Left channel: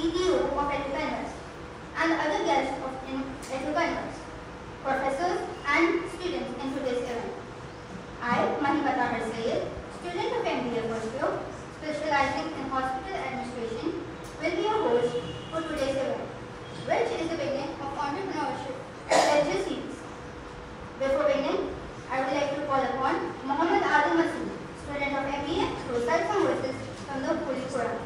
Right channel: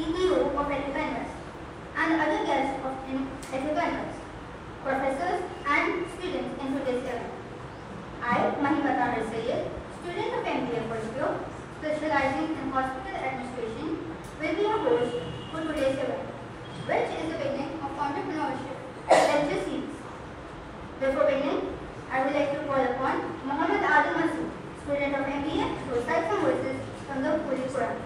CEO of Ethica, and other guests of Ethica, professors and students in today's event. I, Mahimata Sayed, student of MBA first year, specializing in hospital administration, will be your host for today's event, which is the beginning of entrepreneurship lecture series. Before beginning, I would like to call upon Muhammad Adil Masood, student of MBA, to recite some verses from the Holy Quran.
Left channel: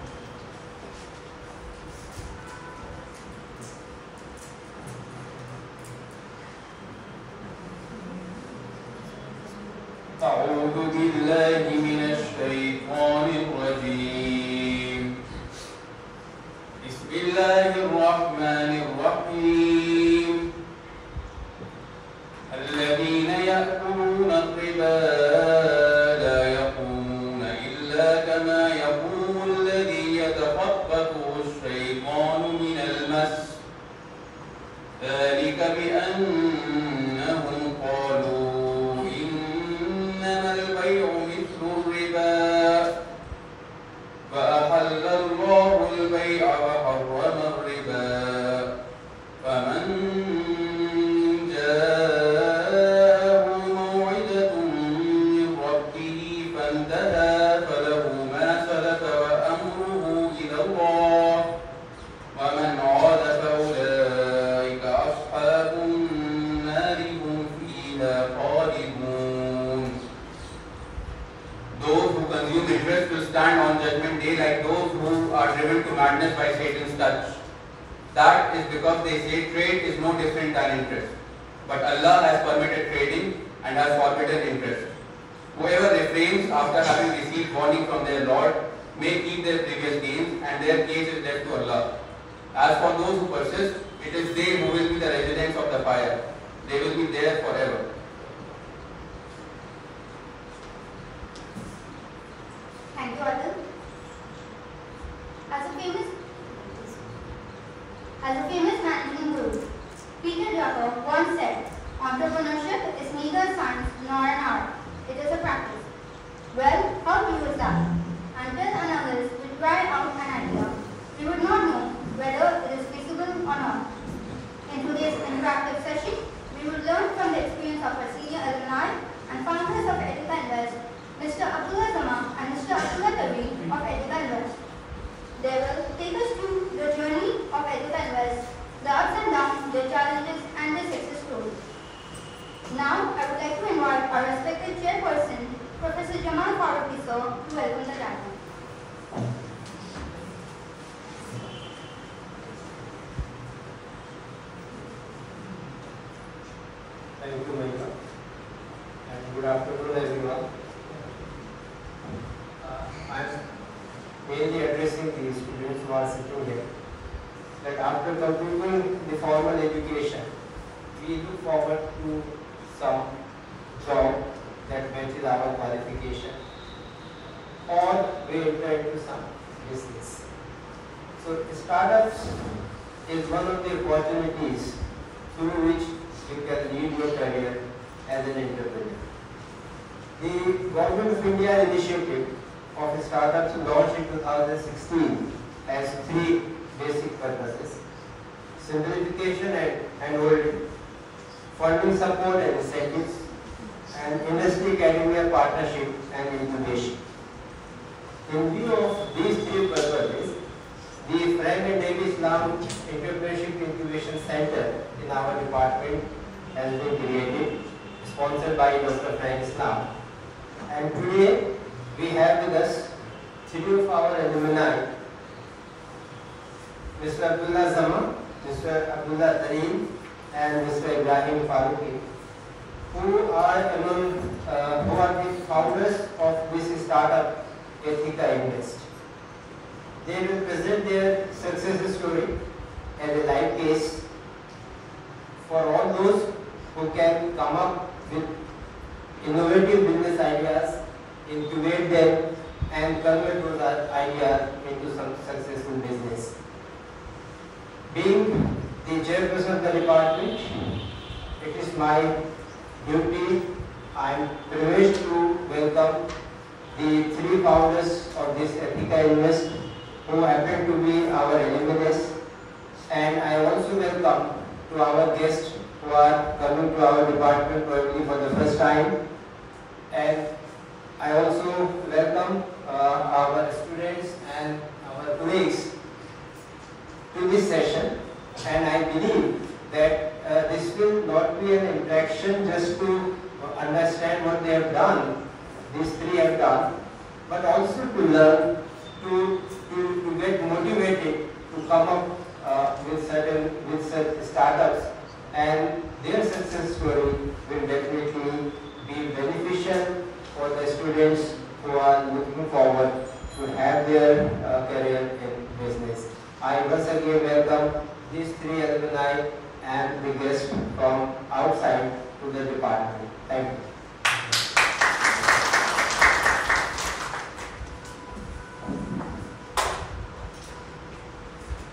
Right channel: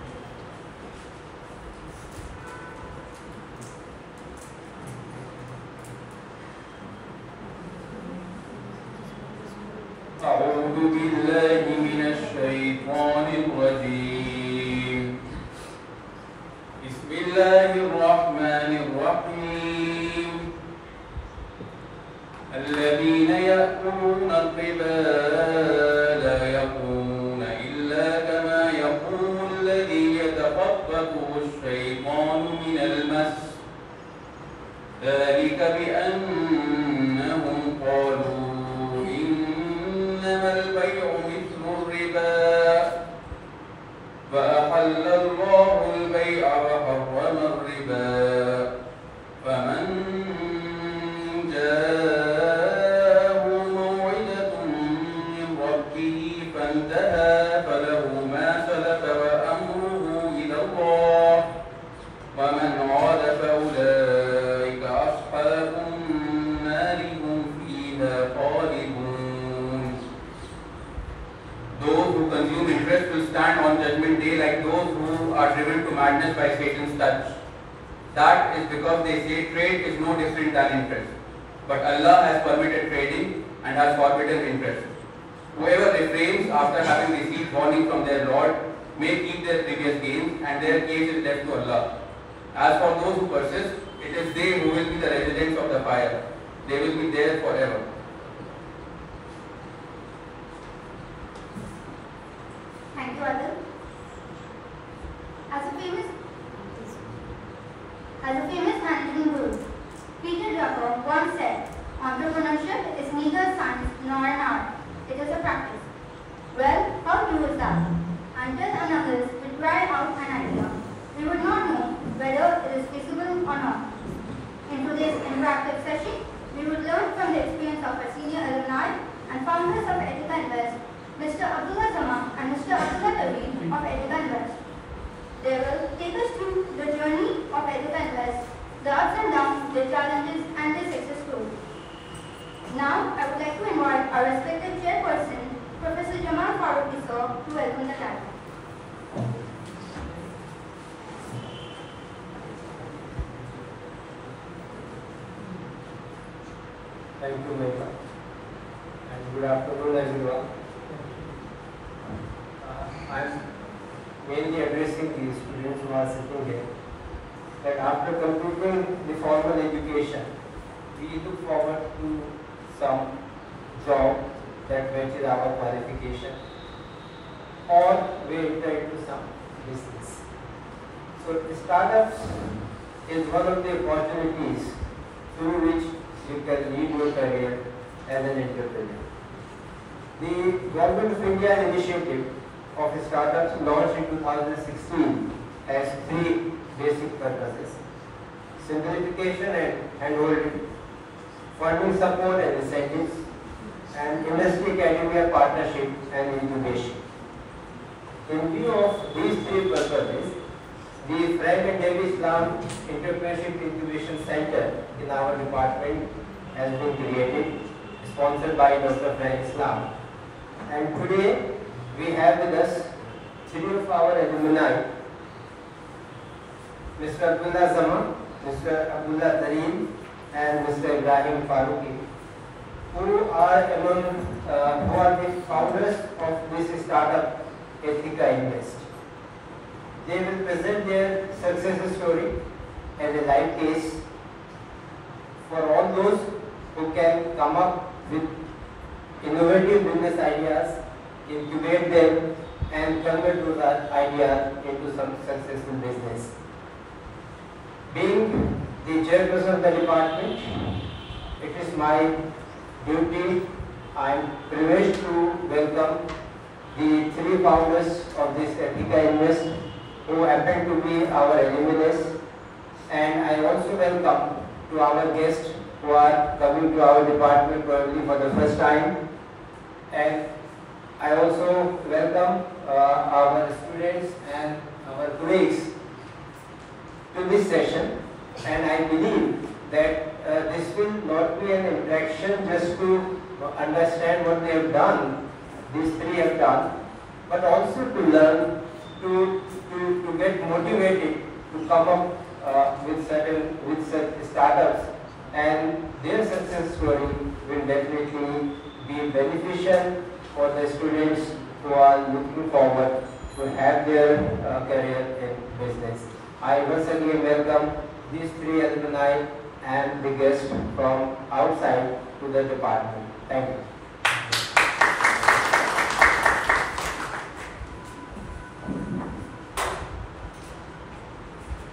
أعوذ بالله من الشيطان الرجيم. بسم الله الرحمن الرحيم. الذين يأكلون الربا لا يقومون إلا كما يقوم الذي يتخبطه الشيطان من المس. ذلك بأنهم قالوا البيع مثل الربا فأحل الله البيع وحرم الربا فمن جاءه موعظة من ربه فانتهى فله ما سلف وأمره إلى الله ومن عاد فأولئك أصحاب النار هم فيها خالدون. Those who consume interest will stand on judgment day like those who are driven to madness by Satan's touch. That is because they say trade is no different than interest. But Allah has permitted trading and has forbidden interest. Whoever refrains after having received warning from their Lord may keep their previous gains, and their case is left to Allah. As for those who persist, it is they who will be the residents of the fire. They will be there forever. Thank you, Adil. As a famous managing guru, Peter Drucker once said, entrepreneurship is neither a science nor an art. It is a practice. Well, how true is that? Until and unless we try out an idea, we would not know whether it is feasible or not. In today's interactive session, we will learn from the experience of our senior alumni and founders of Ethica Invest, Mr. Abdullah Zaman and Mr. Abdullah Tawi of Ethica Invest. They will take us through the journey of Ethica Invest, the ups and downs, their challenges and their success stories. Now, I would like to invite our respected chairperson, Professor Jamal Faruqi sir, to welcome the gathering. Thank you, Meghna, and good afternoon, everyone. I am mainly addressing the students who are sitting here. That after completing the formal education, we look forward to some job that matches our qualification, or we enter into some business. So, startups is one of the opportunities through which you can lead your career as an entrepreneur. The Government of India initiative of startups launched in 2016 has three basic purposes: simplification and handholding, funding support and incentives, and industry-academia partnership and incubation. In view of these three purposes, the Frank and David Islam Entrepreneurship Incubation Center in our department has been created, sponsored by Dr. Frank Islam. And today we have with us three of our alumni, Mr. Abdullah Zaman, Mr. Abdullah Tareem, and Mr. Ibrahim Faruqi, who are the founders of this startup, Ethica Invest. They will present their success story as a live case for all those who can come up with innovative business ideas, incubate them, and convert those ideas into some successful business. Being the chairperson of the department, it is my duty, I am privileged to welcome the three founders of this Ethica Invest who happen to be our alumnus, and I also welcome to our guests who are coming to our department probably for the first time, and I also welcome our students and our colleagues to this session, and I believe that this will not be an interaction just to understand what they have done, these three have done, but also to learn, to get motivated to come up with such startups, and their success story will definitely be beneficial for the students who are looking forward to have their career in business. I once again welcome these three alumni and the guests from outside to the department. Thank you.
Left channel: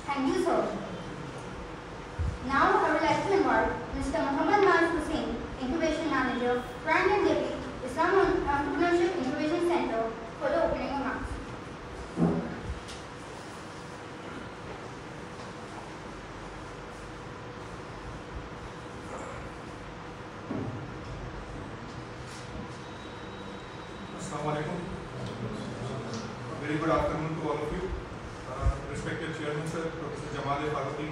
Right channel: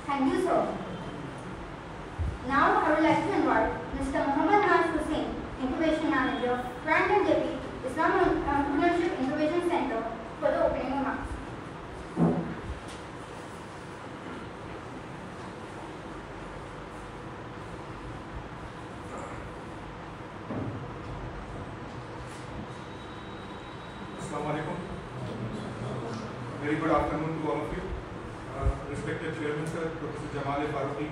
Thank you, sir. Now I would like to invite Mr. Muhammad Hussain, Incubation Manager, Brand and Deputy, Islam Entrepreneurship Incubation Center, for the opening remarks. Very good afternoon to all of you. Respected Chairman Sir, Professor Jamal Faruqi,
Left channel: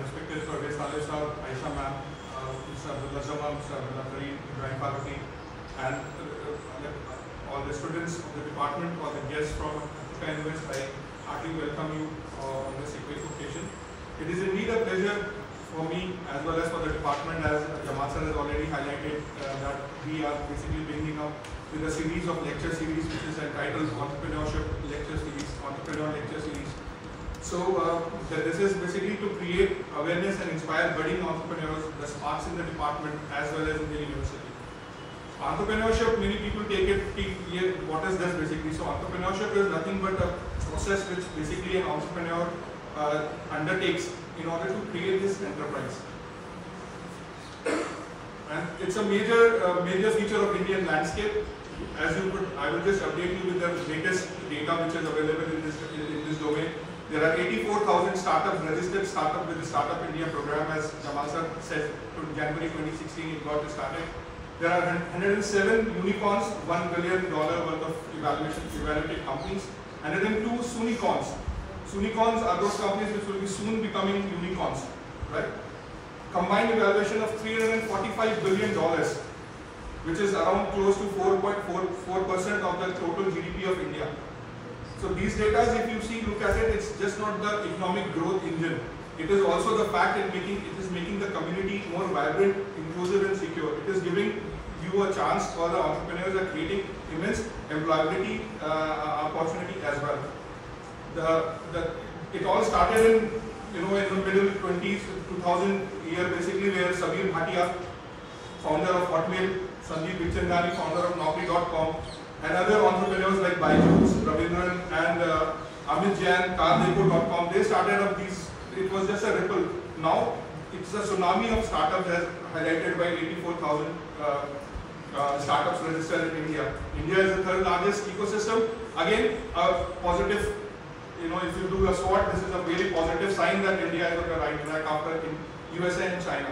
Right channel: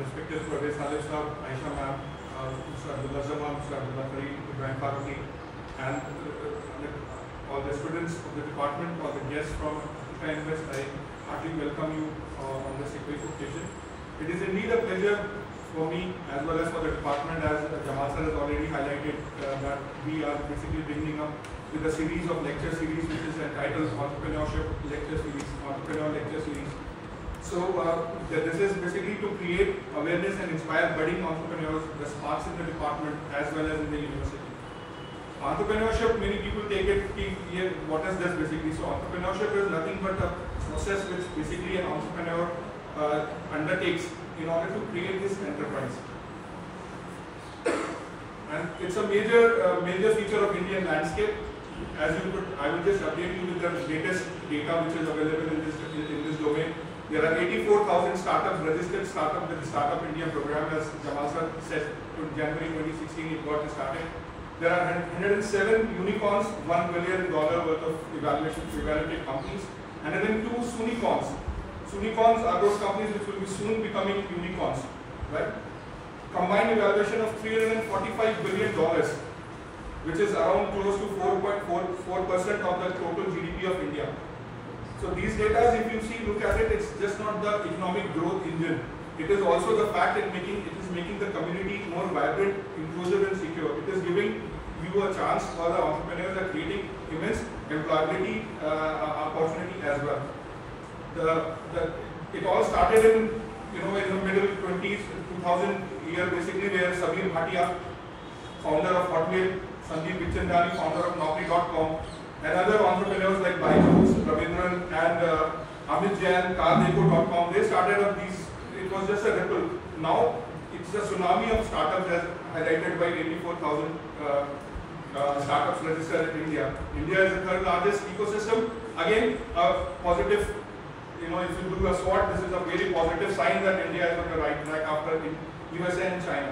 respected Pervez Saleh Sir, Aisha Ma'am, Mr. Abdullah Zaman, Mr. Abdullah Kareem, Ibrahim Faruqi, and all the students of the department, all the guests from Ethica Invest, I heartily welcome you on this occasion. It is indeed a pleasure for me as well as for the department, as Jamal Sir has already highlighted, that we are basically bringing up with a series of lecture series which is entitled Entrepreneurship Lecture Series, Entrepreneur Lecture Series. So this is basically to create awareness and inspire budding entrepreneurs, the sparks in the department as well as in the university. Entrepreneurship, many people take it, what is this basically? So entrepreneurship is nothing but a process which basically an entrepreneur undertakes in order to create this enterprise. And it's a major feature of Indian landscape. As you could, I will just update you with the latest data which is available in this domain. There are 84,000 startups registered startup with the Startup India program, as Jamal Sir said, in January 2016 it got started. There are 107 unicorns, $1 billion worth of evaluated companies, and then 2 Sunicorns. Sunicorns are those companies which will be soon becoming unicorns, right? Combined evaluation of $345 billion, which is around close to 4.44% of the total GDP of India. So these data, if you see, look at it, it's just not the economic growth engine. It is also the fact that it is making the community more vibrant, inclusive and secure. It is giving you a chance for the entrepreneurs are creating immense employability opportunity as well. It all started in the middle 20s, 2000 year basically, where Sabir Bhatia, founder of Hotmail, Sandeep Vichandani, founder of Naukri.com, and other entrepreneurs like Byju's, Ravindran, and Amit Jain, Cardeco.com, they started up these. It was just a ripple. Now it's a tsunami of startups, as highlighted by 84,000 startups registered in India. India is the third largest ecosystem. Again, positive. If you do a SWOT, this is a very positive sign that India is on the right track after USA and China.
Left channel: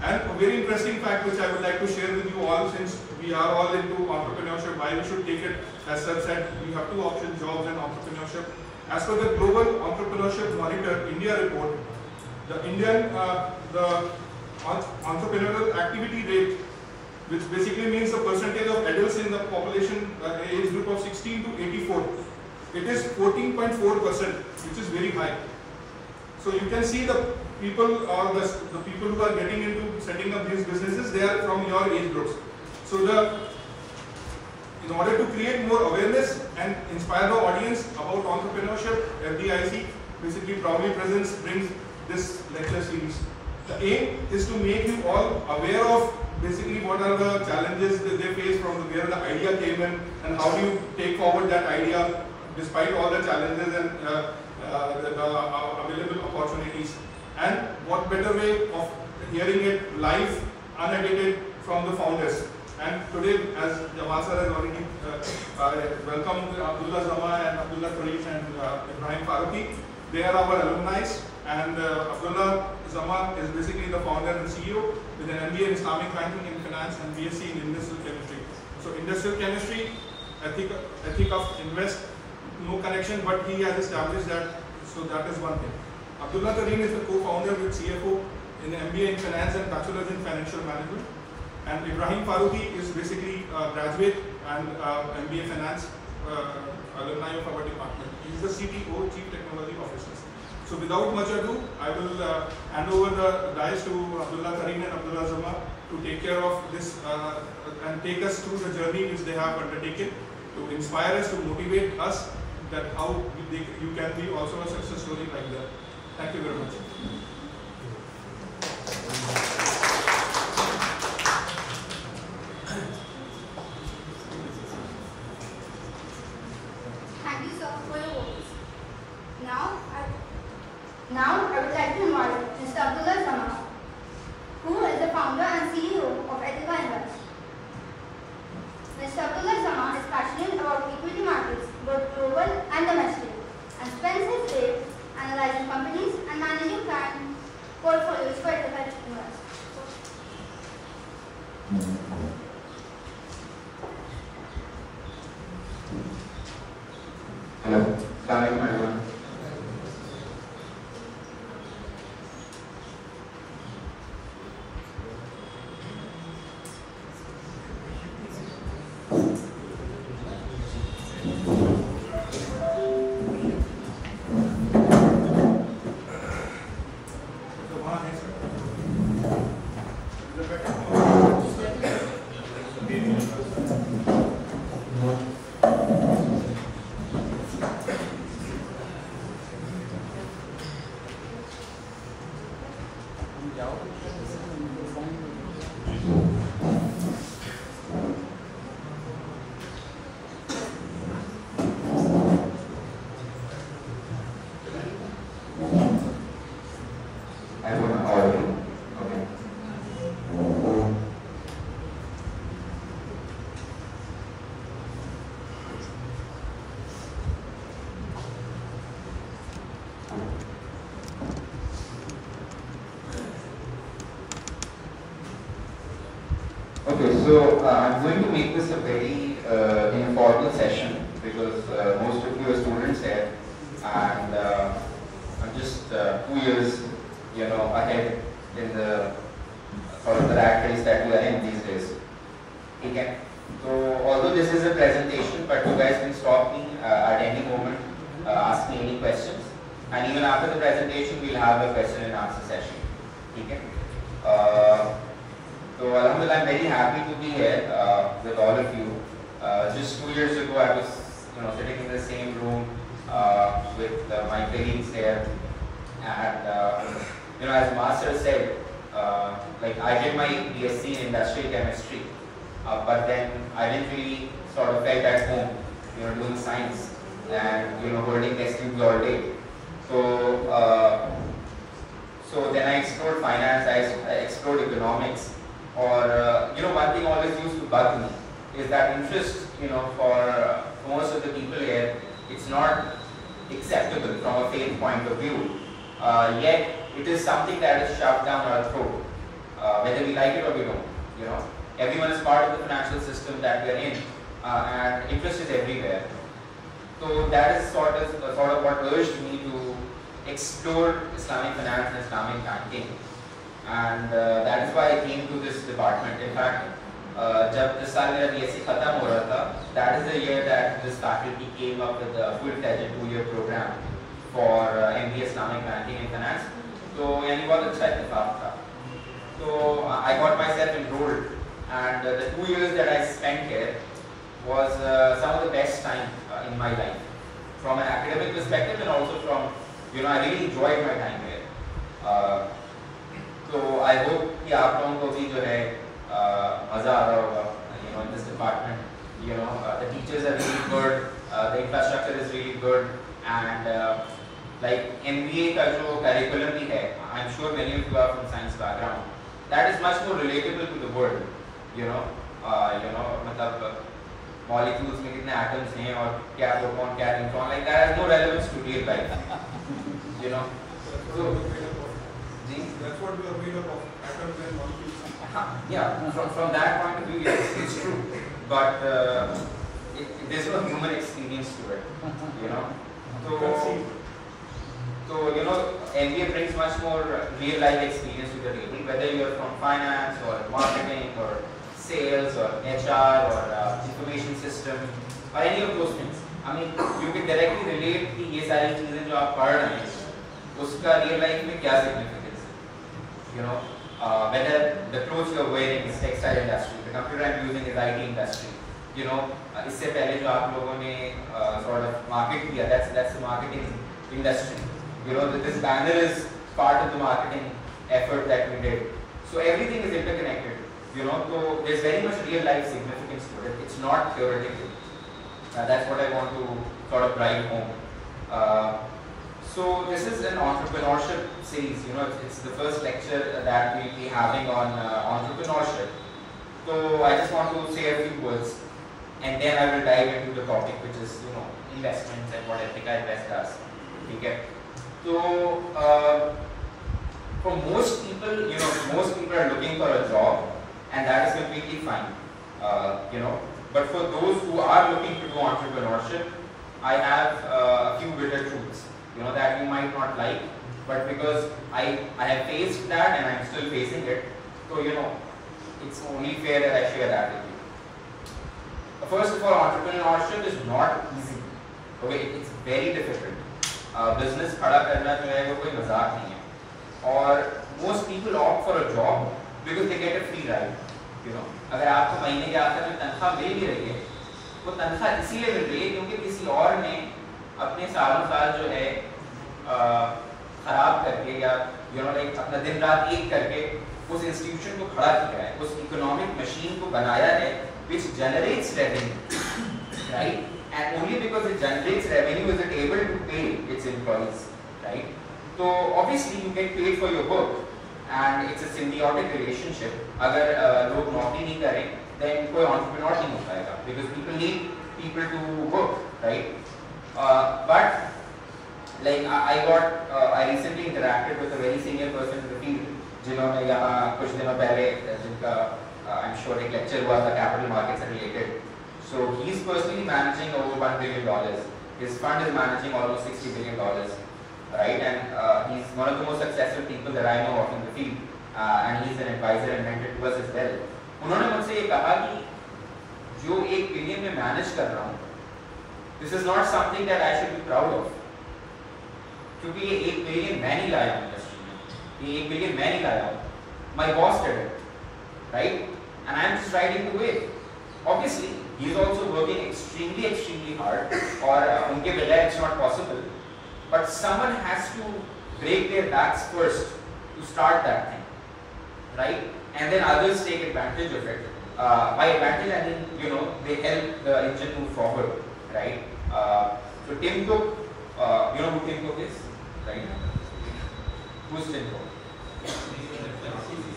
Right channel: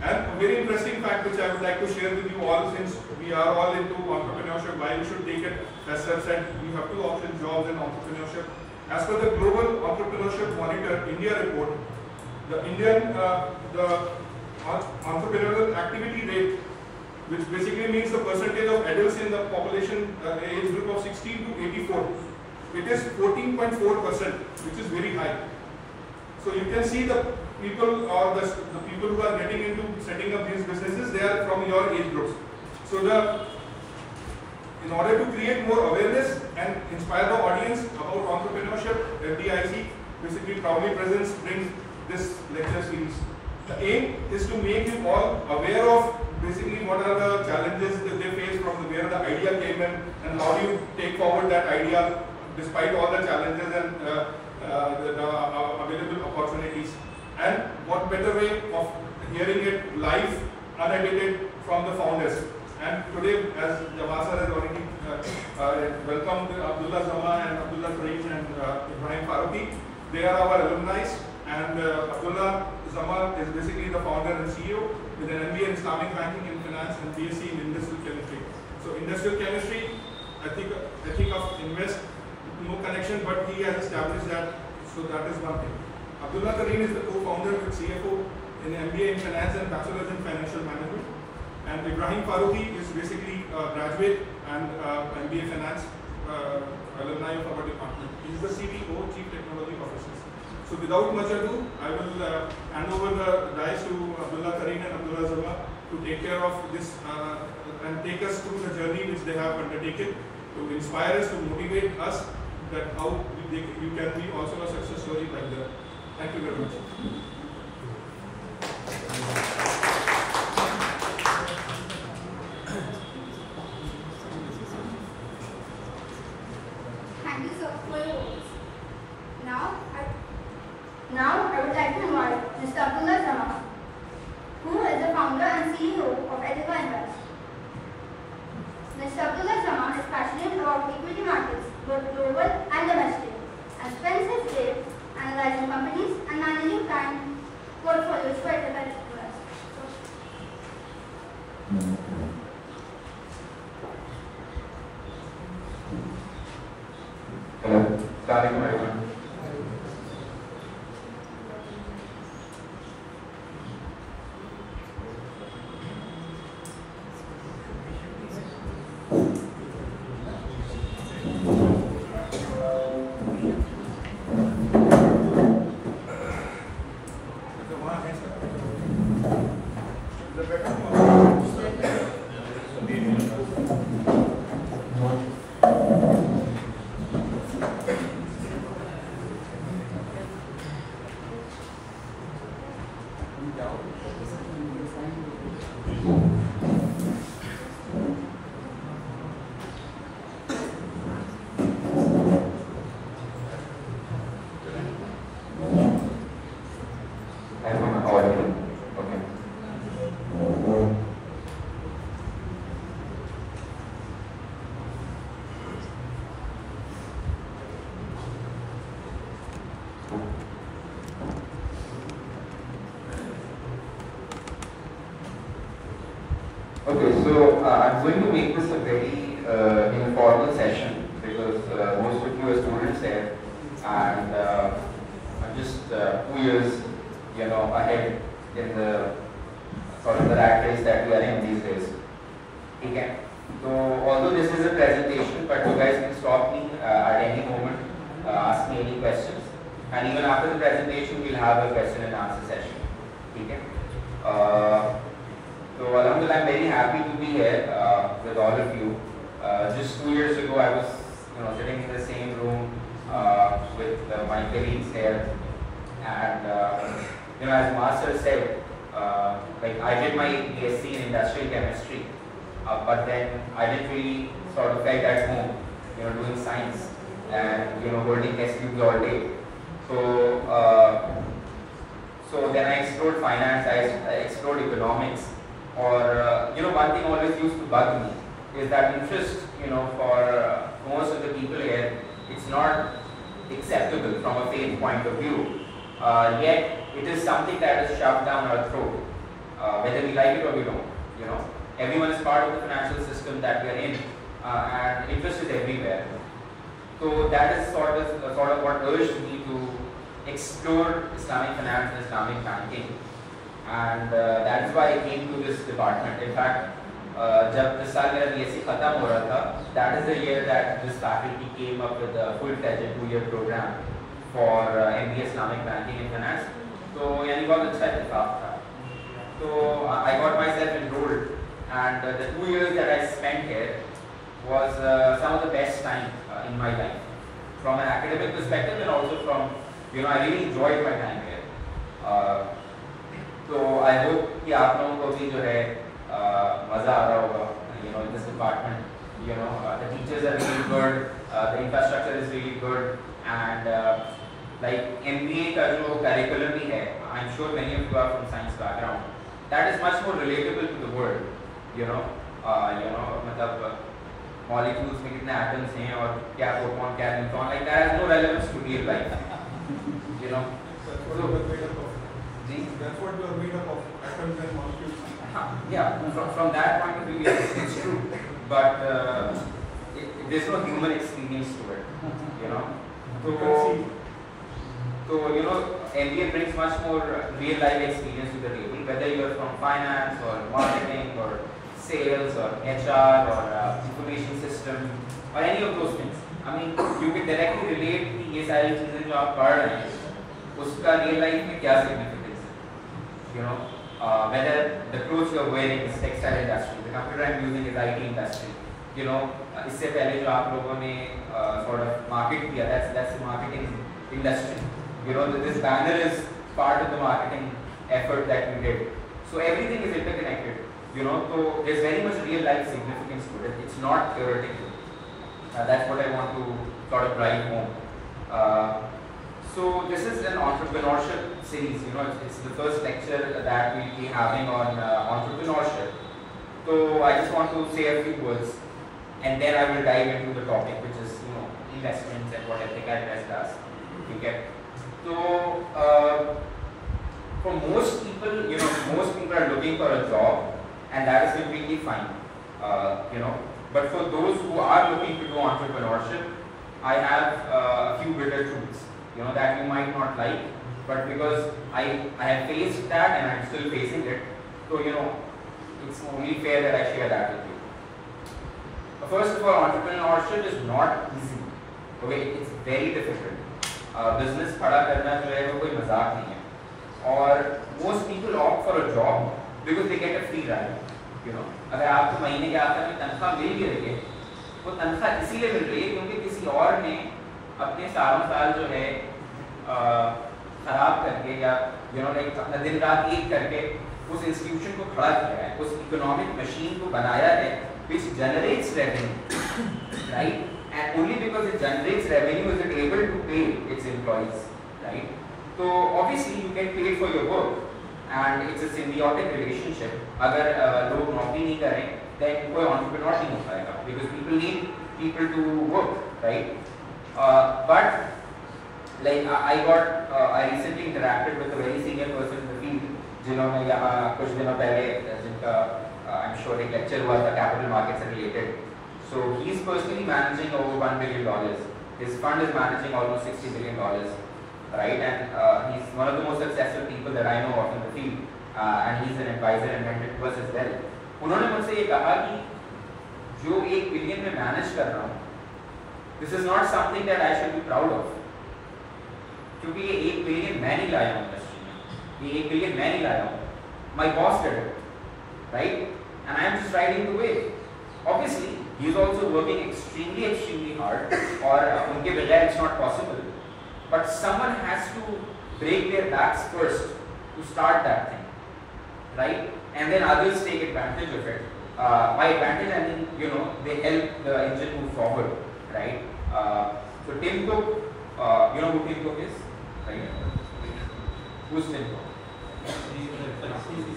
And a very interesting fact which I would like to share with you all, since we are all into entrepreneurship, why you should take it, as Sir said, we have 2 options, jobs and entrepreneurship. As per the Global Entrepreneurship Monitor India report, the Indian the entrepreneurial activity rate, which basically means the percentage of adults in the population age group of 16 to 84, it is 14.4%, which is very high. So you can see the people or the people who are getting into setting up these businesses, they are from your age groups. So in order to create more awareness and inspire the audience about entrepreneurship, LBIC basically proudly brings this lecture series. The aim is to make you all aware of basically what are the challenges that they face from where the idea came in, and how do you take forward that idea despite all the challenges and the available opportunities. And what better way of hearing it live, unedited from the founders. And today, as Jamal sir has already welcomed Abdullah Zama and Abdullah Karim and Ibrahim Faruqi, they are our alumni. And Abdullah Zama is basically the founder and CEO with an MBA in Islamic Banking and Finance and BSc in Industrial Chemistry. So industrial chemistry, Ethica Invest, no connection, but he has established that, so that is one thing. Abdullah Karim is the co-founder with CFO in MBA in Finance and Bachelor's in Financial Management. And Ibrahim Faruqi is basically a graduate and MBA Finance alumni of our department. He is the CTO, Chief Technology Officer. So without much ado, I will hand over the dice to Abdullah Karim and Abdullah Zama to take care of this and take us through the journey which they have undertaken to inspire us, to motivate us that how you can be also a success story like that. Thank you very much. Thank you, sir, for your words. Now I would like to invite Mr. Abdullah Zama, who is the founder and CEO of Ethica Invest. Mr. Abdullah Zama is passionate about equity markets, both global and domestic, and spends his day analyzing companies and managing client portfolios for Ethica Invest. Hello. Assalamu alaikum. So I'm going to make this a very informal session because most of you are students here, and I'm just 2 years, ahead in the sort of the rat race that we are in these days. Okay. So although this is a presentation, but you guys can stop me at any moment, ask me any questions, and even after the presentation, we'll have a question and answer session. Okay. So Alhamdulillah, I'm very happy to be here with all of you. Just 2 years ago, I was sitting in the same room with my colleagues here, and as Master said, like I did my BSc in Industrial Chemistry, but then I didn't really sort of felt at home, doing science and holding test tubes all day. So then I explored finance, I explored economics. Or, one thing always used to bug me is that interest, for most of the people here, it's not acceptable from a faith point of view. Yet, it is something that is shoved down our throat, whether we like it or we don't. Everyone is part of the financial system that we are in, and interest is everywhere. So that is sort of what urged me to explore Islamic finance and Islamic banking. And that is why I came to this department. In fact, जब this साल मेरा BSc खत्म हो रहा था, that is the year that this faculty came up with a full-fledged 2-year program for MBA Islamic Banking and Finance. So यानी बहुत अच्छा इत्तेफाक था. So I got myself enrolled, and the 2 years that I spent here was some of the best time in my life, from an academic perspective and also from, I really enjoyed my time here. So I hope कि आप लोगों को भी जो है मज़ा आता होगा, in this department. The teachers are really good, the infrastructure is really good, and like MBA का जो curriculum भी है, I'm sure many of you are from science background. That is much more relatable to the world. you know, मतलब molecules में कितने atoms हैं और क्या proton क्या neutron, like that has no relevance to real life, you know. That's what we are made up of, atoms and molecules. Yeah, from that point of view, yes, it's true, but there's no human experience to it, you know. So you know, MBA brings much more real life experience to the table, whether you are from finance or marketing or sales or HR or information system or any of those things. I mean, you can directly relate कि ये सारी चीजें जो आप पढ़ रहे हैं, उसका real life में क्या significance है, you know. Whether the clothes you are wearing is textile industry, the computer I'm using is IT industry, you know. इससे पहले जो आप लोगों ने sort of market किया, that's the marketing industry. You know, this banner is part of the marketing effort that we did. So everything is interconnected. You know, so there's very much real life significance to it. It's not theoretical. That's what I want to sort of drive home. So this is an entrepreneurship series. You know, it's the first lecture that we'll be having on entrepreneurship. So I just want to say a few words, and then I will dive into the topic, which is, you know, investments and what Ethica Invest does. Okay. So for most people, you know, most people are looking for a job, and that is completely fine. You know, but for those who are looking to do entrepreneurship, I have a few bitter truths, you know, that you might not like, but because I have faced that and I'm still facing it, so you know, it's only fair that I share that with you. First of all, entrepreneurship is not easy. Okay, it's very difficult. Business खड़ा करना जो है वो कोई मजाक नहीं है, और most people opt for a job because they get a free ride. You know, अगर आपको महीने के आखिर में तनख्वाह मिल भी रही है, तो तनख्वाह इसीलिए मिल रही है क्योंकि किसी और ने अपने सालों साल जो है खराब करके या you know, अपना दिन रात एक करके उस इंस्टीट्यूशन को खड़ा किया है, उस इकोनॉमिक मशीन को बनाया है, which generates revenue, right? And only because it generates revenue is it able to pay its employees, right? So obviously you get paid for your work, and it's a symbiotic relationship. अगर लोग नौकरी नहीं करें, then कोई entrepreneur नहीं हो पाएगा, because people need people to work, right? But like I recently interacted with a very senior person in the field, जिन्होंने यहाँ कुछ दिनों पहले जिनका I'm sure एक lecture हुआ था capital markets related. So he's personally managing over $1 billion. His fund is managing almost $60 billion, right? And he's one of the most successful people that I know of in the field, and he's an advisor and mentor to us as well. उन्होंने मुझसे ये कहा कि जो $1 billion में manage कर रहा हूँ, this is not something that I should be proud of. क्योंकि ये $1 billion मैं नहीं लाया हूँ इंडस्ट्री में, ये $1 billion मैं नहीं लाया हूँ. My boss did it, right? And I am just riding the wave. Obviously, he is also working extremely hard, or unke bighair it's not possible. But someone has to break their backs first to start that thing, right? And then others take advantage of it. By advantage, I mean, you know, they help the engine move forward, right? So Tim Cook, you know who Tim Cook is, right? Who's Tim Cook?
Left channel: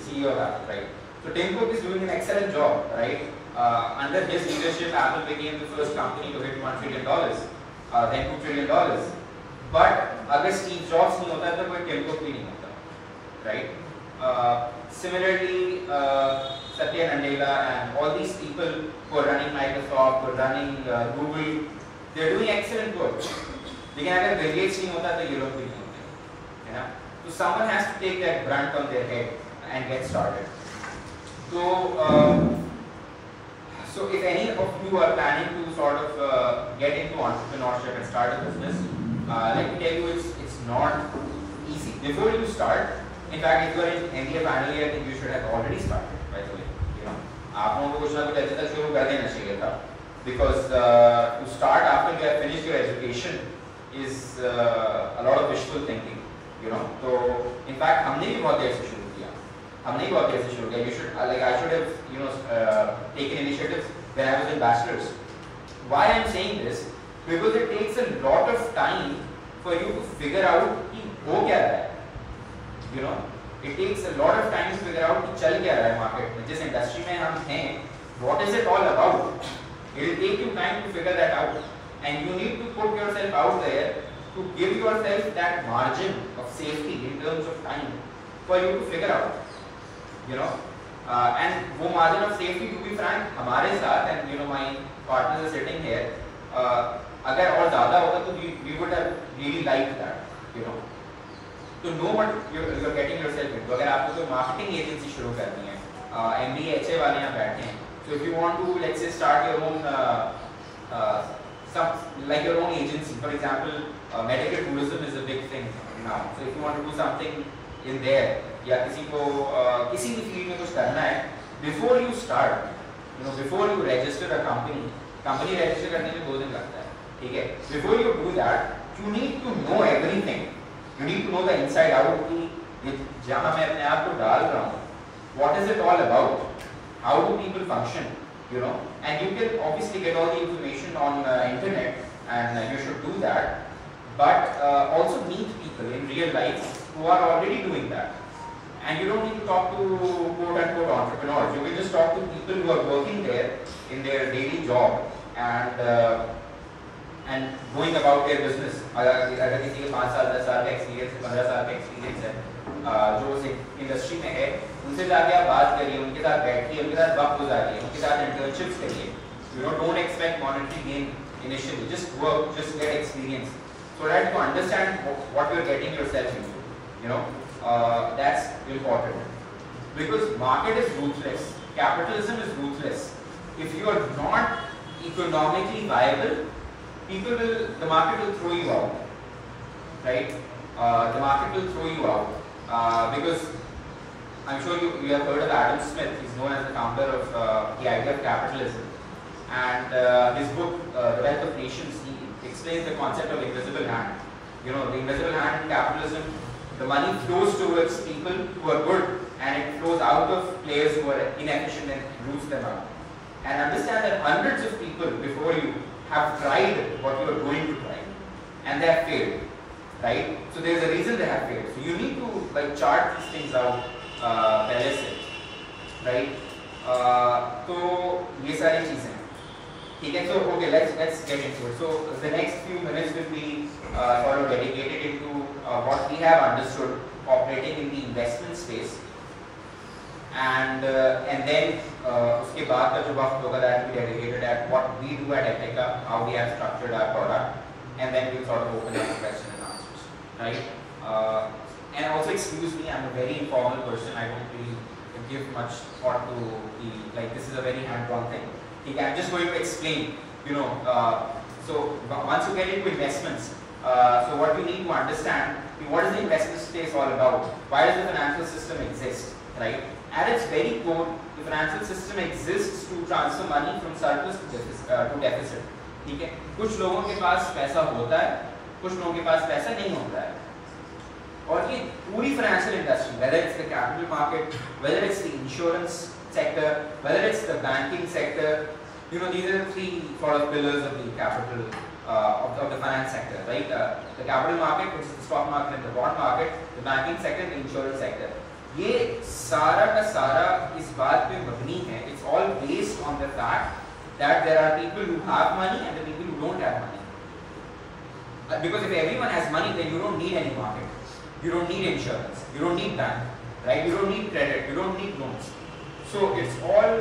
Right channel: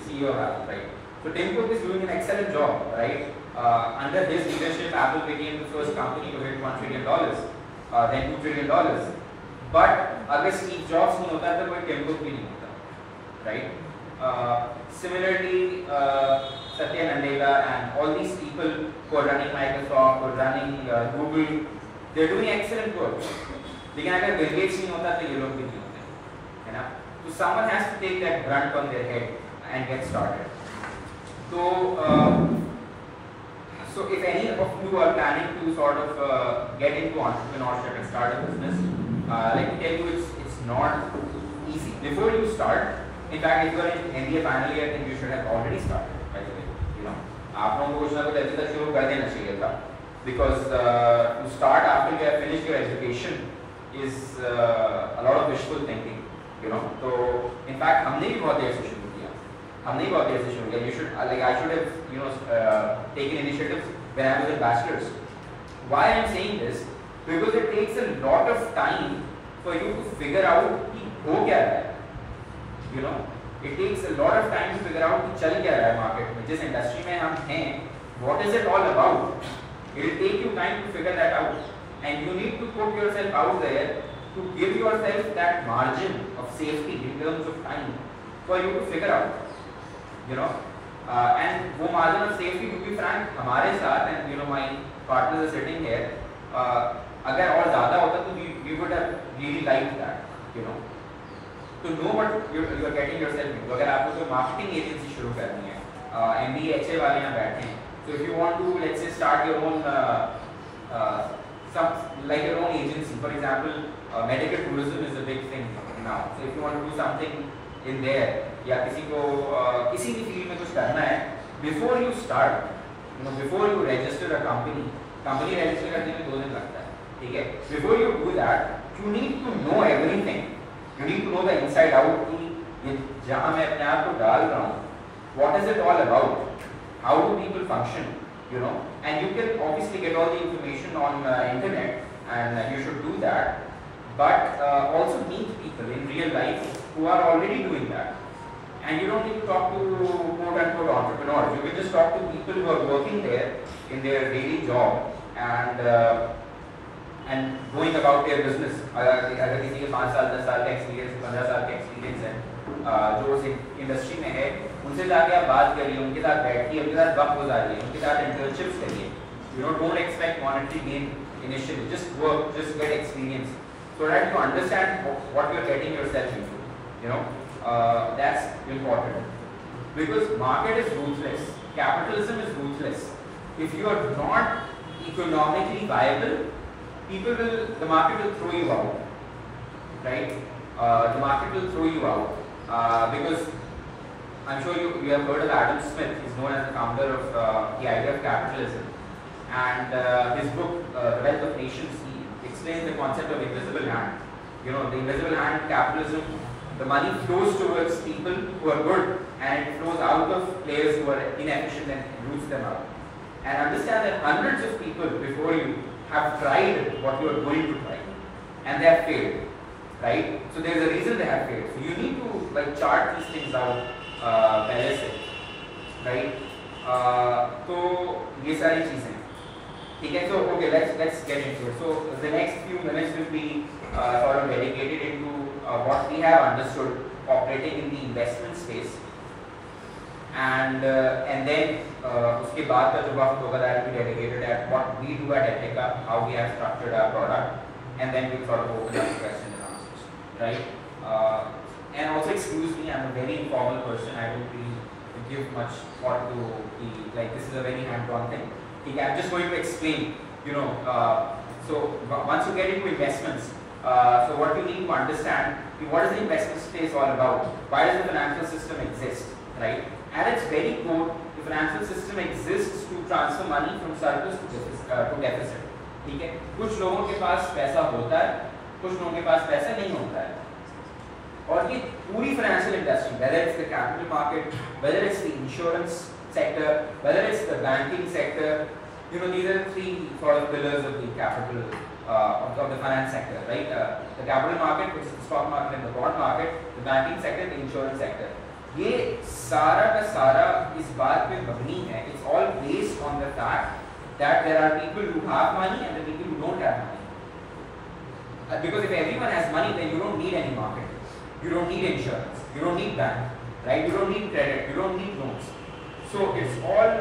CEO of Apple, right? So Tim Cook is doing an excellent job, right? Under his leadership, Apple became the first company to hit $1 trillion, then $2 trillion. But अगर Steve Jobs नहीं होता तो कोई Tim Cook भी नहीं होता, right? Similarly, Satya Nadella and all these people who are running Microsoft, who are running Google, they are doing excellent work. लेकिन अगर Bill Gates नहीं होता तो ये लोग भी नहीं होते, है ना? So someone has to take that brunt on their head and get started. So if any of you are planning to sort of get into entrepreneurship and start a business, let me tell you, it's not easy. Before you start, in fact, if you are in MBA final year, I think you should have already started. By the way, you know, आपको कुछ ना कुछ ऐसा शुरू कर देना चाहिए था, because to start after you have finished your education is a lot of wishful thinking, you know. So in fact, हमने भी बहुत देर से शुरू किया. हमने भी बहुत देर से शुरू किया. We should, like, I should have, you know, taken initiatives when I was in bachelor's. Why I am saying this? Because it takes a lot of time for you to figure out कि हो क्या रहा है. You know, it takes a lot of time to figure out कि चल क्या रहा है market में. जिस industry में हम हैं, what is it all about? It will take you time to figure that out, and you need to put yourself out there to give yourself that margin of safety in terms of time for you to figure out, you know. And वो margin of safety, to be frank, हमारे साथ, and you know my partners are sitting here, अगर और ज़्यादा होता तो we would have really liked that, you know. To know what you are getting yourself into. अगर आपको तो marketing agency शुरू करनी है, MBA HA वाले यहाँ बैठे हैं, so if you want to, let's say, start your own like your own agency, for example, medical tourism is a big thing now. So if you want to do something in there, या किसी को किसी भी field में कुछ करना है, before you start, you know, before you register a company register करने में 2 दिन लगता है, ठीक है? Before you do that, you need to know everything. You need to know the inside out कि ये जहाँ मैं अपने आप को डाल रहा हूँ, what is it all about? How do people function? You know, and you can obviously get all the information on internet, and you should do that. But also meet people in real life who are already doing that. And you don't need to talk to quote-unquote entrepreneurs. You can just talk to people who are working there in their daily job and going about their business. अगर किसी के 5 साल 10 साल का experience 15 साल का experience है, जो उस इंडस्ट्री में है, उनसे जाके आप बात करिए, उनके साथ बैठिए, उनके साथ बात हो जा रही है, उनके साथ इंटर्नशिप्स करिए. You know, don't expect monetary gain initially. Just work, just get experience, so that you understand what you're getting yourself into. You know, that's important. Because market is ruthless, capitalism is ruthless. If you are not economically viable, the market will throw you out, right? The market will throw you out because I'm sure you have heard of Adam Smith. He's known as the founder of the idea of capitalism, and his book The Wealth of Nations, he explains the concept of invisible hand. You know, the invisible hand in capitalism, the money flows towards people who are good, and it flows out of players who are inefficient and roots them out. And understand that hundreds of people before you have tried what you are going to try, and they have failed, right? So there is a reason they have failed. So you need to like chart these things out, पहले से, right? तो ये सारी चीजें, ठीक है? So okay, let's get into it. So the next few minutes will be sort of dedicated into what we have understood operating in the investment space, and then उसके बाद का जो वक्त होगा that will be dedicated at what we do at Ethica, how we have structured our product, and then we'll sort of open up questions and answers, right? And also excuse me, I'm a very informal person. I don't really give much thought to the, like, this is a very hands-on thing. Okay, I'm just going to explain, you know, so once you get into investments, so what you need to understand, what is the investment space all about? Why does the financial system exist, right? At its very core, the financial system exists to transfer money from surplus to deficit. ठीक है? कुछ लोगों के पास पैसा होता है, कुछ लोगों के पास पैसा नहीं होता है. और ये पूरी financial industry, whether it's the capital market, whether it's the insurance sector, whether it's the banking sector, you know, these are the 3 sort of pillars of the capital of the finance sector, right? The capital market, which is the stock market and the bond market, the banking sector, the insurance sector. ये सारा का सारा इस बात पे मबनी है. It's all based on the fact that there are people who have money and the people who don't have money. Because if everyone has money, then you don't need any market. You don't need insurance. You don't need bank, right? You don't need credit. You don't need loans. So it's all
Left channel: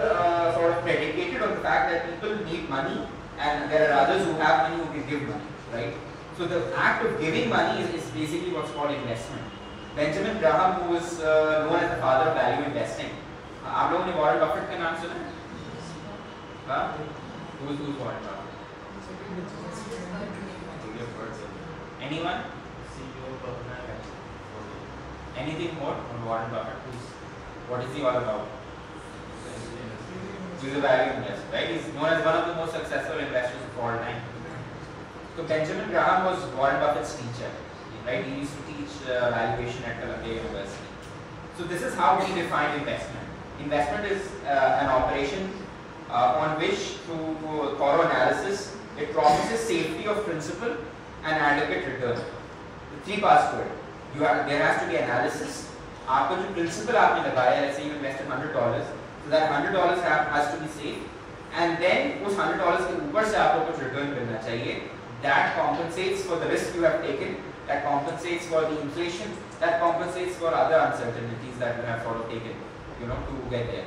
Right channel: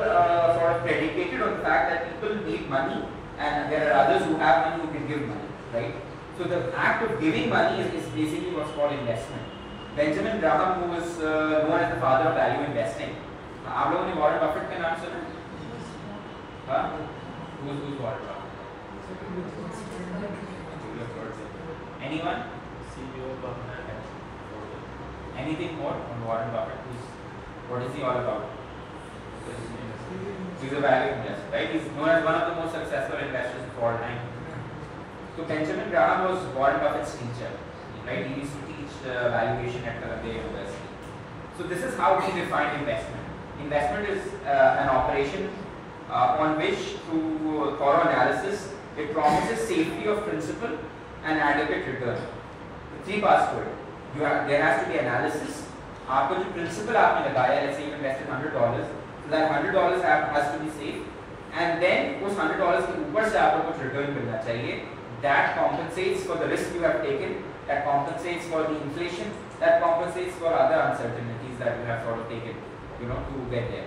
sort of predicated on the fact that people need money, and there are others who have money who can give money, right? So the act of giving money is basically what's called investment. Benjamin Graham, who was known as the father of value investing. आप लोगों ने Warren Buffett का नाम सुना? हाँ? Who's Warren Buffett? Anyone? Anything more on Warren Buffett? What is he all about? He's a value investor, right? He's known as one of the most successful investors of all time. So Benjamin Graham was Warren Buffett's teacher, right? He used to teach valuation at Columbia University. So this is how we define investment. Investment is an operation on which, through thorough analysis, it promises safety of principal and adequate return. The 3 parts to it. There has to be analysis. आपका जो principal आपने लगाया, let's say you invested $100, so that $100 has to be safe. and then उस $100 के ऊपर से आपको कुछ return मिलना चाहिए. That compensates for the risk you have taken, that compensates for the inflation, that compensates for other uncertainties that you have sort of taken, to get there.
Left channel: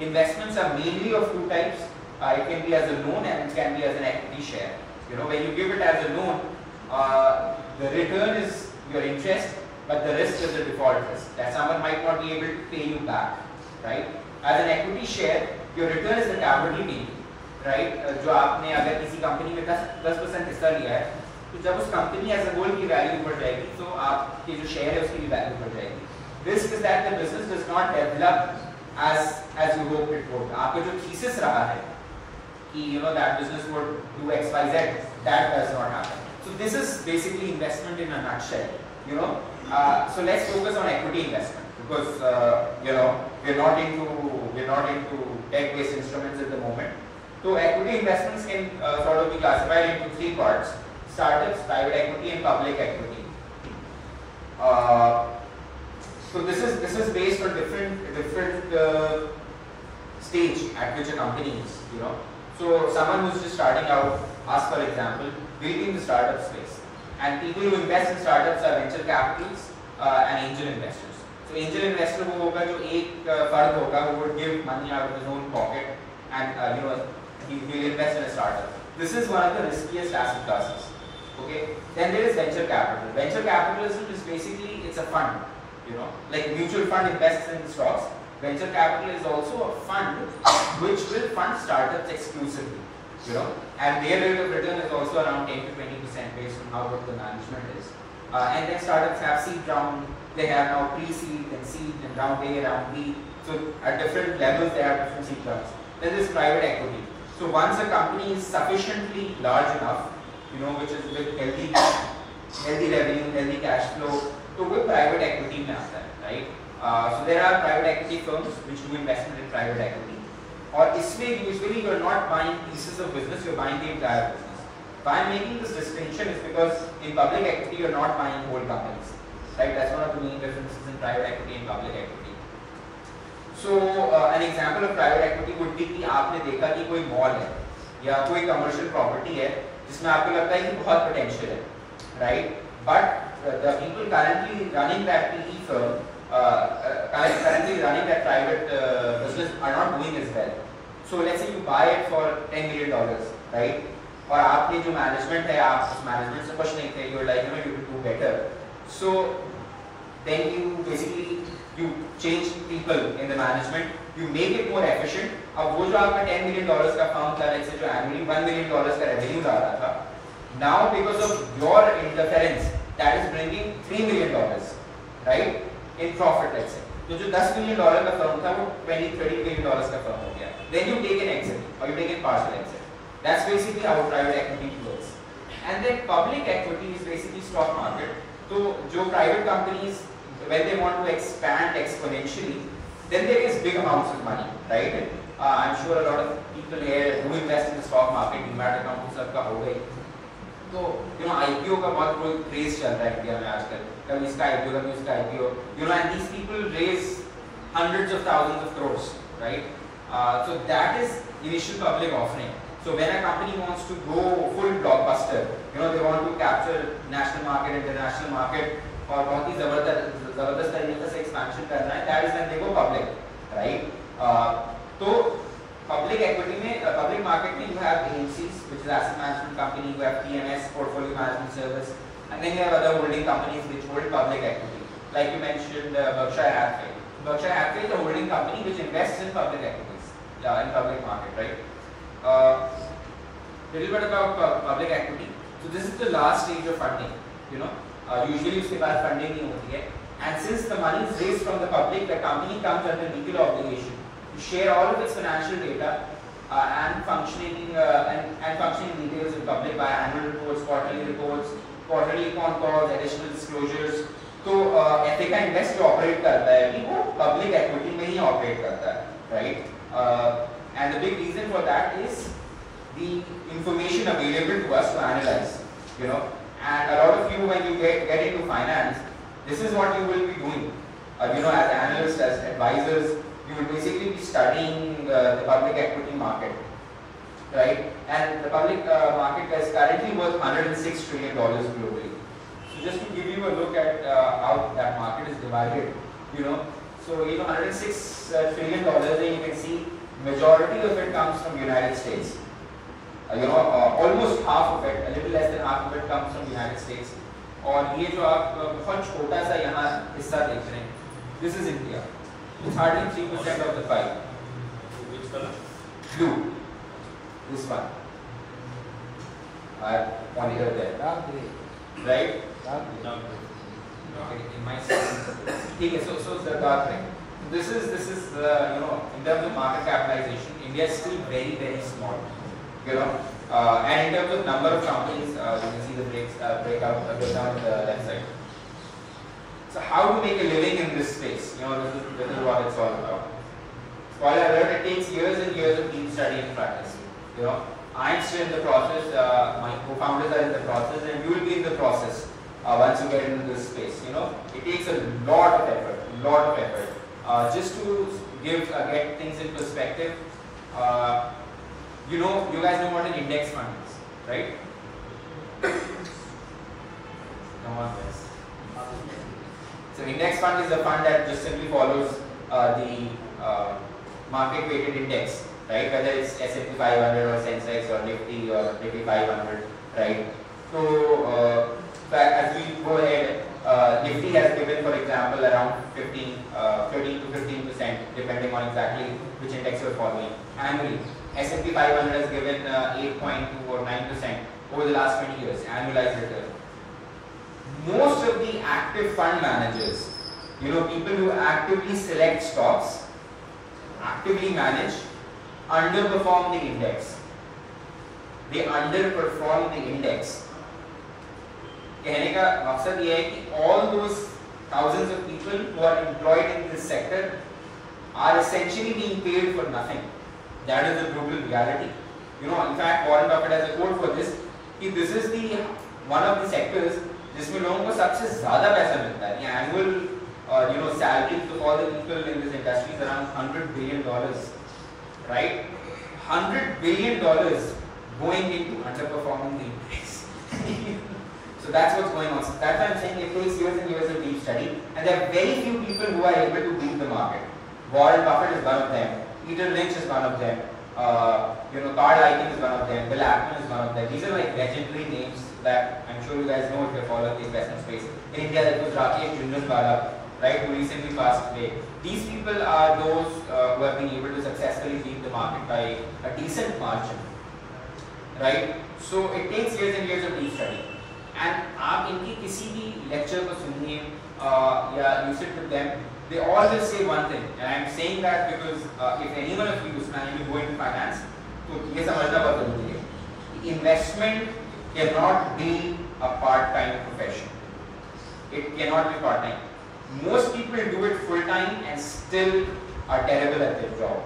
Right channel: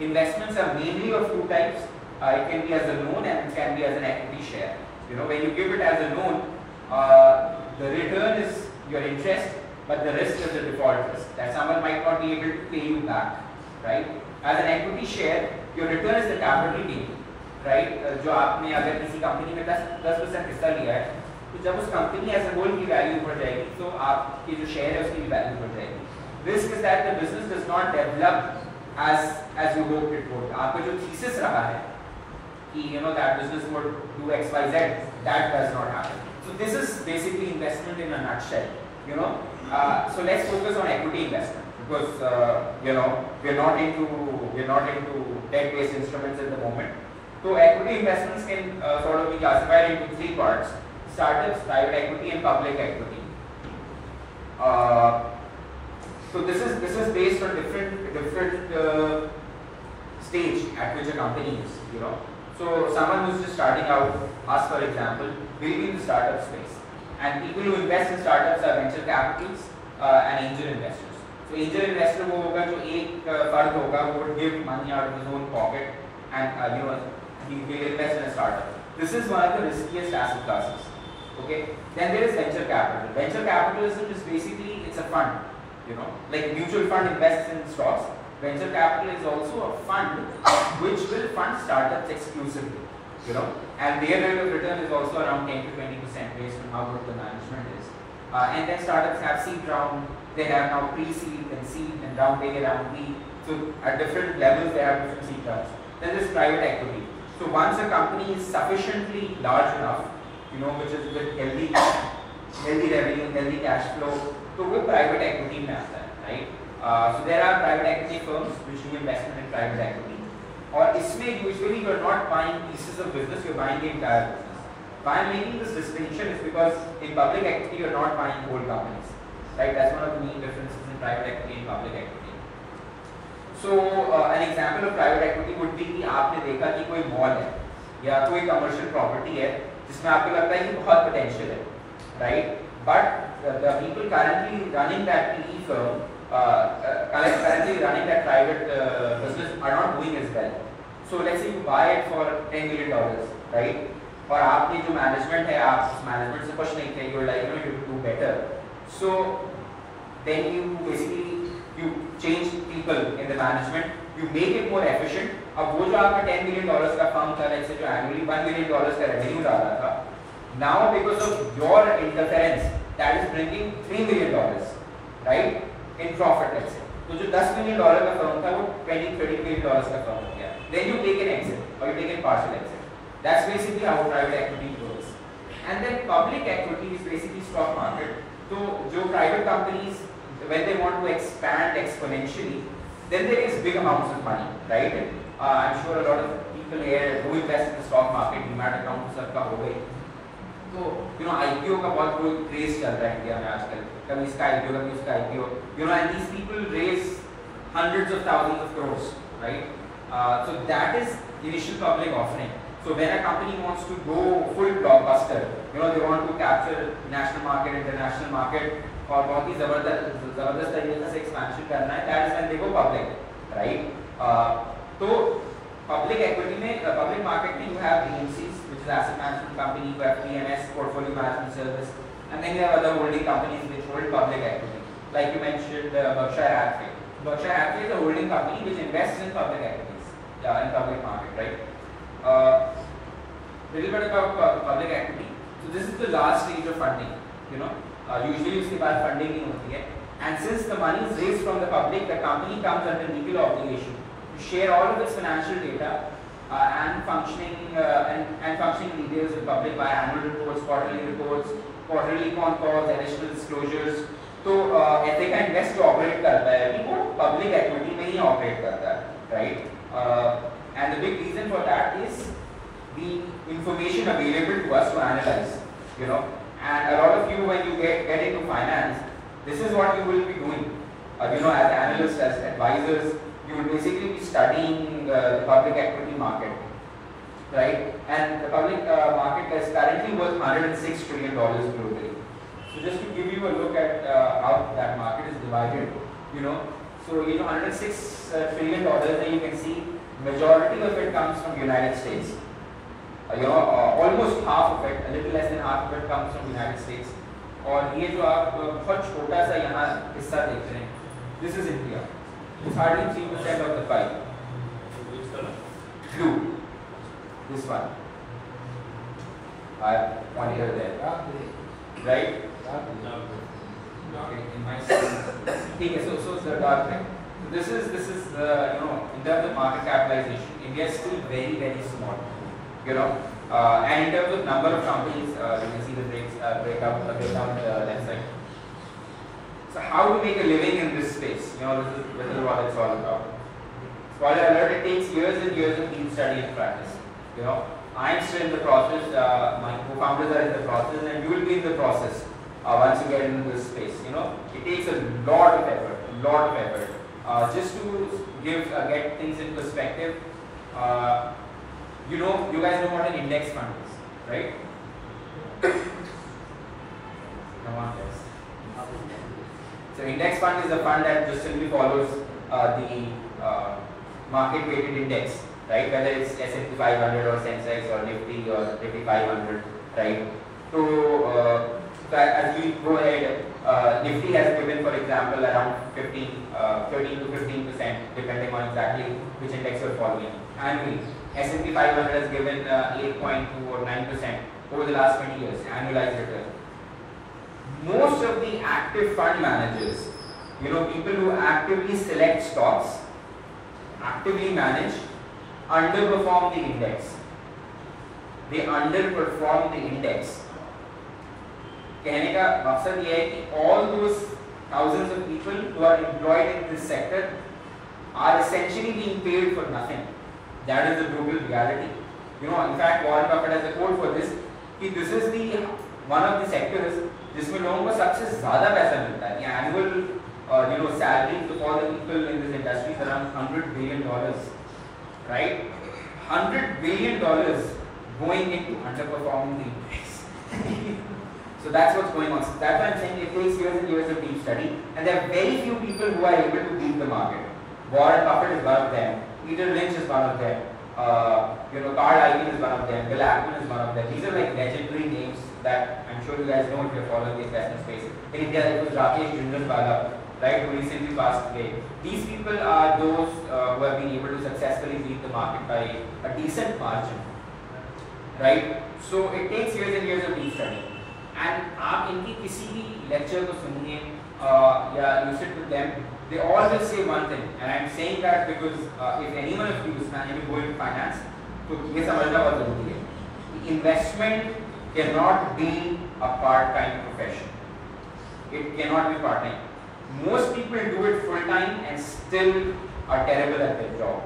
Investments are mainly of two types. It can be as a loan and it can be as an equity share. When you give it as a loan, the return is your interest, but the risk is the default risk, that someone might not be able to pay you back, right? As an equity share, your return is the capital gain, right? जो आपने अगर किसी company में 10% हिस्सा लिया है, तो जब उस कंपनी एज अ होल की वैल्यू बढ़ जाएगी, तो आपकी जो शेयर है उसकी वैल्यू बढ़ जाएगी. Risk is that the business does not develop as you hope it would. आपका जो thesis रहा है कि that business would do X, Y, Z, that does not happen. So this is basically investment in a nutshell. So let's focus on equity investment, because we're not into debt-based instruments at the moment. So equity investments can sort of be classified into three parts: startups, private equity, and public equity. So this is based on different stage at which a company is. So someone who's just starting out, us for example, will be in the startup space, and people who invest in startups are venture capitals and angel investors. So angel investor वो होगा जो एक फर्द होगा, वो would give money out of his own pocket and he will invest in a startup. This is one of the riskiest asset classes. Okay. Then there is venture capital. Venture capitalism is basically, it's a fund. Like mutual fund invests in stocks. Venture capital is also a fund which will fund startups exclusively. And their rate of return is also around 10 to 20% based on how good the management is. And then startups have seed round, they have now pre-seed and seed and round A, round B. So at different levels they have different seed rounds. Then there is private equity. So once a company is sufficiently large enough, which is with healthy revenue, healthy cash flow, to with private equity in that, right? So there are private equity firms which do investment in private equity. Or isme usually you are not buying pieces of business, you are buying the entire business. Why I am making this distinction is because in public equity you are not buying whole companies, right? That's one of the main differences in private equity and public equity. So an example of private equity would be कि आपने देखा कि कोई mall है या कोई commercial property है जिसमें आपको लगता है कि बहुत पोटेंशियल है, right? But the people currently running that PE firm, currently running that private business are not doing as well. So let's say you buy it for $10 million, right? और आपने जो मैनेजमेंट है, आप उस मैनेजमेंट से खुश नहीं थे, you're like, you to do better. So then you basically change people in the management, you make it more efficient. अब वो जो आपका $10 million का फर्म था, let's say जो annually $1 million का revenue आता था, now because of your interference, that is bringing $3 million, right, in profit, let's say. तो जो $10 million का फर्म था, वो $20-30 million का फर्म हो गया. Then you take an exit, or you take a partial exit. That's basically how private equity works. And then public equity is basically stock market. So जो private companies, when they want to expand exponentially, then there is big amounts of money, right? I'm sure a lot of people here who invest in the stock market, demat account सबका हो गई. तो IPO का बहुत बहुत craze चल रहा है इंडिया में आजकल. कभी इसका IPO, कभी उसका IPO. And these people raise hundreds of thousands of crores, right? So that is initial public offering. So when a company wants to go full blockbuster, they want to capture national market, international market, और बहुत ही जबरदस्त तरीके से expansion करना है, that is when they go public, right? तो public equity में, public market में you have AMCs, which is asset management company, you have PMS, portfolio management service, and then you have other holding companies which hold public equity, like you mentioned Berkshire Hathaway. Berkshire Hathaway is a holding company which invests in public equities, in public market, right? Little bit about public equity. So this is the last stage of funding. Usually उसके बाद funding नहीं होती है. And since the money is raised from the public, the company comes under legal obligation to share all of its financial data and functioning details in public by annual reports, quarterly con calls, additional disclosures. तो Ethica Invest जो operate करता है अभी वो public equity में ही operate करता है, right? And the big reason for that is the information available to us to analyze, And a lot of you, when you get into finance, this is what you will be doing. As analysts, as advisors, you will basically be studying the public equity market. right? And the public market is currently worth $106 trillion globally. So just to give you a look at how that market is divided, so $106 trillion, then you can see majority of it comes from the United States. Almost half of it, a little less than half of it comes from the United States. और ये जो आप बहुत छोटा सा यहाँ हिस्सा देख रहे हैं, this is India. It's hardly 3% of the pie. Which color? Blue. This one. Pointed there. Right? In my sense. So dark red. This is in terms of market capitalization, India is still very, very small. And in terms of number of companies, you can see the breakout on the left side. So how to make a living in this space? This is what it's all about. Spoiler alert, it takes years and years of deep study and practice. I'm still in the process, my co-founders are in the process, and you will be in the process once you get into this space. It takes a lot of effort. Just to get things in perspective, you guys know what an index fund is, right? No one does. So index fund is a fund that just simply follows the market weighted index, right? Whether it's S&P 500 or Sensex or Nifty or Nifty 500, right? So as we go ahead, Nifty has given, for example, around 13 to 15%, depending on exactly which index you're following. Annually, S&P 500 has given 8.2 or 9% over the last 20 years, annualized return. Most of the active fund managers, people who actively select stocks, actively manage, underperform the index. They underperform the index. कहने का मकसद ये है कि all those thousands of people who are employed in this sector are essentially being paid for nothing. That is the brutal reality. In fact, Warren Buffett has a quote for this. This is one of the sectors जिसमें लोगों को सबसे ज़्यादा पैसा मिलता है. The annual salary to all the people in this industry is around $100 billion, right? $100 billion going into underperforming the index. So that's what's going on. So that's why I'm saying it takes years and years of deep study, and there are very few people who are able to beat the market. Warren Buffett is one of them. Peter Lynch is one of them. Carl Icahn is one of them. Bill Ackman is one of them. These are like legendary names that I'm sure you guys know if you follow the investment space. In India, there was Rakesh Jindal, right, who recently passed away. These people are those who have been able to successfully beat the market by a decent margin, right? So it takes years and years of deep study. And आप इनकी किसी भी lecture को सुनिए या you sit with them, they all just say one thing, and I'm saying that because if any one of you is planning to go into finance, तो ये समझना बहुत जरूरी है. Investment cannot be a part-time profession. It cannot be part-time. Most people do it full-time and still are terrible at their job,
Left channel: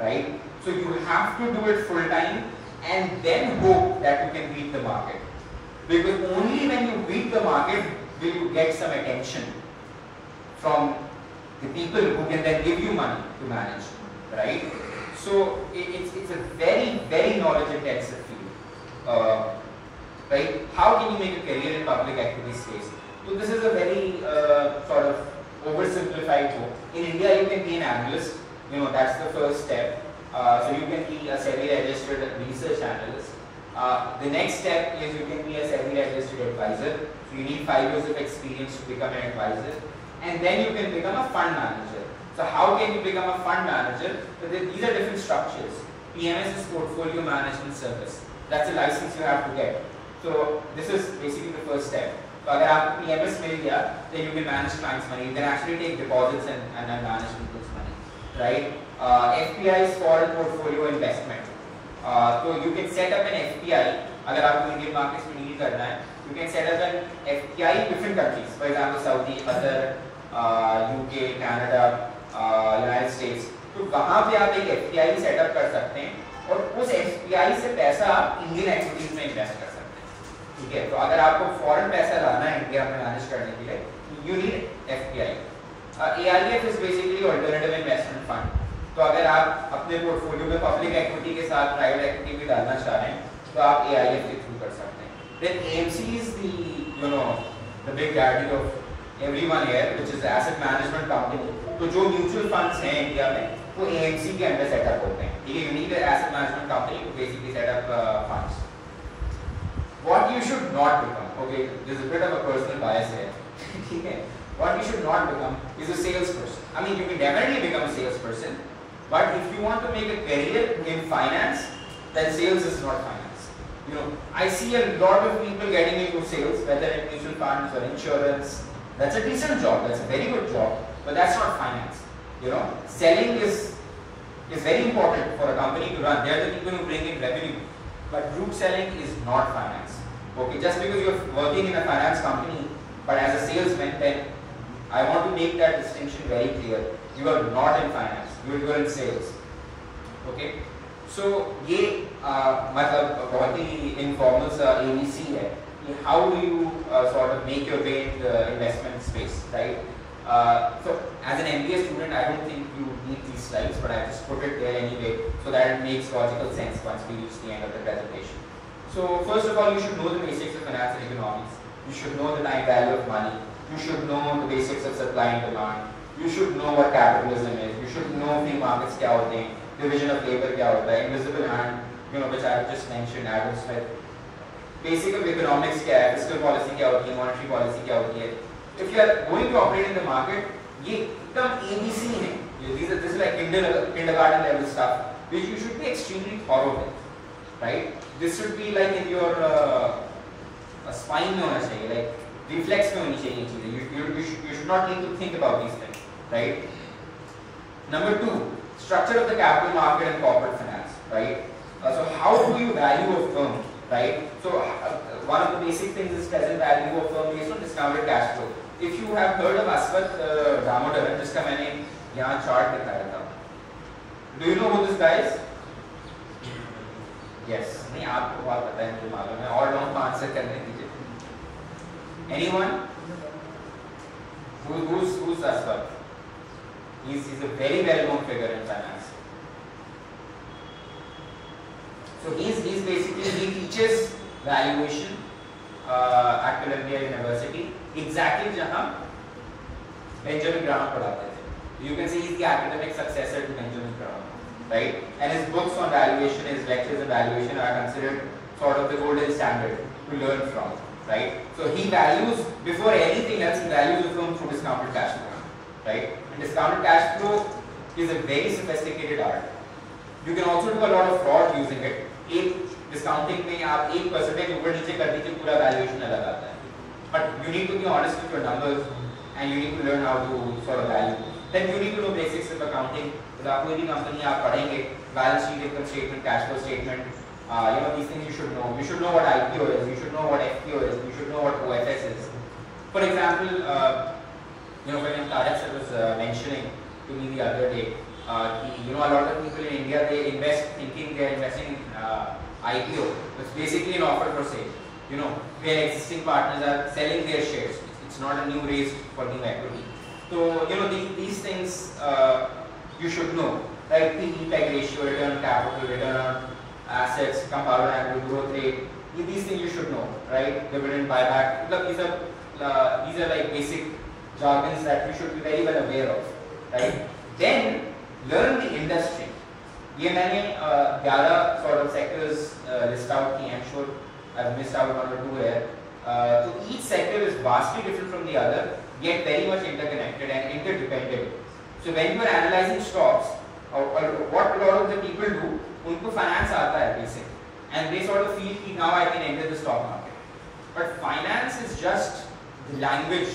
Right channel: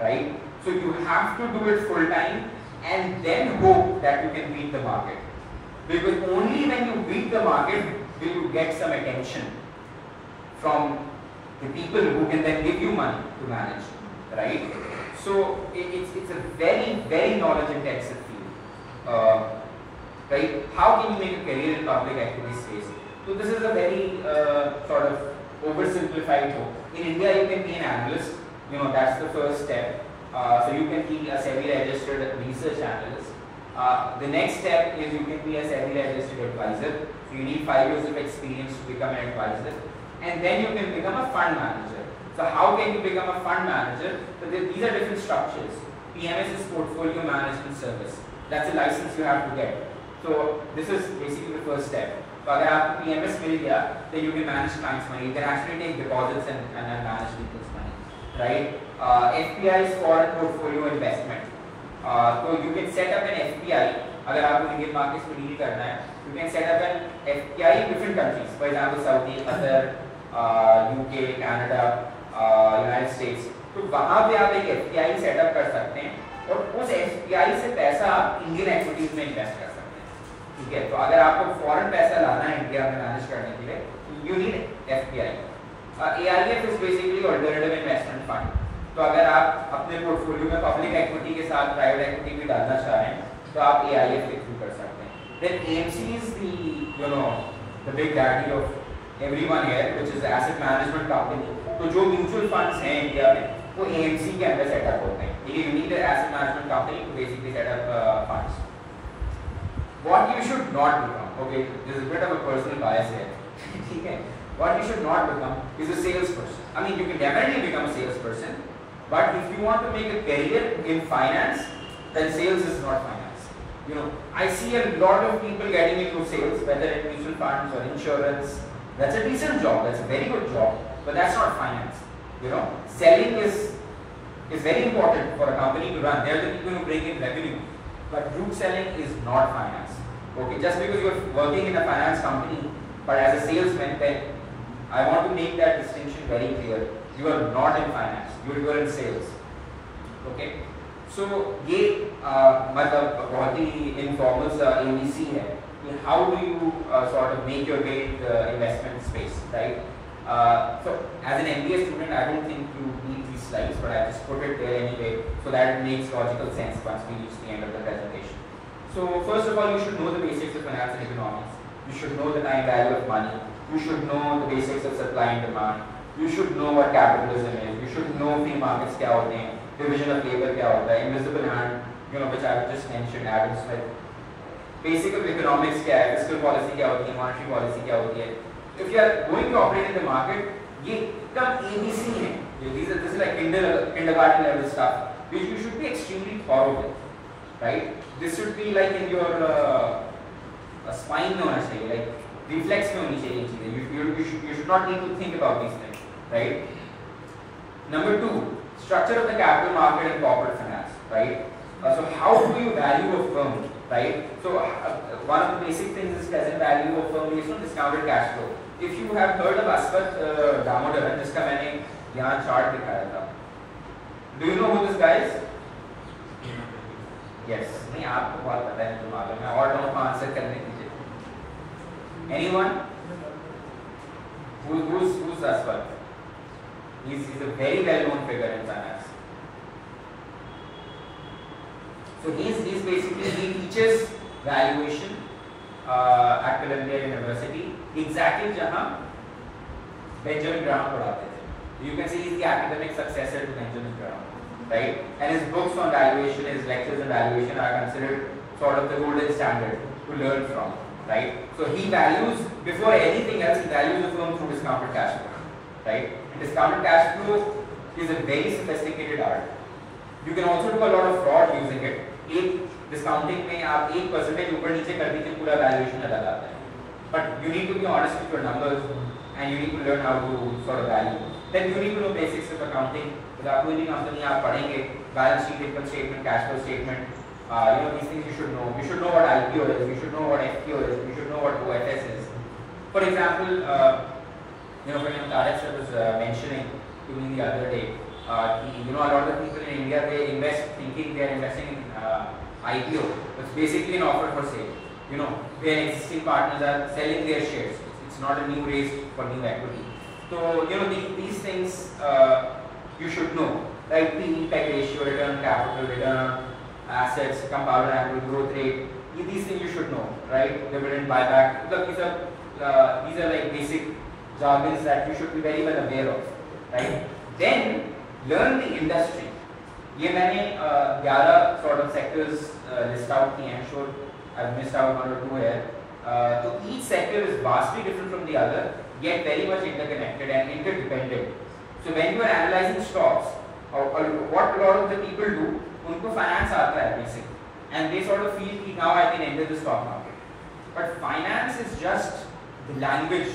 right? So you have to do it full-time and then hope that you can beat the market. Because only when you beat the market will you get some attention from the people who can then give you money to manage, right? So it's a very, very knowledge-intensive field, right? How can you make a career in public equity space? So this is a very sort of oversimplified book. In India, you can be an analyst. That's the first step. So you can be a SEBI-registered research analyst. The next step is you can be a SEBI-registered advisor. So you need 5 years of experience to become an advisor, and then you can become a fund manager. So how can you become a fund manager? So these are different structures. PMS is portfolio management service. That's a license you have to get. So this is basically the first step. So अगर आपको PMS मिल गया, then you can manage clients' money. You can actually take deposits and manage people's money, right? FPI is foreign portfolio investment. So you can set up an FPI. अगर आपको Indian markets में deal करना है, you can set up an FPI in different countries. For example, Saudi, Qatar, UK, Canada, United States. तो वहाँ पे आप एक FPI सेटअप कर सकते हैं और उस FPI से पैसा Indian equities में invest कर सकते हैं. ठीक है, तो अगर आपको फॉरेन पैसा लाना है इंडिया में मैनेज करने के लिए, you need FPI. AIF is basically alternative investment fund. तो अगर आप अपने पोर्टफोलियो में पब्लिक एक्विटी के साथ प्राइवेट एक्विटी भी डालना चाह रहे हैं तो आप AIF के थ्रू कर सकते हैं. Then AMC is the big daddy of everyone here, which is asset management company. तो जो म्यूचुअल फंड्स हैं इंडिया में वो AMC के अंदर सेटअप होते हैं. ये unique asset management company to basically set up funds. What you should not become, okay, there's a bit of a personal bias here. ठीक है. What you should not become is a salesperson. I mean, you can definitely become a salesperson, but if you want to make a career in finance, then sales is not finance. I see a lot of people getting into sales, whether in mutual funds or insurance. That's a decent job. That's a very good job, but that's not finance. Selling is very important for a company to run. They are the people who bring in revenue, but brute selling is not finance. Okay, just because you're working in a finance company, but as a salesman, then I want to make that distinction very clear. You are not in finance. You are in sales. Okay. So ये मतलब बहुत ही informal सा ABC है. How do you sort of make your way in the investment space, right? So as an MBA student, I don't think you need these slides, but I just put it there anyway, so that it makes logical sense once we reach the end of the presentation. So first of all, you should know the basics of finance and economics. You should know the time value of money. You should know the basics of supply and demand. You should know what capitalism is. You should know free markets क्या होते हैं, division of labor क्या होता है, invisible hand, which I just mentioned, Adam Smith. Basic of economics क्या है, fiscal policy क्या होती है, monetary policy क्या होती है. If you are going to operate in the market, ये एकदम ABC है. This is like kindergarten level stuff, which you should be extremely thorough with, right? This should be like in your spine में होना चाहिए, like reflex में होनी चाहिए चीजें. You should not need to think about these things, right? Number 2, structure of the capital market and corporate finance, right? So how do you value a firm, right? So one of the basic things is present value of firm based on discounted cash flow. If you have heard of Aswat Damodaran, जिसका मैंने यहाँ chart दिखाया था, do you know who this guy is? Yes, नहीं आपको बात पता है तो मालूम है और नोट आंसर करने दीजिए. Anyone? Who's Aswat? He's a very well-known figure in finance. So he's basically he teaches valuation at Columbia University, exactly जहाँ Benjamin Graham पढ़ाते थे. You can see he's the academic successor to Benjamin Graham, right? And his books on valuation, his lectures on valuation are considered sort of the golden standard to learn from, right? So he values, before anything else, he values the firm through discounted cash flow, right? And discounted cash flow is a very sophisticated art. You can also do a lot of fraud using it. एक discounting में आप 1% ऊपर नीचे कर दीजिए पूरा valuation अलग आता है. But you need to be honest with your numbers and you need to learn how to sort of value. Then you need to know basics of accounting. तो कोई भी कंपनी आप पढ़ेंगे, balance sheet, income statement, cash flow statement, these things you should know. You should know what IPO is. You should know what FPO is. You should know what OFS is. For example, when Tarak sir was mentioning to me the other day, a lot of people in India, they invest thinking they are investing in IPO. It's basically an offer for sale. Where existing partners are selling their shares. It's not a new raise for new equity. So these things you should know, right? PE, PEG ratio, return on capital, return on assets, compound annual growth rate. These things you should know, right? Dividend buyback. These are like basic jargons that you should be very well aware of, right? Then learn the industry. ये मैंने 11 sort of sectors list out किए. I'm sure I've missed out one or two here. So each sector is vastly different from the other, yet very much interconnected and interdependent. So when you are analyzing stocks, what a lot of the people do, उनको finance आता है basic, and they sort of feel कि now I can enter the stock market. But finance is just the language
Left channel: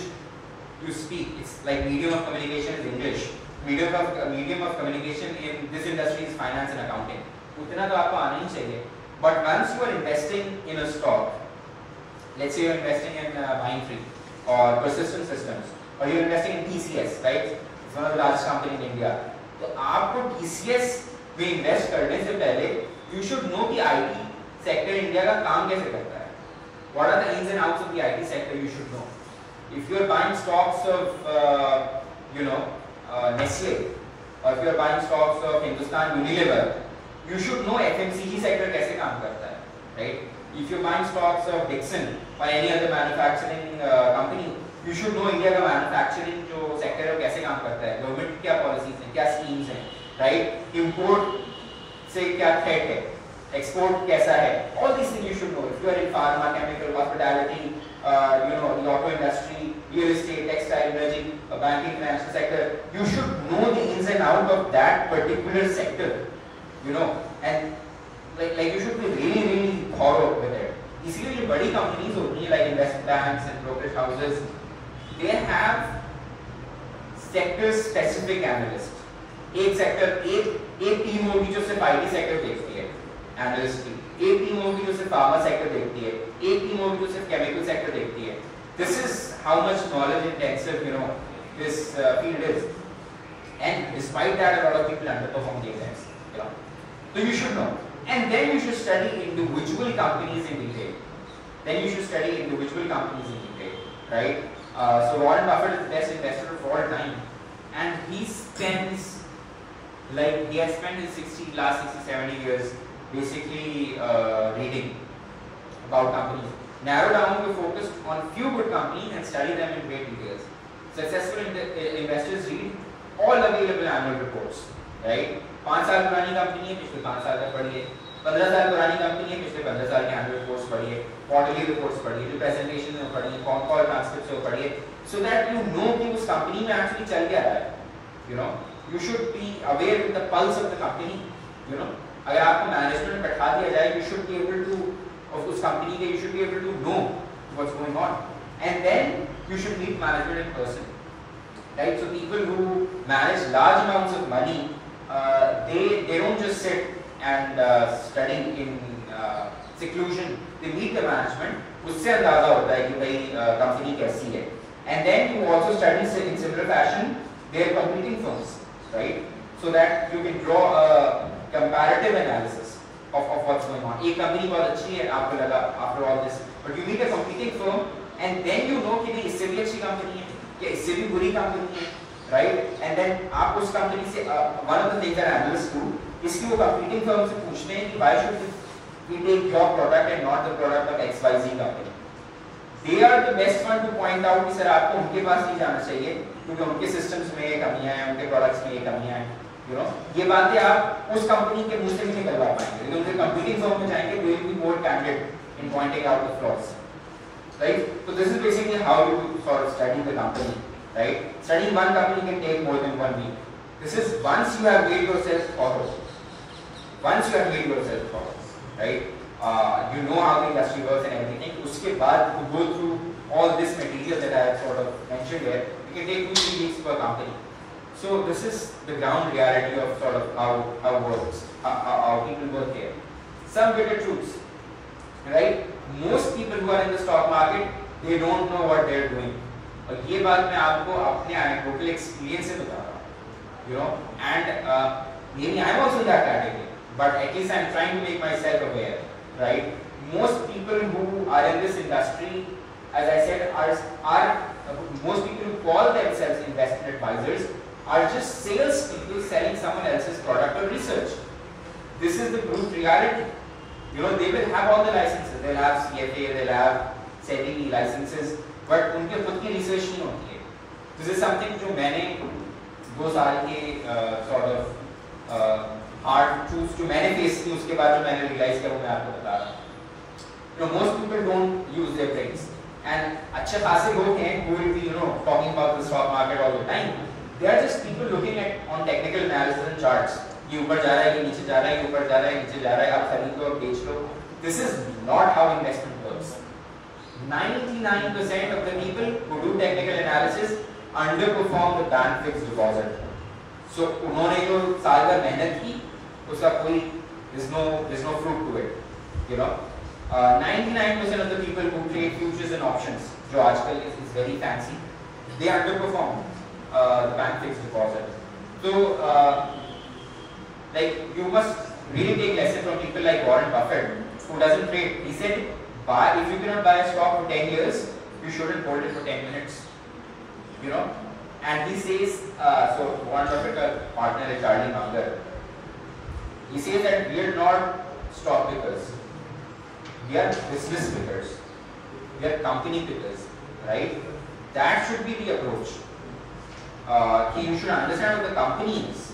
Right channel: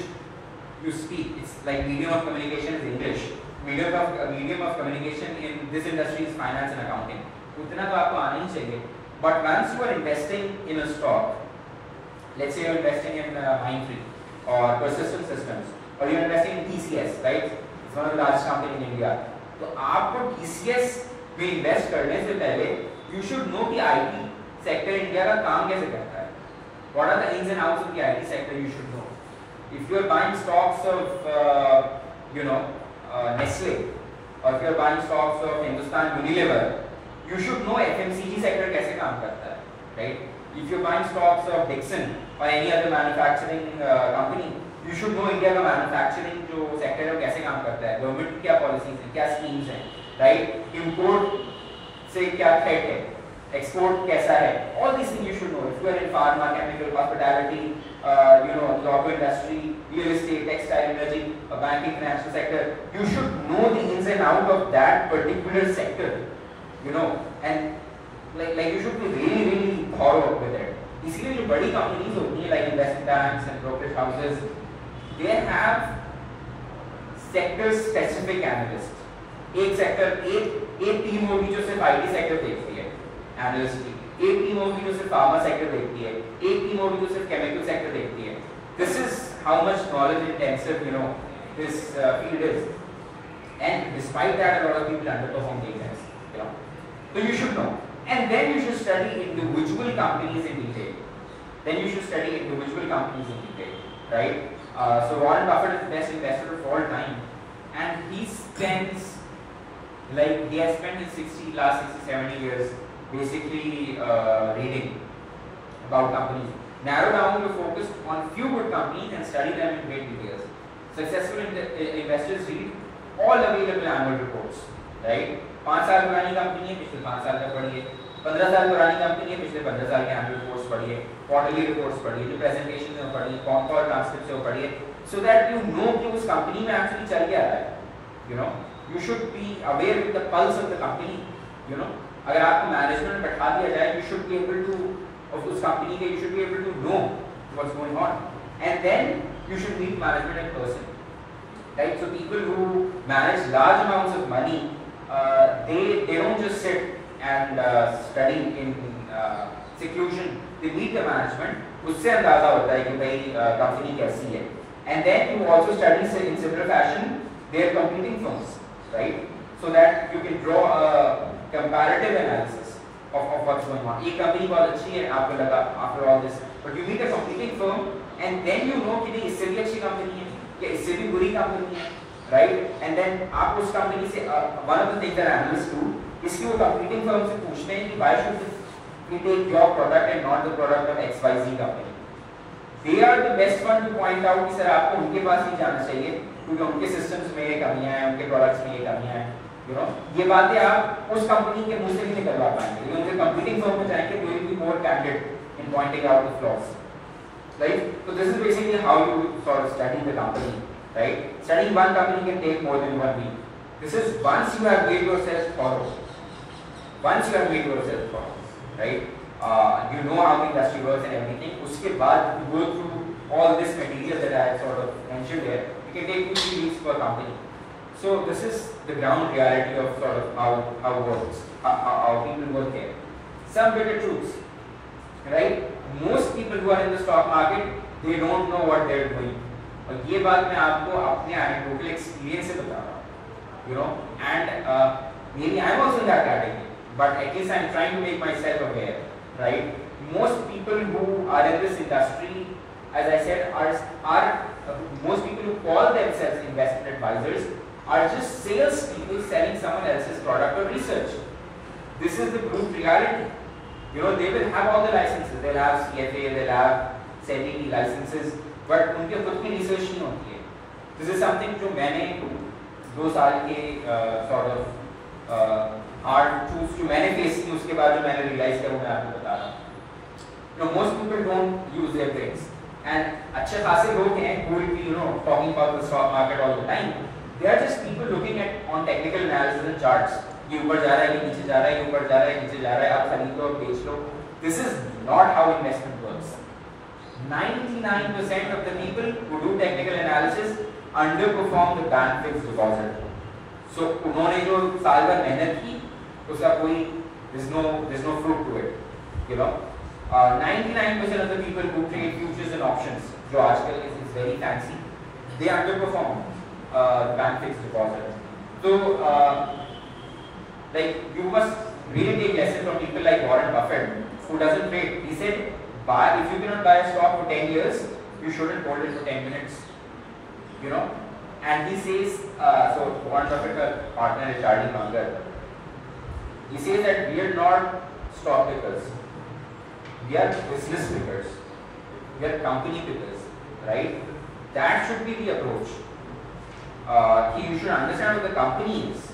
you speak. It's like medium of communication is English. Medium of communication in this industry is finance and accounting. उतना तो आपको आना ही चाहिए. But once you are investing in a stock, let's say you are investing in Mindtree or Persistent Systems, or you are investing in TCS, right? It's one of the largest companies in India. तो आपको TCS में invest करने से पहले, you should know the IT sector in India का काम कैसे करता है. What are the ins and outs of the IT sector? You should know. If you are buying stocks of, Nestle, or if you are buying stocks of Hindustan Unilever, you should know FMCG sector कैसे काम करता है, right? If you are buying stocks of Dixon or any other manufacturing company, you should know India का manufacturing जो sector है कैसे काम करता है, government की क्या policies हैं, क्या schemes हैं, right? Import से क्या threat है, export कैसा है, all these things you should know. If you are in pharma, chemical, hospitality, the auto industry, real estate, textile, energy, banking, financial sector, you should know the ins and outs of that particular sector, and like you should be really thorough with it. इसलिए जो बड़ी companies होती हैं like investment banks and brokerage houses, they have sector specific analysts. एक sector एक team होगी जो सिर्फ IT sector देखती है, analyst की, एक टीम होगी जो सिर्फ pharma sector देखती है, एक टीम होगी जो सिर्फ chemical sector देखती है. This is how much knowledge intensive this field is, and despite that, a lot of people underperform the exams. So you should know, and then you should study individual companies in detail. Right? So Warren Buffett is the best investor of all time, and he has spent his last 60-70 years basically reading about companies. Narrow down to focus on few good companies and study them in great details. Successful investors read all available annual reports, right? 5 साल पुरानी company है, पिछले 5 साल तक पढ़िए. 15 साल पुरानी company है, पिछले 15 साल के annual reports पढ़िए, quarterly reports पढ़िए, presentation में पढ़िए, call transcripts में पढ़िए, so that you know कि उस कंपनी में actually चल क्या रहा है. You should be aware with the pulse of the company. अगर आपको मैनेजमेंट में बैठा दिया जाए, you should be able to of उस कंपनी के, you should be able to know what's going on, and then you should meet management in person, right? So people who manage large amounts of money, they don't just sit and study in seclusion. They meet the management. उससे अंदाजा होता है कि भाई company कैसी है, and then you also study in similar fashion their competing firms, right? So that you can draw a comparative analysis of what's going on. एक company बहुत अच्छी है, आपको लगा after all this, but you meet a competing firm and then you know कि इससे भी अच्छी कंपनी है या इससे भी बुरी कंपनी है, right? And then आप उस कंपनी से one of the things that analysts do, इसकी वो competing firm से पूछते हैं कि why should we take your product and not the product of XYZ company? They are the best one to point out कि sir आपको उनके पास नहीं जाना चाहिए क्योंकि उनके systems में ये कमियां हैं, उनके products में ये कमियां हैं. ये बातें आप उस कंपनी के मुंह से नहीं करवा पाएंगे, लेकिन उनके कंपीटिंग फर्म में जाएंगे, they will be more candid in pointing out the flaws, right? So this is basically how you sort of study the company, right? Studying one company can take more than 1 week. This is once you have made yourself thorough, right? You know how the industry works and everything. उसके बाद you go through all this material that I have sort of mentioned here. It can take 2-3 weeks per company. So this is the ground reality of sort of how works, how people work here. Some bitter truths, right? Most people who are in the stock market, they don't know what they are doing. और ये बात मैं आपको अपने anecdotal experience से बता रहा हूँ, and maybe I am also in that category, but at least I am trying to make myself aware, right? Most people who are in this industry, as I said, are most people who call themselves investment advisors are just sales people selling someone else's product or research. This is the brute reality. They will have all the licenses. They'll have CFA, they'll have SEBI licenses, but उनके खुद की research नहीं होती है. This is something जो मैंने 2 साल के sort of hard truths जो मैंने face की, उसके बाद जो मैंने realize किया वो मैं आपको बता रहा हूँ. Most people don't use their brains, and अच्छे खासे लोग हैं who will be talking about the stock market all the time. They are just people looking at on technical analysis and charts. ये ऊपर जा रहा है, ये नीचे जा रहा है, ये ऊपर जा रहा है, नीचे जा रहा है, आप खरीद लो, बेच लो. This is not how investment works. 99% of the people who do technical analysis underperform the bank fixed deposit. So उन्होंने जो साल भर मेहनत की, उसका कोई there's no fruit to it. 99% of the people who trade futures and options, जो आजकल is very fancy, they underperform bank fixed deposit. So you must really take lessons from people like Warren Buffett, who doesn't trade. He said, if you cannot buy a stock for 10 years, you shouldn't hold it for 10 minutes. And he says, so one Buffett partner is Charlie Munger. He says that we are not stock pickers, we are business pickers, we are company pickers, right? That should be the approach. You should understand what the company is,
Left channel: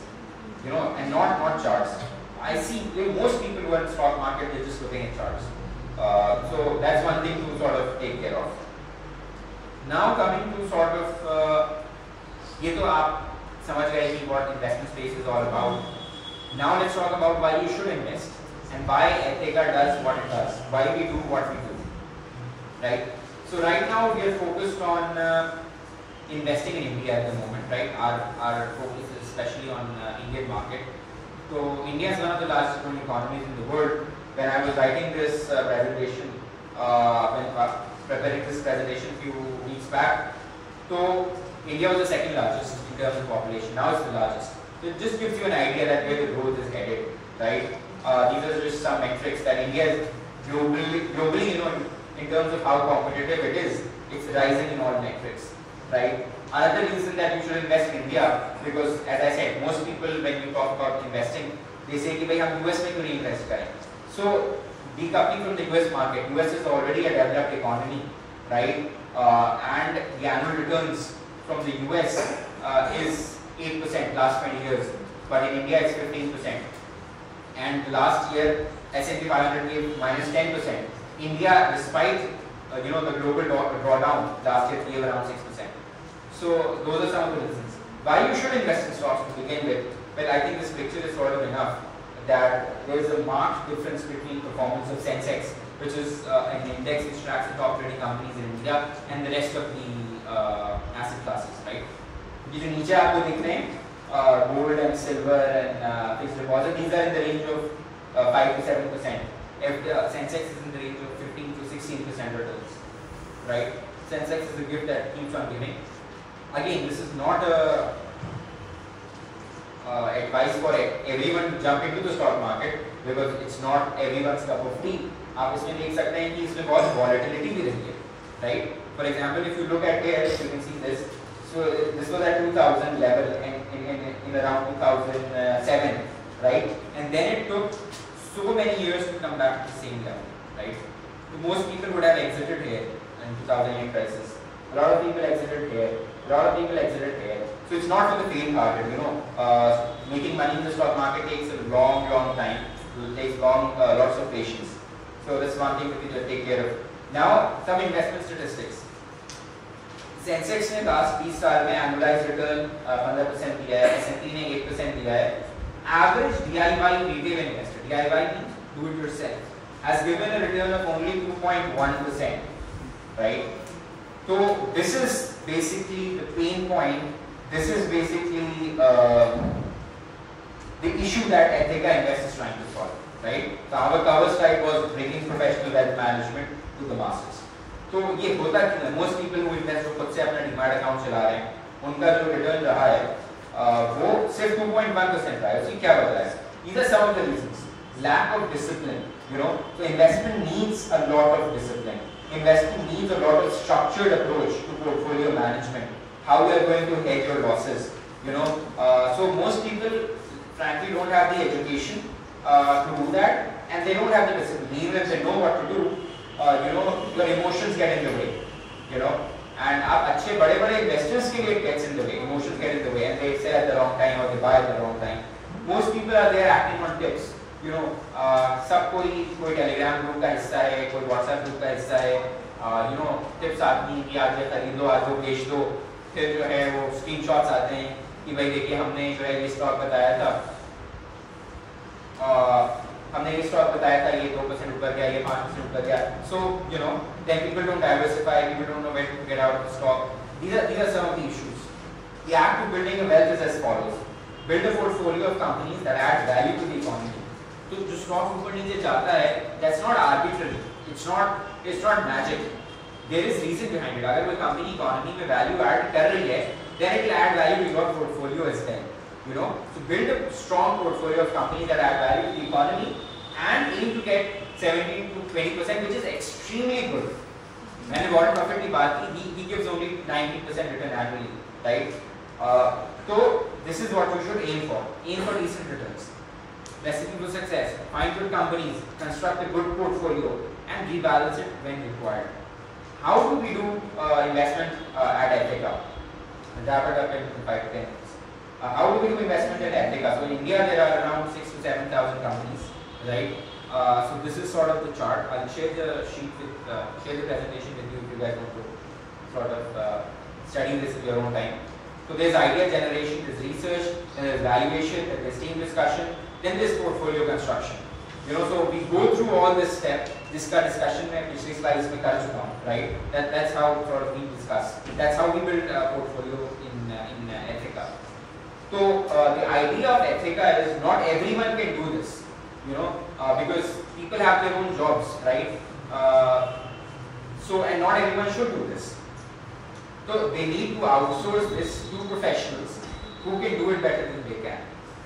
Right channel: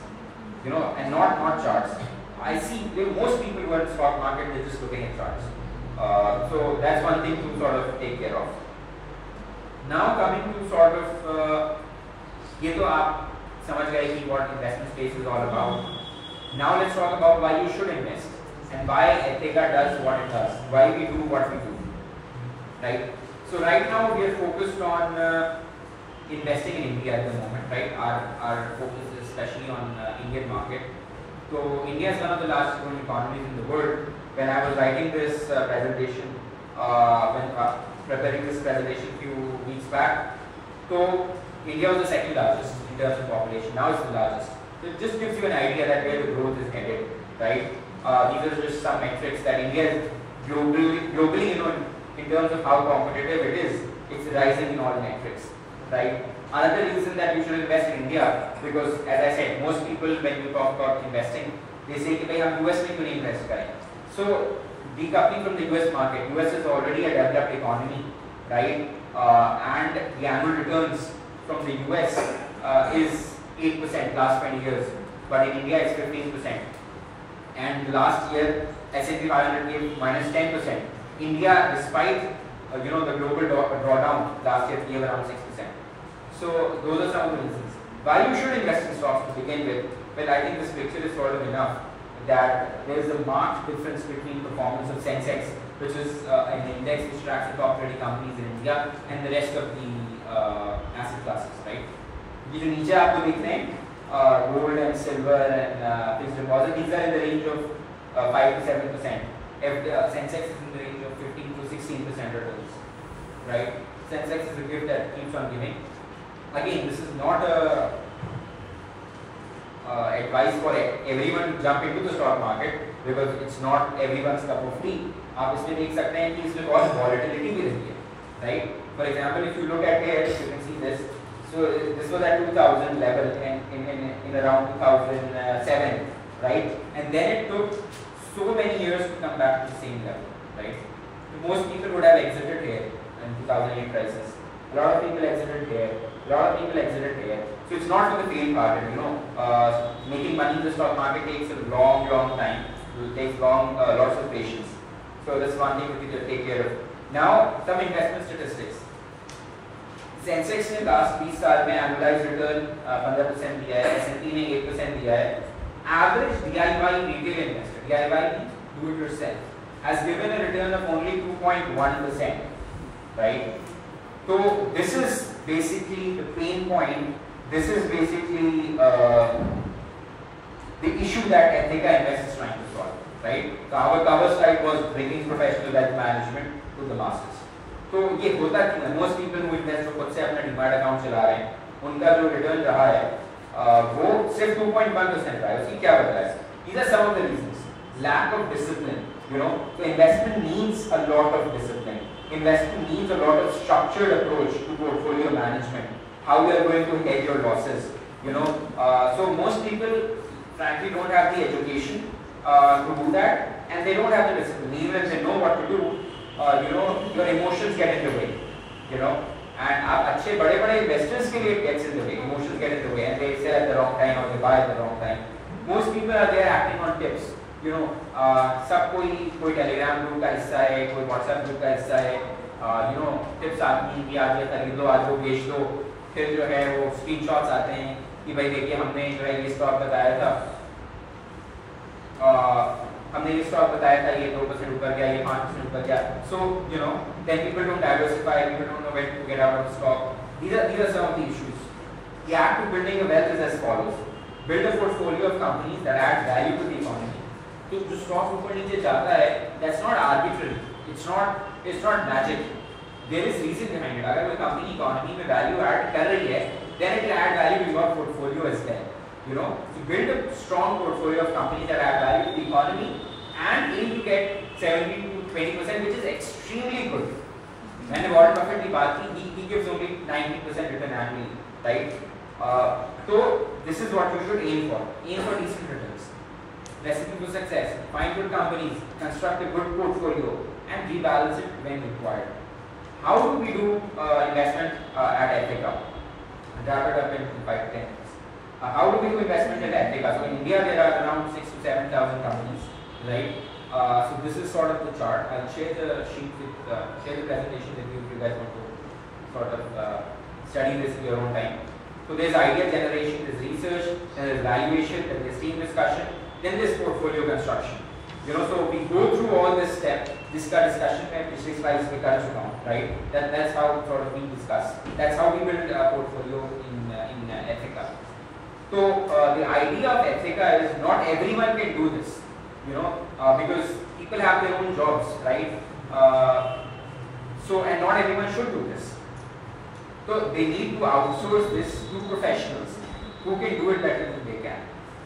you know, and not charts. I see most people who are in stock market, they're just looking at charts. So that's one thing to sort of take care of. Now coming to sort of, ये तो आप समझ गए कि what investment space is all about. Now let's talk about why you should invest and why Ethica does what it does, why we do what we do, right? So right now we are focused on investing in India at the moment, right? Our focus is especially on Indian market. So India is one of the largest growing economies in the world. When I was writing this presentation, preparing this presentation a few weeks back, so India was the second largest in terms of population. Now it's the largest. So it just gives you an idea that where the growth is headed, right? These are just some metrics that India is globally, you know, in terms of how competitive it is, it's rising in all metrics, right? Another reason that you should invest in India, because as I said, most people when you talk about investing, they say कि भाई हम US में क्यों नहीं invest करें? So decoupling from the US market, US is already a developed economy, right? And the annual returns from the US is 8% last 20 years, but in India it's 15%. And last year S&P 500 gave minus 10%. India, despite you know the global drawdown, last year gave around 6%. So those are some of the reasons why you should invest in stocks to begin with. Well, I think this picture is sort of enough that there is a marked difference between performance of Sensex, which is an index which tracks the top 20 companies in India, and the rest of the asset classes, right? ये जो नीचे आपको दिख रहे हैं gold and silver and fixed deposit, these are in the range of 5 to 7%. If the Sensex is in the range of 15 to 16% returns, right? Sensex is a gift that keeps on giving. Again, this is not a advice for everyone to jump into the stock market because it's not everyone's cup of tea. आप इसमें देख सकते हैं कि इसमें बहुत volatility भी रहती है, right? For example, if you look at here, you can see this. So this was at 2000 level in around 2007, right? And then it took so many years to come back to the same level, right? So most people would have exited here in 2008 crisis. A lot of people exited here. A lot of people exited here. So it's not for the faint-hearted, you know. Making money in the stock market takes a long time. It takes lots of patience. So that's one thing we need to take care of. Now, some investment statistics. Sensex में last 20 साल में annualized return 15% दिया है, S&P ने 8% दिया है. Average DIY retail investor, DIY means do it yourself, has given a return of only 2.1%, right? So this is basically the pain point. This is basically the issue that Ethica Invest is trying to solve, right? So our cover slide was bringing professional wealth management to the masses. तो ये होता कि most people who invest खुद से अपना demand account चला रहे हैं, उनका जो रिटर्न रहा है वो सिर्फ 2.1% रहा है. उसकी क्या वजह है? These are some of the reasons. Lack of discipline, you know. So investment needs a lot of discipline. Investment needs a lot of structured approach to portfolio management. How you are going to hedge your losses, you know. So most people, frankly, don't have the education to do that, and they don't have the discipline. Even if they know what to do, you know, your emotions get in the way, you know. And आप अच्छे बड़े investors के लिए gets in the way, emotions get in the way, and they sell at the wrong time or they buy at the wrong time. Most people are there acting on tips, you know. सब कोई Telegram group का हिस्सा है, कोई WhatsApp group का हिस्सा है, you know, tips आती हैं कि आज ये खरीद लो, आज वो बेच दो, फिर जो है वो screenshots आते हैं कि भाई देखिए हमने जो है ये स्टॉक बताया था, हमने ये स्टॉक बताया था, ये 2% ऊपर गया, ये 5% ऊपर गया. So you know, then people don't diversify, people don't know when to get out of the stock. These are some of the issues. The act to building a wealth is as follows: build a portfolio of companies that add value to the economy. तो जो stock ऊपर नीचे जाता है, that's not arbitrary. It's not magic. There is reason behind it. अगर कोई company economy में value add कर रही है, then it will add value to your portfolio as well. You know, to build a strong portfolio of companies that add value to the economy and aim to get 17 to 20%, which is extremely good. मैंने Warren Buffett की बात की, he gives only 90% return annually, right? So this is what you should aim for. Aim for decent returns. Recipe to success. Find good companies, construct a good portfolio, and rebalance it when required. How do we do investment at Ethica? Wrap it up in 5 to 10 minutes. How do we do investment at Ethica? So in India there are around 6,000 to 7,000 companies, right? So this is sort of the chart. I'll share the sheet with, share the presentation with you if you guys want to sort of study this in your own time. So there's idea generation, there's research, then there's valuation, then there's team discussion, then there's portfolio construction. You know, so we go through all this step, discussion में पिछली slides पे कर चुका हूँ, right? That's how sort of we discuss. That's how we build a portfolio in Ethica. So the idea of Ethica is not everyone can do this, you know, because people have their own jobs, right? So and not everyone should do this. So they need to outsource this to professionals who can do it better than they can,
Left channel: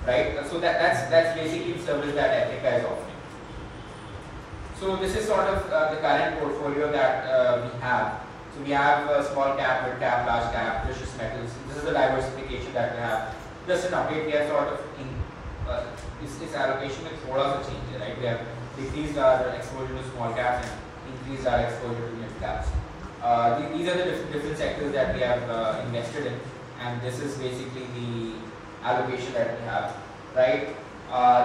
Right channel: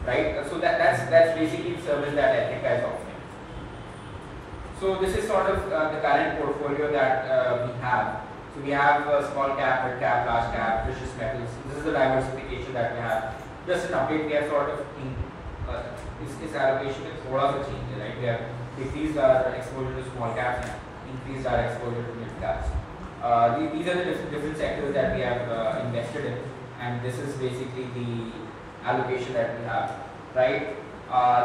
right? So that's basically the service that Ethica is offering. So this is sort of the current portfolio that we have. So we have small cap, mid cap, large cap, precious metals. This is the diversification that we have. Just an update, we have sort of in this allocation with thoda sa change, right? We have decreased our exposure to small caps and increased our exposure to mid caps. These are the different sectors that we have invested in, and this is basically the allocation that we have, right?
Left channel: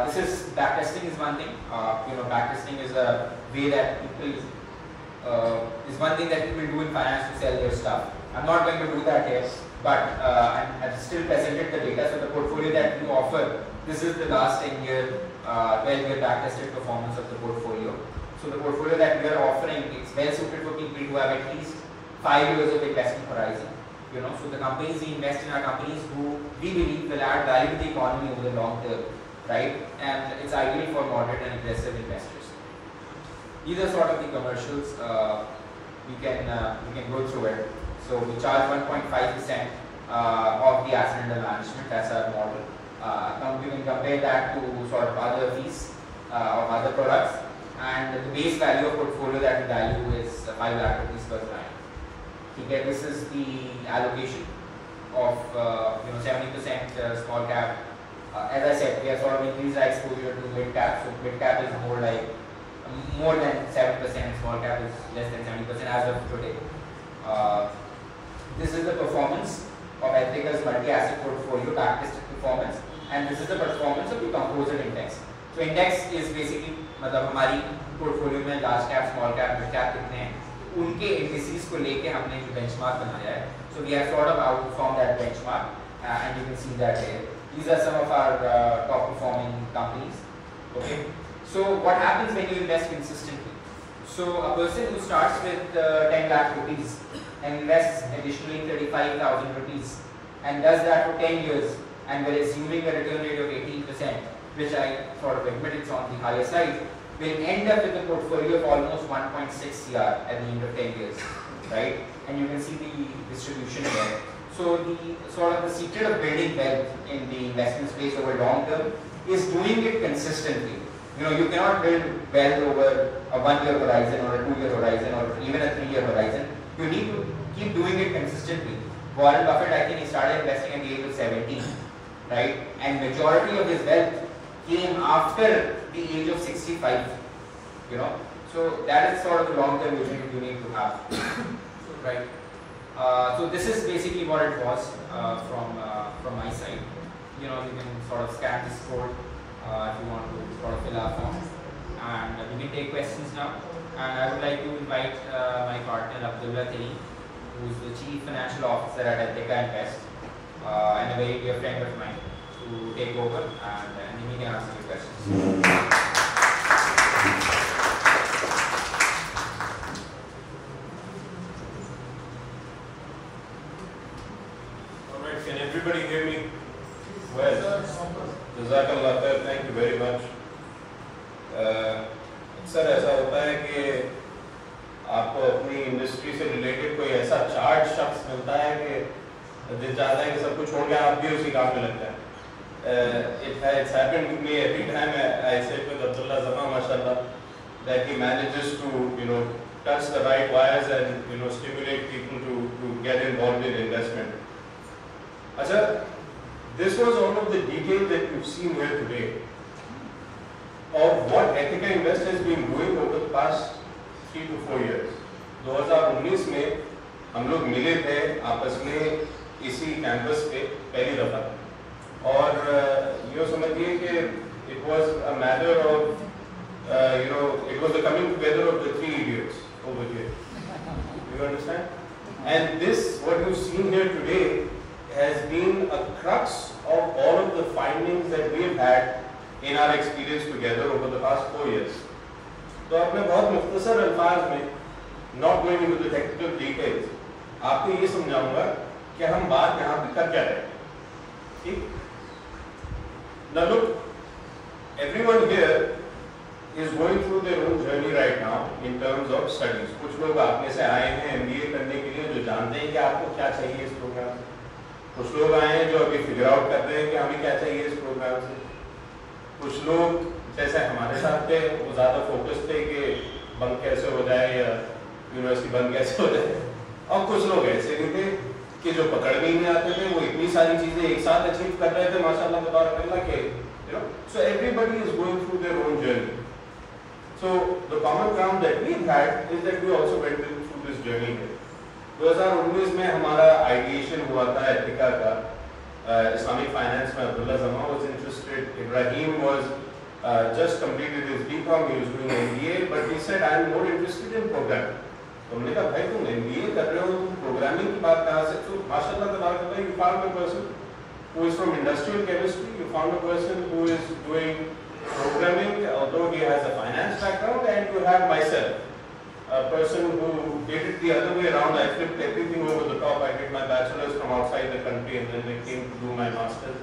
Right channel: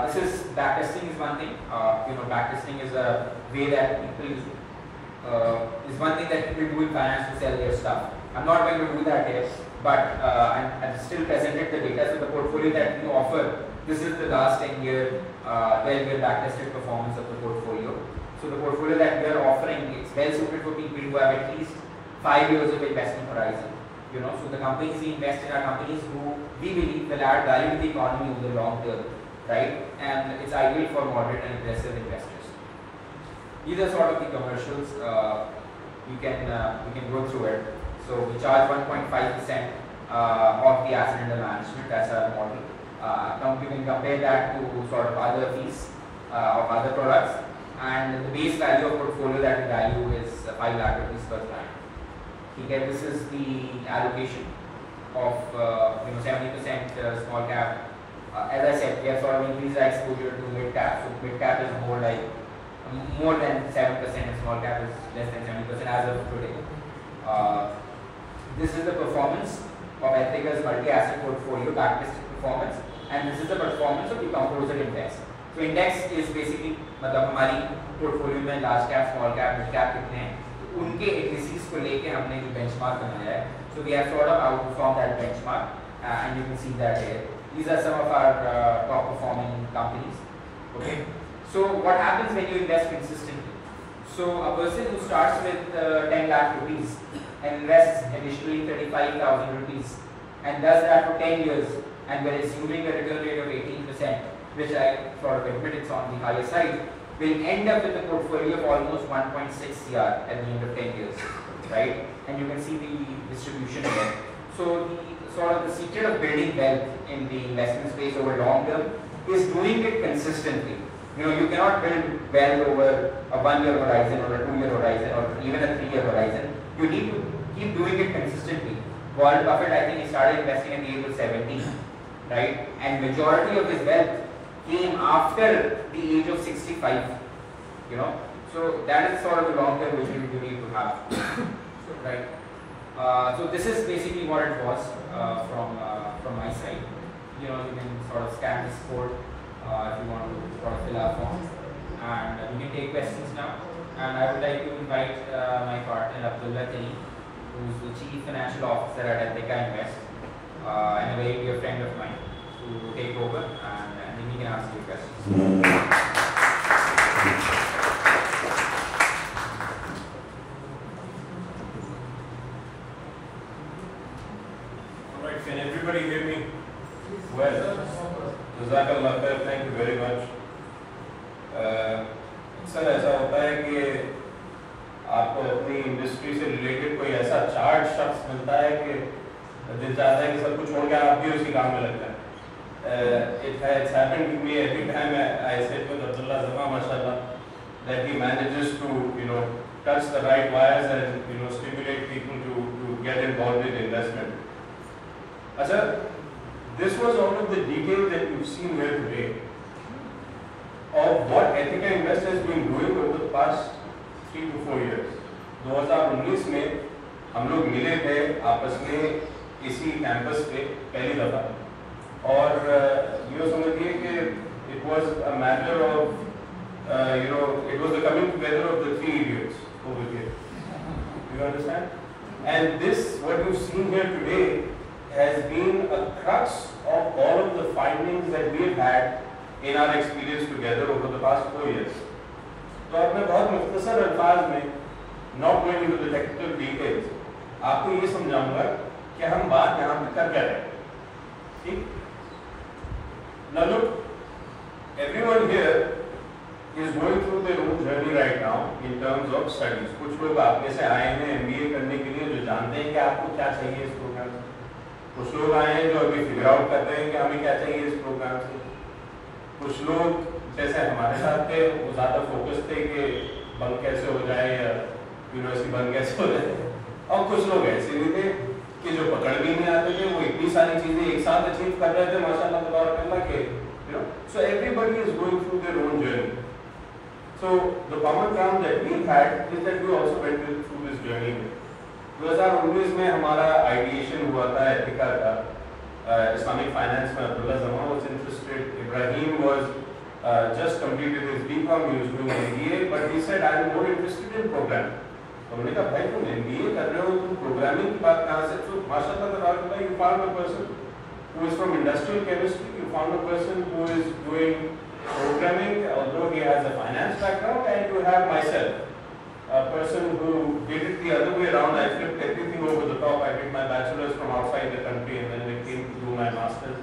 This is backtesting is one thing. You know, backtesting is a way that people is one thing that people do in finance to sell their stuff. I'm not going to do that here, but I've still presented the data. So the portfolio that we offer, this is the last 10-year, 12-year backtested performance of the portfolio. So the portfolio that we are offering, it's well suited for people who have at least 5 years of investment horizon. You know, so the companies we invest in are companies who we believe will add value to the economy over the long term, right? And it's ideal for moderate and aggressive investors. These are sort of the commercials. We can go through it. So we charge 1.5% of the asset under management. That's our model. Now we can compare that to sort of other fees of other products. And the base value of portfolio that we value is 5 lakh rupees per brand. Okay, this is the allocation of 70% small cap. As I said, we have sort of increased our exposure to mid cap. So mid cap is more than 7%, and small cap is less than 70% as of today. This is the performance of Ethica's multi-asset portfolio, backtested performance, and this is the performance of the composite index. So index is basically मतलब हमारी portfolio में large cap, small cap, mid cap कितने हैं, उनके indices को लेके हमने जो benchmark बनाया है. So we have sort of outperformed that benchmark, and you can see that here. These are some of our top performing companies. Okay. So what happens when you invest consistently? So a person who starts with 10 lakh rupees and invests additionally 35,000 rupees and does that for 10 years, and we're assuming a return rate of 18%, which I sort of admit it's on the higher side, we'll end up with a portfolio of almost 1.6 CR at the end of 10 years, right? And you can see the distribution there. So the sort of the secret of building wealth in the investment space over long term is doing it consistently. You know, you cannot build wealth over a 1-year horizon or a 2-year horizon or even a 3-year horizon. You need to keep doing it consistently. Warren Buffett, I think he started investing at the age of 17, right? And majority of his wealth came after the age of 65, you know. So that is sort of the long-term vision you need to have, right? So this is basically what it was from my side. You know, you can sort of scan this code if you want to sort of fill out forms, and we can take questions now. And I would like to invite my partner Abdullah Tareem, who is the Chief Financial Officer at Ethica Invest, and a very dear friend of mine, to take over, and then we can answer your questions. Alright, can everybody hear me? Well, Jazakallah khair, thank you very much. अक्सर ऐसा होता है कि आपको अपनी industry से related कोई ऐसा चार्ट शख्स मिलता है कि दिल चाहता है कि सब कुछ हो गया, आप भी उसी काम में लगता है. It's happened to me every time I sit with Abdullah Zama, mashallah, that he manages to touch the right wires and stimulate people to get involved in investment. अच्छा, this was all of the details that you've seen here today of what Ethica Invest has been doing over the past 3 to 4 years. 2019 में हम लोग मिले थे आपस में इसी campus पे पहली दफा और ये समझिए कि it was a matter of it was a coming together of the 3 idiots over here. You understand? And this, what you've seen here today, has been a crux of all of the findings that we've had in our experience together over the past 4 years. तो अब मैं बहुत मुख्तसर अल्फाज में, not going into the technical details, आपको ये समझाऊंगा कि हम बात यहाँ पे कर क्या रहे हैं, ठीक? Now look, everyone here is going through their own journey right now in terms of studies. कुछ लोग आप में से आए हैं MBA करने के लिए, जो जानते हैं कि आपको क्या चाहिए इस प्रोग्राम से। कुछ लोग आए हैं जो अभी फिगर आउट कर रहे हैं कि हमें क्या चाहिए इस प्रोग्राम से। कुछ लोग जैसे हमारे साथ पे वो ज़्यादा फोकस थे कि बंक कैसे हो जाए या यूनिवर्सिटी बंक कैसे हो जाए, और कुछ लोग ऐसे भी थे कि जो पकड़ भी नहीं आते थे, वो इतनी सारी चीज़ें एक साथ अचीव कर रहे थे माशाल्लाह तबारक के, so everybody is going through their own journey. So the common ground that we had is that we also went through this journey. 2019 में हमारा ideation हुआ था एथिका का, Islamic finance में Abdullah Zama was interested, Ibrahim was just completed his BCom, he was doing MBA, but he said I am more interested in programming. तो हमने कहा भाई तुम MBA कर रहे हो, तुम programming की बात कहाँ से? तो माशाल्लाह तबारक you found a person who is from industrial chemistry, you found a person who is doing programming, although he has a finance background, and you have myself, a person who did it the other way around. I flipped everything over the top. I did my bachelor's from outside the country and then I came to do my master's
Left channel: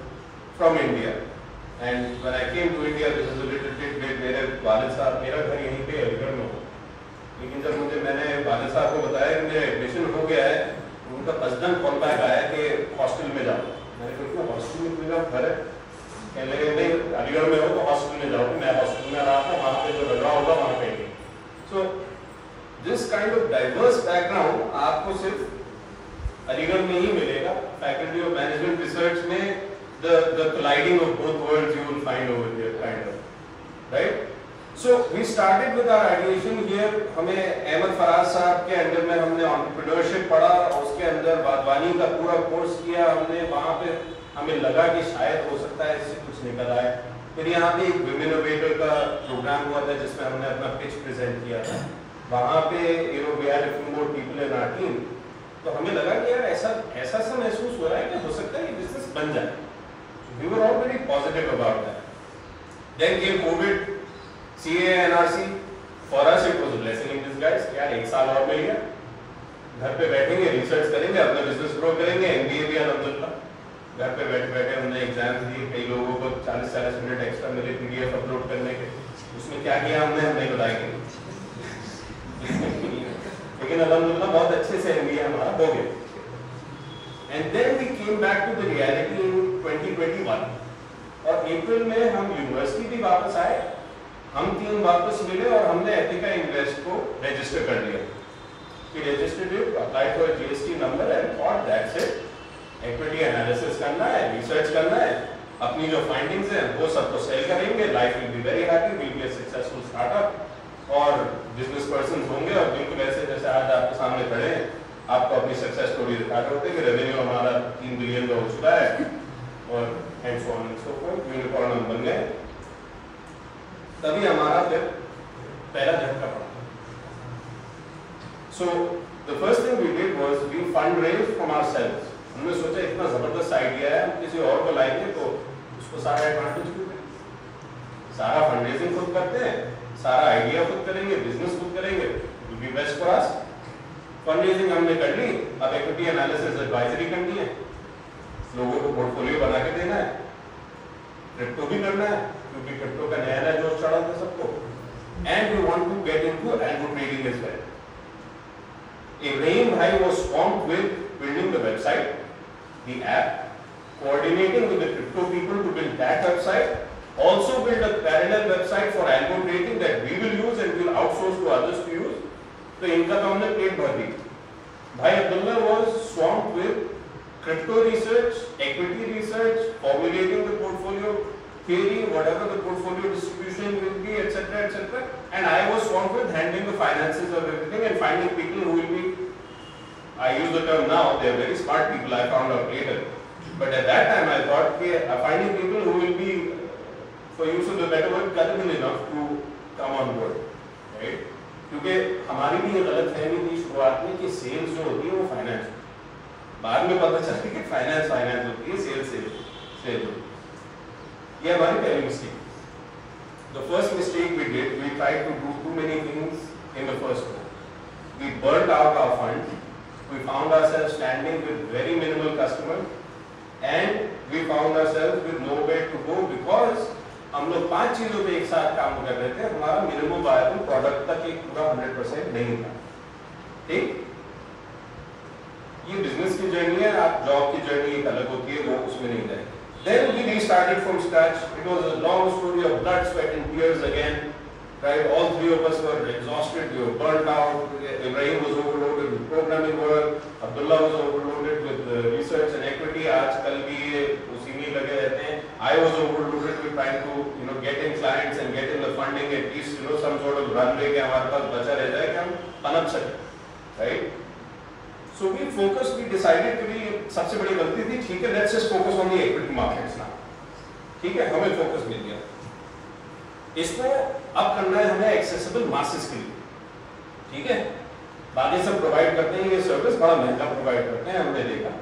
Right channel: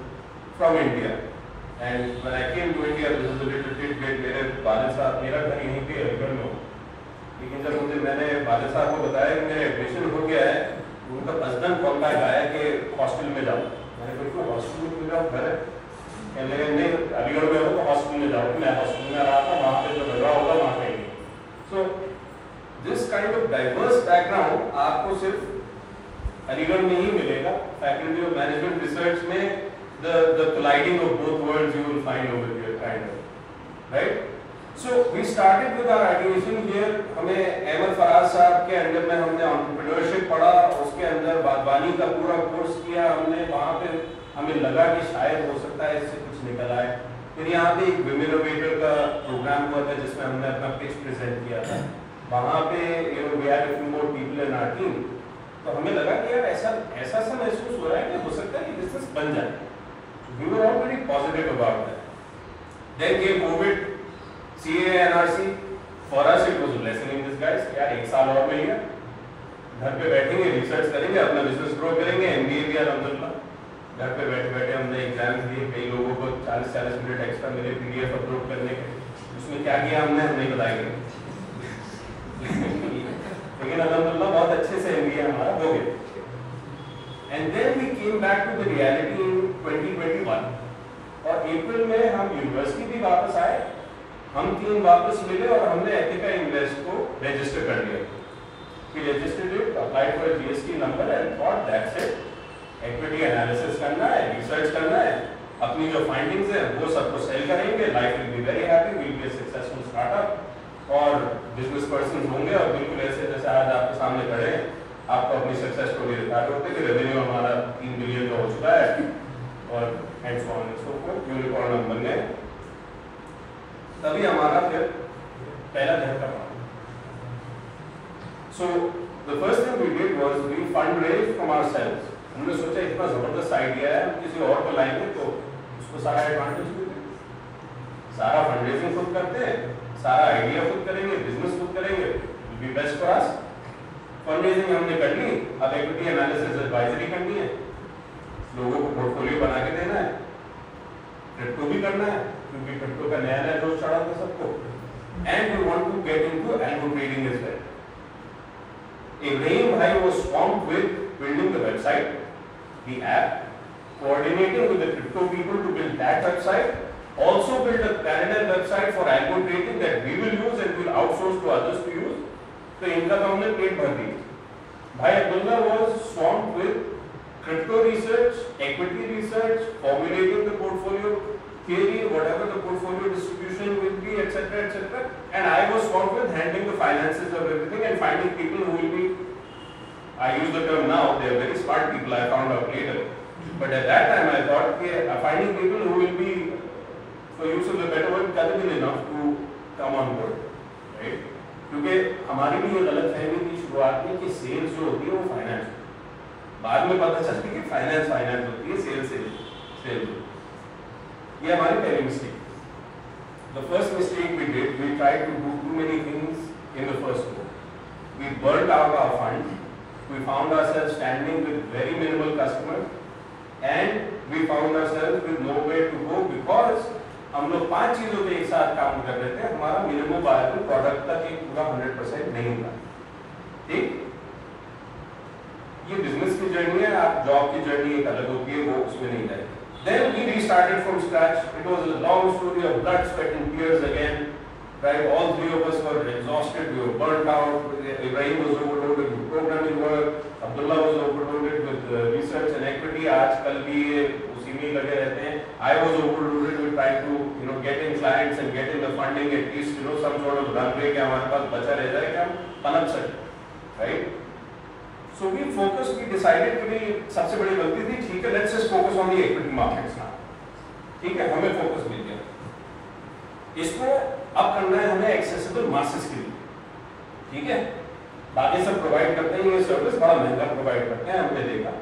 from India. And when I came to India, this was a little tidbit, मेरे वालिद साहब, मेरा घर यहीं पे अलीगढ़ में हो, लेकिन जब मैंने वालिद साहब को बताया कि मेरा एडमिशन हो गया है, उनका हस्बैंड कॉल बैक आया कि हॉस्टल में जाओ। मैंने कहा हॉस्टल में मेरा घर है, नहीं अलीगढ़ में हो तो हॉस्टल में जाओ। मैं हॉस्टल में रहा था, वहाँ पे जो लगा होगा वहाँ पे। So this kind of diverse background आपको सिर्फ अलीगढ़ में ही मिलेगा। Faculty of Management Research में the colliding of both worlds you will find over here, kind of, right? So we started with our ideation here. हमें अहमद फराज साहब के अंडर में हमने entrepreneurship पढ़ा, उसके अंदर बागवानी का पूरा कोर्स किया हमने। वहाँ पे हमें लगा कि शायद हो सकता है इससे कुछ निकल आए। फिर यहाँ पे एक विमिनोवेटर का प्रोग्राम हुआ था जिसमें हमने अपना पिच प्रेजेंट किया था। वहाँ पे we had a few more people in our team. तो हमें लगा कि यार ऐसा सा महसूस हो रहा है कि हो सकता है कि बिजनेस बन जाए। We were all very positive about that. Then came COVID, CA, NRC. For us it was a blessing in disguise. यार एक साल और मिल गया, घर पे बैठेंगे, रिसर्च करेंगे, अपना बिजनेस ग्रो करेंगे। MBA भी अल्हम्दुलिल्लाह घर पे बैठे हमने एग्जाम दिए। कई लोगों को 40-40 मिनट एक्स्ट्रा मिले PDF अपलोड करने के। उसमें क्या किया हमने नहीं बताएंगे, लेकिन अल्हम्दुलिल्लाह बहुत अच्छे से MBA हमारा हो गया। And then we came back to the reality in 2021 और अप्रैल में हम यूनिवर्सिटी भी वापस आए, हम टीम वापस मिले और हमने एथिका इन्वेस्ट को रजिस्टर कर लिया। कि registered it, apply for GST number and और दैट्स इट। इक्विटी एनालिसिस करना है, रिसर्च करना है, अपनी जो फाइंडिंग्स हैं वो सबको शेयर करेंगे। Life will be very happy, will be a successful startup और बिजनेस पर्सन होंगे। और बिल्कुल ऐसे जैसे आज आपके सामने खड़े हैं, आपको अपनी सक्सेस को भी दिखा करते हैं कि रेवेन्यू हमारा 3 बिलियन का हो चुका है और हेड्स ऑन इसको कोई रिकॉर्ड बन गए। तभी हमारा फिर पहला झटका पड़ा। So the first thing we did was we fundraised from ourselves. हमने सोचा इतना जबरदस्त आइडिया है, हम किसी और को लाएंगे तो उसको सारा एडवांटेज मिलेगा। सारा फंडरेजिंग खुद करते हैं, सारा आइडिया खुद करेंगे, बिजनेस खुद करेंगे, will be best for us. Fundraising हमने कर ली, अब इक्विटी एनालिसिस एडवाइजरी करनी है, लोगों को पोर्टफोलियो बना के देना है, क्रिप्टो भी करना है क्योंकि क्रिप्टो का नया जोश चढ़ा था सबको, and we want to get into algo trading as well. Ibrahim Bhai was swamped with building the website, the app, coordinating with the crypto people to build that website, also build a parallel website for algo trading that we will use and will outsource to others to use. तो इनका तो हमने पेट भर दिया। भाई Abdullah was swamped with crypto research, equity research, formulating the portfolio theory, whatever the portfolio distribution will be, etc., etc. And I was swamped with handling the finances of everything and finding people who will be, I use the term now, they are very smart people, I found out later. But at that time I thought, finding people who will be, for use of the better word, gullible enough to come on board, right? क्योंकि हमारी भी ये गलतफहमी थी शुरुआत में कि sales जो होती है वो फाइनेंस, बाद में पता चला कि फाइनेंस होती है, सेल्स ये हमारी पहली mistake. The first mistake we did, we tried to do too many things in the first go. We burned out our funds. We found ourselves standing with very minimal customers, and we found ourselves with nowhere to go because हम लोग 5 चीजों पे एक साथ काम कर रहे थे. हमारा मिनिमम वायबल प्रोडक्ट तक एक पूरा 100% नहीं था. ठीक, ये बिजनेस की जर्नी है, आप जॉब की जर्नी एक अलग होती है, वो उसमें नहीं जाए. Then we restarted from scratch. It was a long story of blood, sweat and tears again. Right? All three of us were exhausted. We were burnt out. Ibrahim was overloaded with programming work. Abdullah was overloaded with research and equity. आजकल भी उसी में लगे रहते हैं. I was overloaded with trying to get in clients and get in the funding, at least some sort of run rate हमारे पास बचा रह जाए कि हम अनब से, right? So we focused. We decided कि ये सबसे बड़ी गलती थी. ठीक है, let's just focus on the equity markets now. ठीक है, हमें focus मिल गया. इसको अब करना है हमें accessible masses के लिए. ठीक है, बाकी सब प्रोवाइड करते हैं, ये सर्विस बड़ा महंगा प्रोवाइड करते हैं, हमने देखा.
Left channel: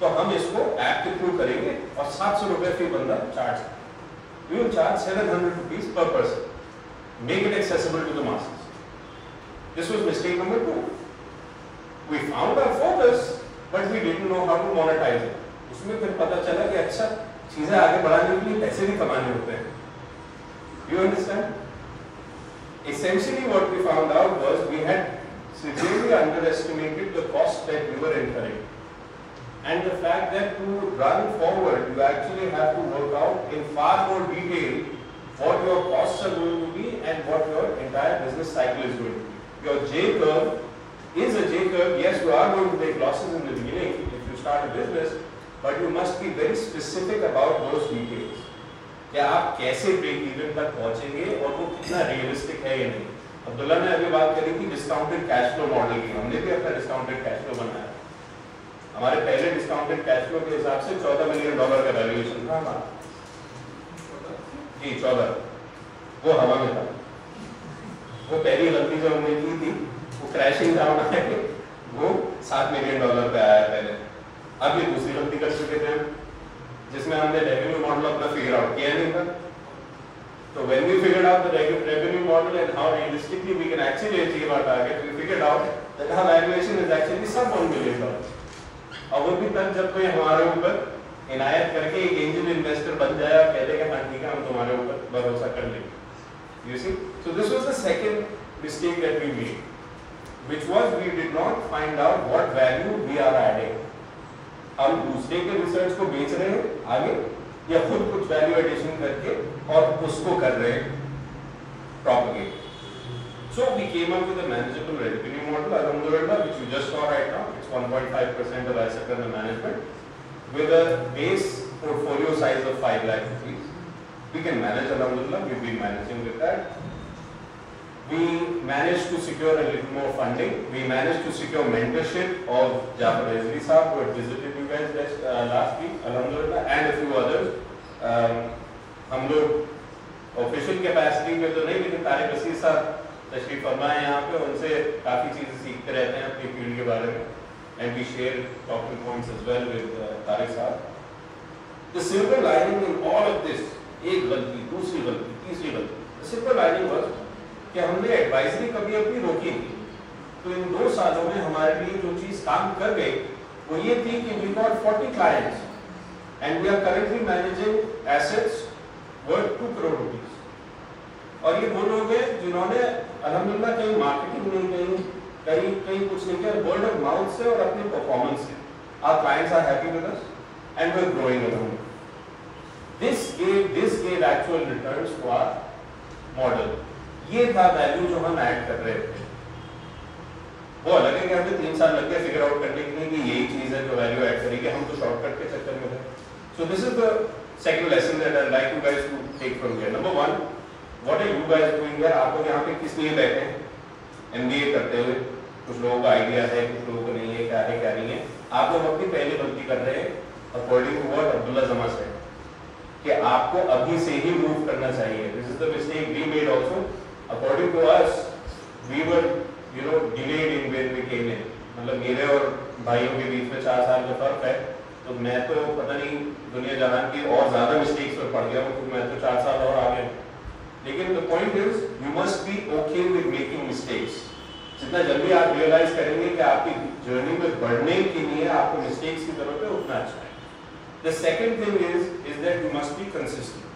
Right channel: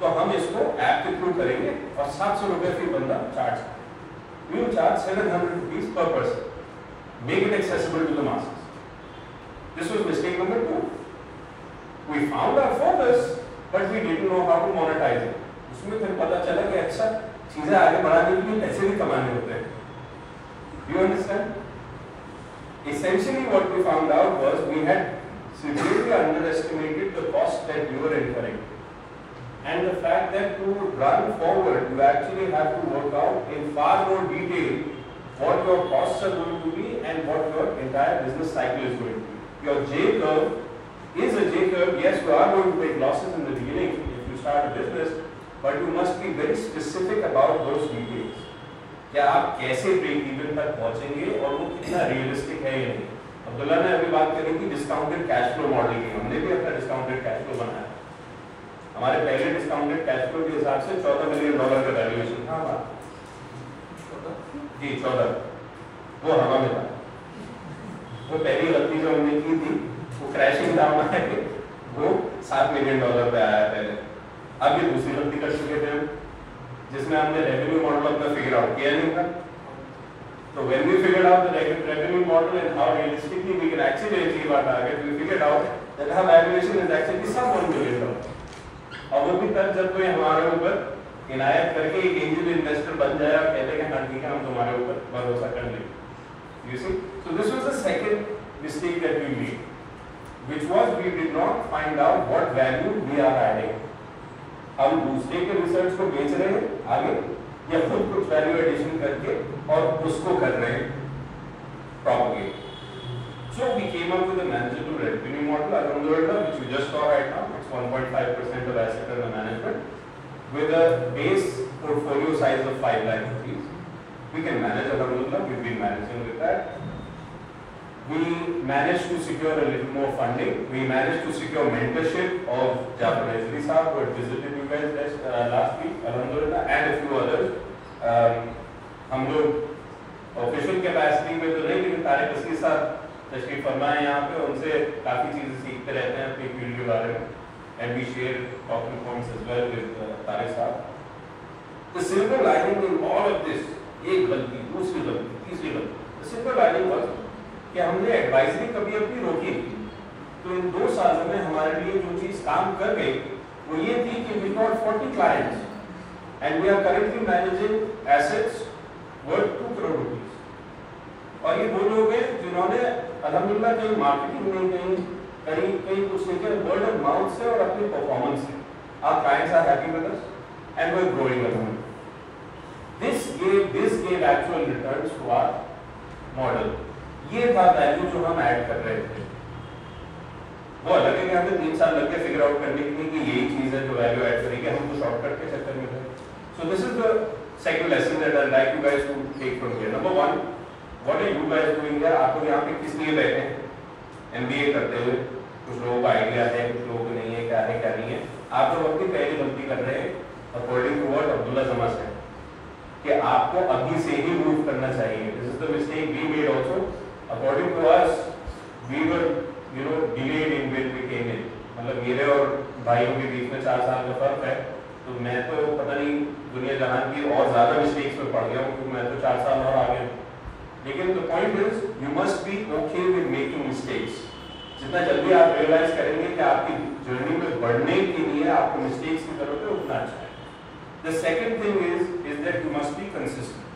तो हम इसको ऐप के थ्रू करेंगे और 700 रुपए फी बंदा charge. We will charge 700 rupees per person. Make it accessible to the masses. This was mistake number 2. We found our focus, but we didn't know how to monetize it. उसमें फिर पता चला कि अच्छा चीजें आगे बढ़ाने के लिए पैसे भी कमाने होते हैं. You understand? Essentially, what we found out was we had severely underestimated the cost that we were incurring, and the fact that to run forward, you actually have to work out in far more detail what your costs are going to be and what your entire business cycle is going to be. Your J curve is a J curve. Yes, you are going to take losses in the beginning if you start a business, but you must be very specific about those details. कि आप कैसे break even तक पहुंचेंगे और वो कितना realistic है या नहीं. अब्दुल्ला ने अभी बात करी थी डिस्काउंटेड कैश फ्लो मॉडल की. हमने भी अपना डिस्काउंटेड कैश फ्लो बनाया. हमारे पहले डिस्काउंटेड कैश फ्लो के हिसाब से $14 मिलियन का वैल्यूएशन था. जी 14, वो हवा में था. वो पहली गलती जो हमने की थी वो क्रैशिंग था, वो $7 मिलियन पे आया पहले. अब ये दूसरी गलती कर चुके थे जिसमें हमने रेवेन्यू मॉडल अपना फिगर आउट किया नहीं था. So when we figured out the revenue model and how realistically we can actually achieve our target, we figured out that our valuation is actually some $1 million. और वो भी तब जब कोई हमारे ऊपर इनायत करके एक एंजल इन्वेस्टर बन जाए और कहते हैं कि हाँ ठीक है हम तुम्हारे ऊपर भरोसा कर लेंगे. You see? So this was the second mistake that we made, which was we did not find out what value we are adding. हम दूसरे के रिसर्च को बेच रहे हैं आगे या खुद कुछ वैल्यू एडिशन करके और उसको कर रहे हैं propagate. So we came up with a manageable revenue model, Alhamdulillah, which you just saw right now. It's 1.5% of asset under management with a base portfolio size of 5 lakh rupees. We can manage, Alhamdulillah. We've been managing with that. We managed to secure a little more funding. We managed to secure mentorship of Jafar Ezri Saab, who had visited you guys last week, Alhamdulillah, and a few others. हम लोग official capacity में तो नहीं, लेकिन तारिक असीस साहब तशरीफ फरमाए यहाँ पे, उनसे काफ़ी चीज़ें सीखते रहते हैं अपनी फील्ड के बारे में. And we share talking points as well with Tariq साहब. The silver lining in all of this, एक गलती, दूसरी गलती, तीसरी गलती. The silver lining was कि हमने एडवाइजरी कभी अपनी रोकी थी. तो इन 2 सालों में हमारे लिए जो चीज़ काम कर गई वो ये थी कि we got 40 clients and we are currently managing assets worth 2 crore rupees. और ये वो लोग हैं जिन्होंने अल्हम्दुलिल्लाह कहीं मार्केटिंग नहीं, कहीं कुछ नहीं किया, वर्ड ऑफ माउथ से और अपने परफॉर्मेंस से. Our clients are happy with us and we are growing along. This gave actual returns to our model. ये था वैल्यू जो हम ऐड कर रहे थे. वो अलग है में हमें 3 साल लग गए फिगर आउट करने के लिए कि यही चीज है जो वैल्यू ऐड करेगी, हम तो शॉर्टकट के चक्कर में थे. So this is the second lesson that I'd like you guys to take from here. Number one, what are you guys doing there? आप लोग यहाँ पे किस लिए बैठे हैं? MBA करते हुए कुछ लोगों का आइडिया है, कुछ लोगों को नहीं है, क्या है क्या नहीं है. आप लोग अपनी पहली गलती कर रहे हैं अकॉर्डिंग टू व्हाट अब्दुल्ला जमा से कि आपको अभी से ही मूव करना चाहिए. This is the mistake we made also. According to us, we were delayed in where we came in. मतलब मेरे और भाइयों के बीच में 4 साल का फर्क है. तो मैं तो पता नहीं दुनिया जहान के और ज्यादा मिस्टेक्स पर पड़ गया हूँ क्योंकि मैं तो 4 साल और आगे. लेकिन the point is you must B okay with making mistakes. जितना जल्दी आप रियलाइज करेंगे कि आपकी जर्नी में बढ़ने के लिए आपको मिस्टेक्स की जरूरत है उतना अच्छा है. The second thing is that you must be consistent.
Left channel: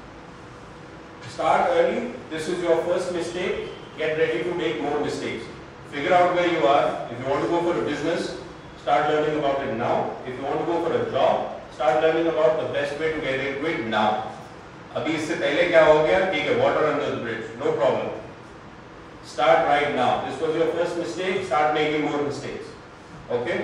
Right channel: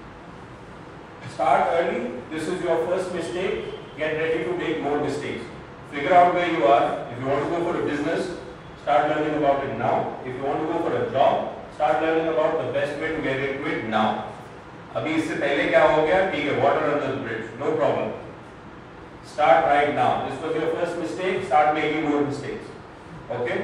Start early. This is your first mistake. Get ready to make more mistakes. Figure out where you are. If you want to go for a business, start learning about it now. If you want to go for a job, start learning about the best way to get into it now. अभी इससे पहले क्या हो गया? ठीक है, water under the bridge, no problem. Start right now. This was your first mistake. Start making more mistakes. Okay?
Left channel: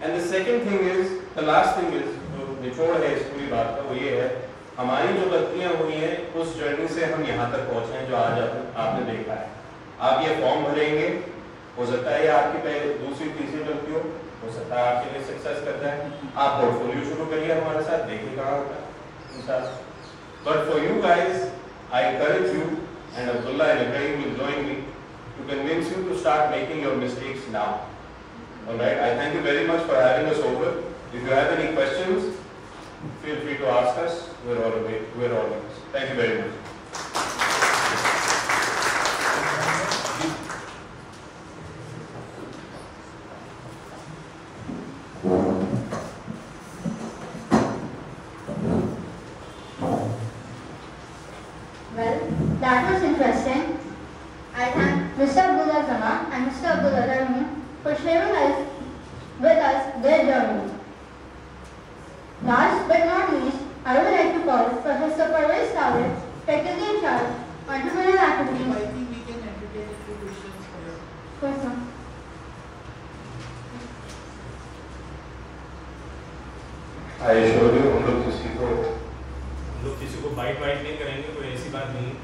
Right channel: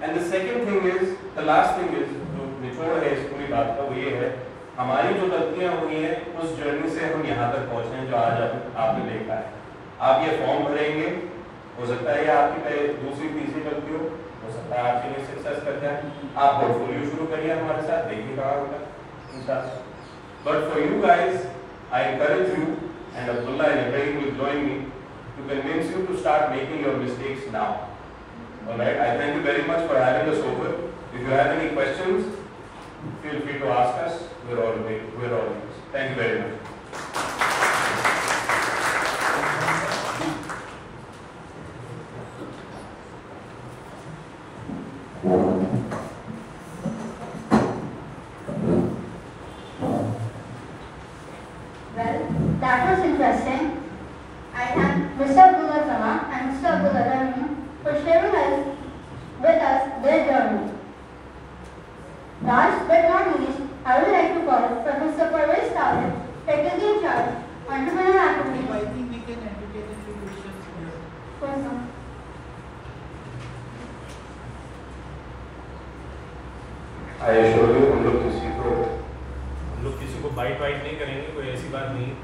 And the second thing is, the last thing is, जो निचोड़ है इस पूरी बात का वो ये है, हमारी जो गलतियाँ हुई हैं उस जर्नी से हम यहाँ तक पहुँचे हैं जो आज आपने देखा है. आप ये फॉर्म भरेंगे, हो सकता है आपकी दूसरी तीसरी गलती हो सकता है आपके लिए सक्सेस करता है. आप पोर्टफोलियो शुरू करिए हमारे साथ, देखिए कहाँ होता है इंशाल्लाह. But for you guys I encourage you and Abdullah and everyone will join me to convince you to start making your mistakes now. Alright, I thank you very much for having us over. If you have any questions feel free to ask us. We're all ears. Thank you very much. Well, that was interesting. I thank Mr. Abdullah Zama and Mr. Abdullah for sharing with us their journey. Last but not least, I would like to call Professor Parvez Tawil, Faculty in Charge, Entrepreneurial Activities. I think we can entertain a few questions for you. Yes, sir. I assure you, हम लोग किसी को bite नहीं करेंगे, कोई ऐसी बात नहीं है.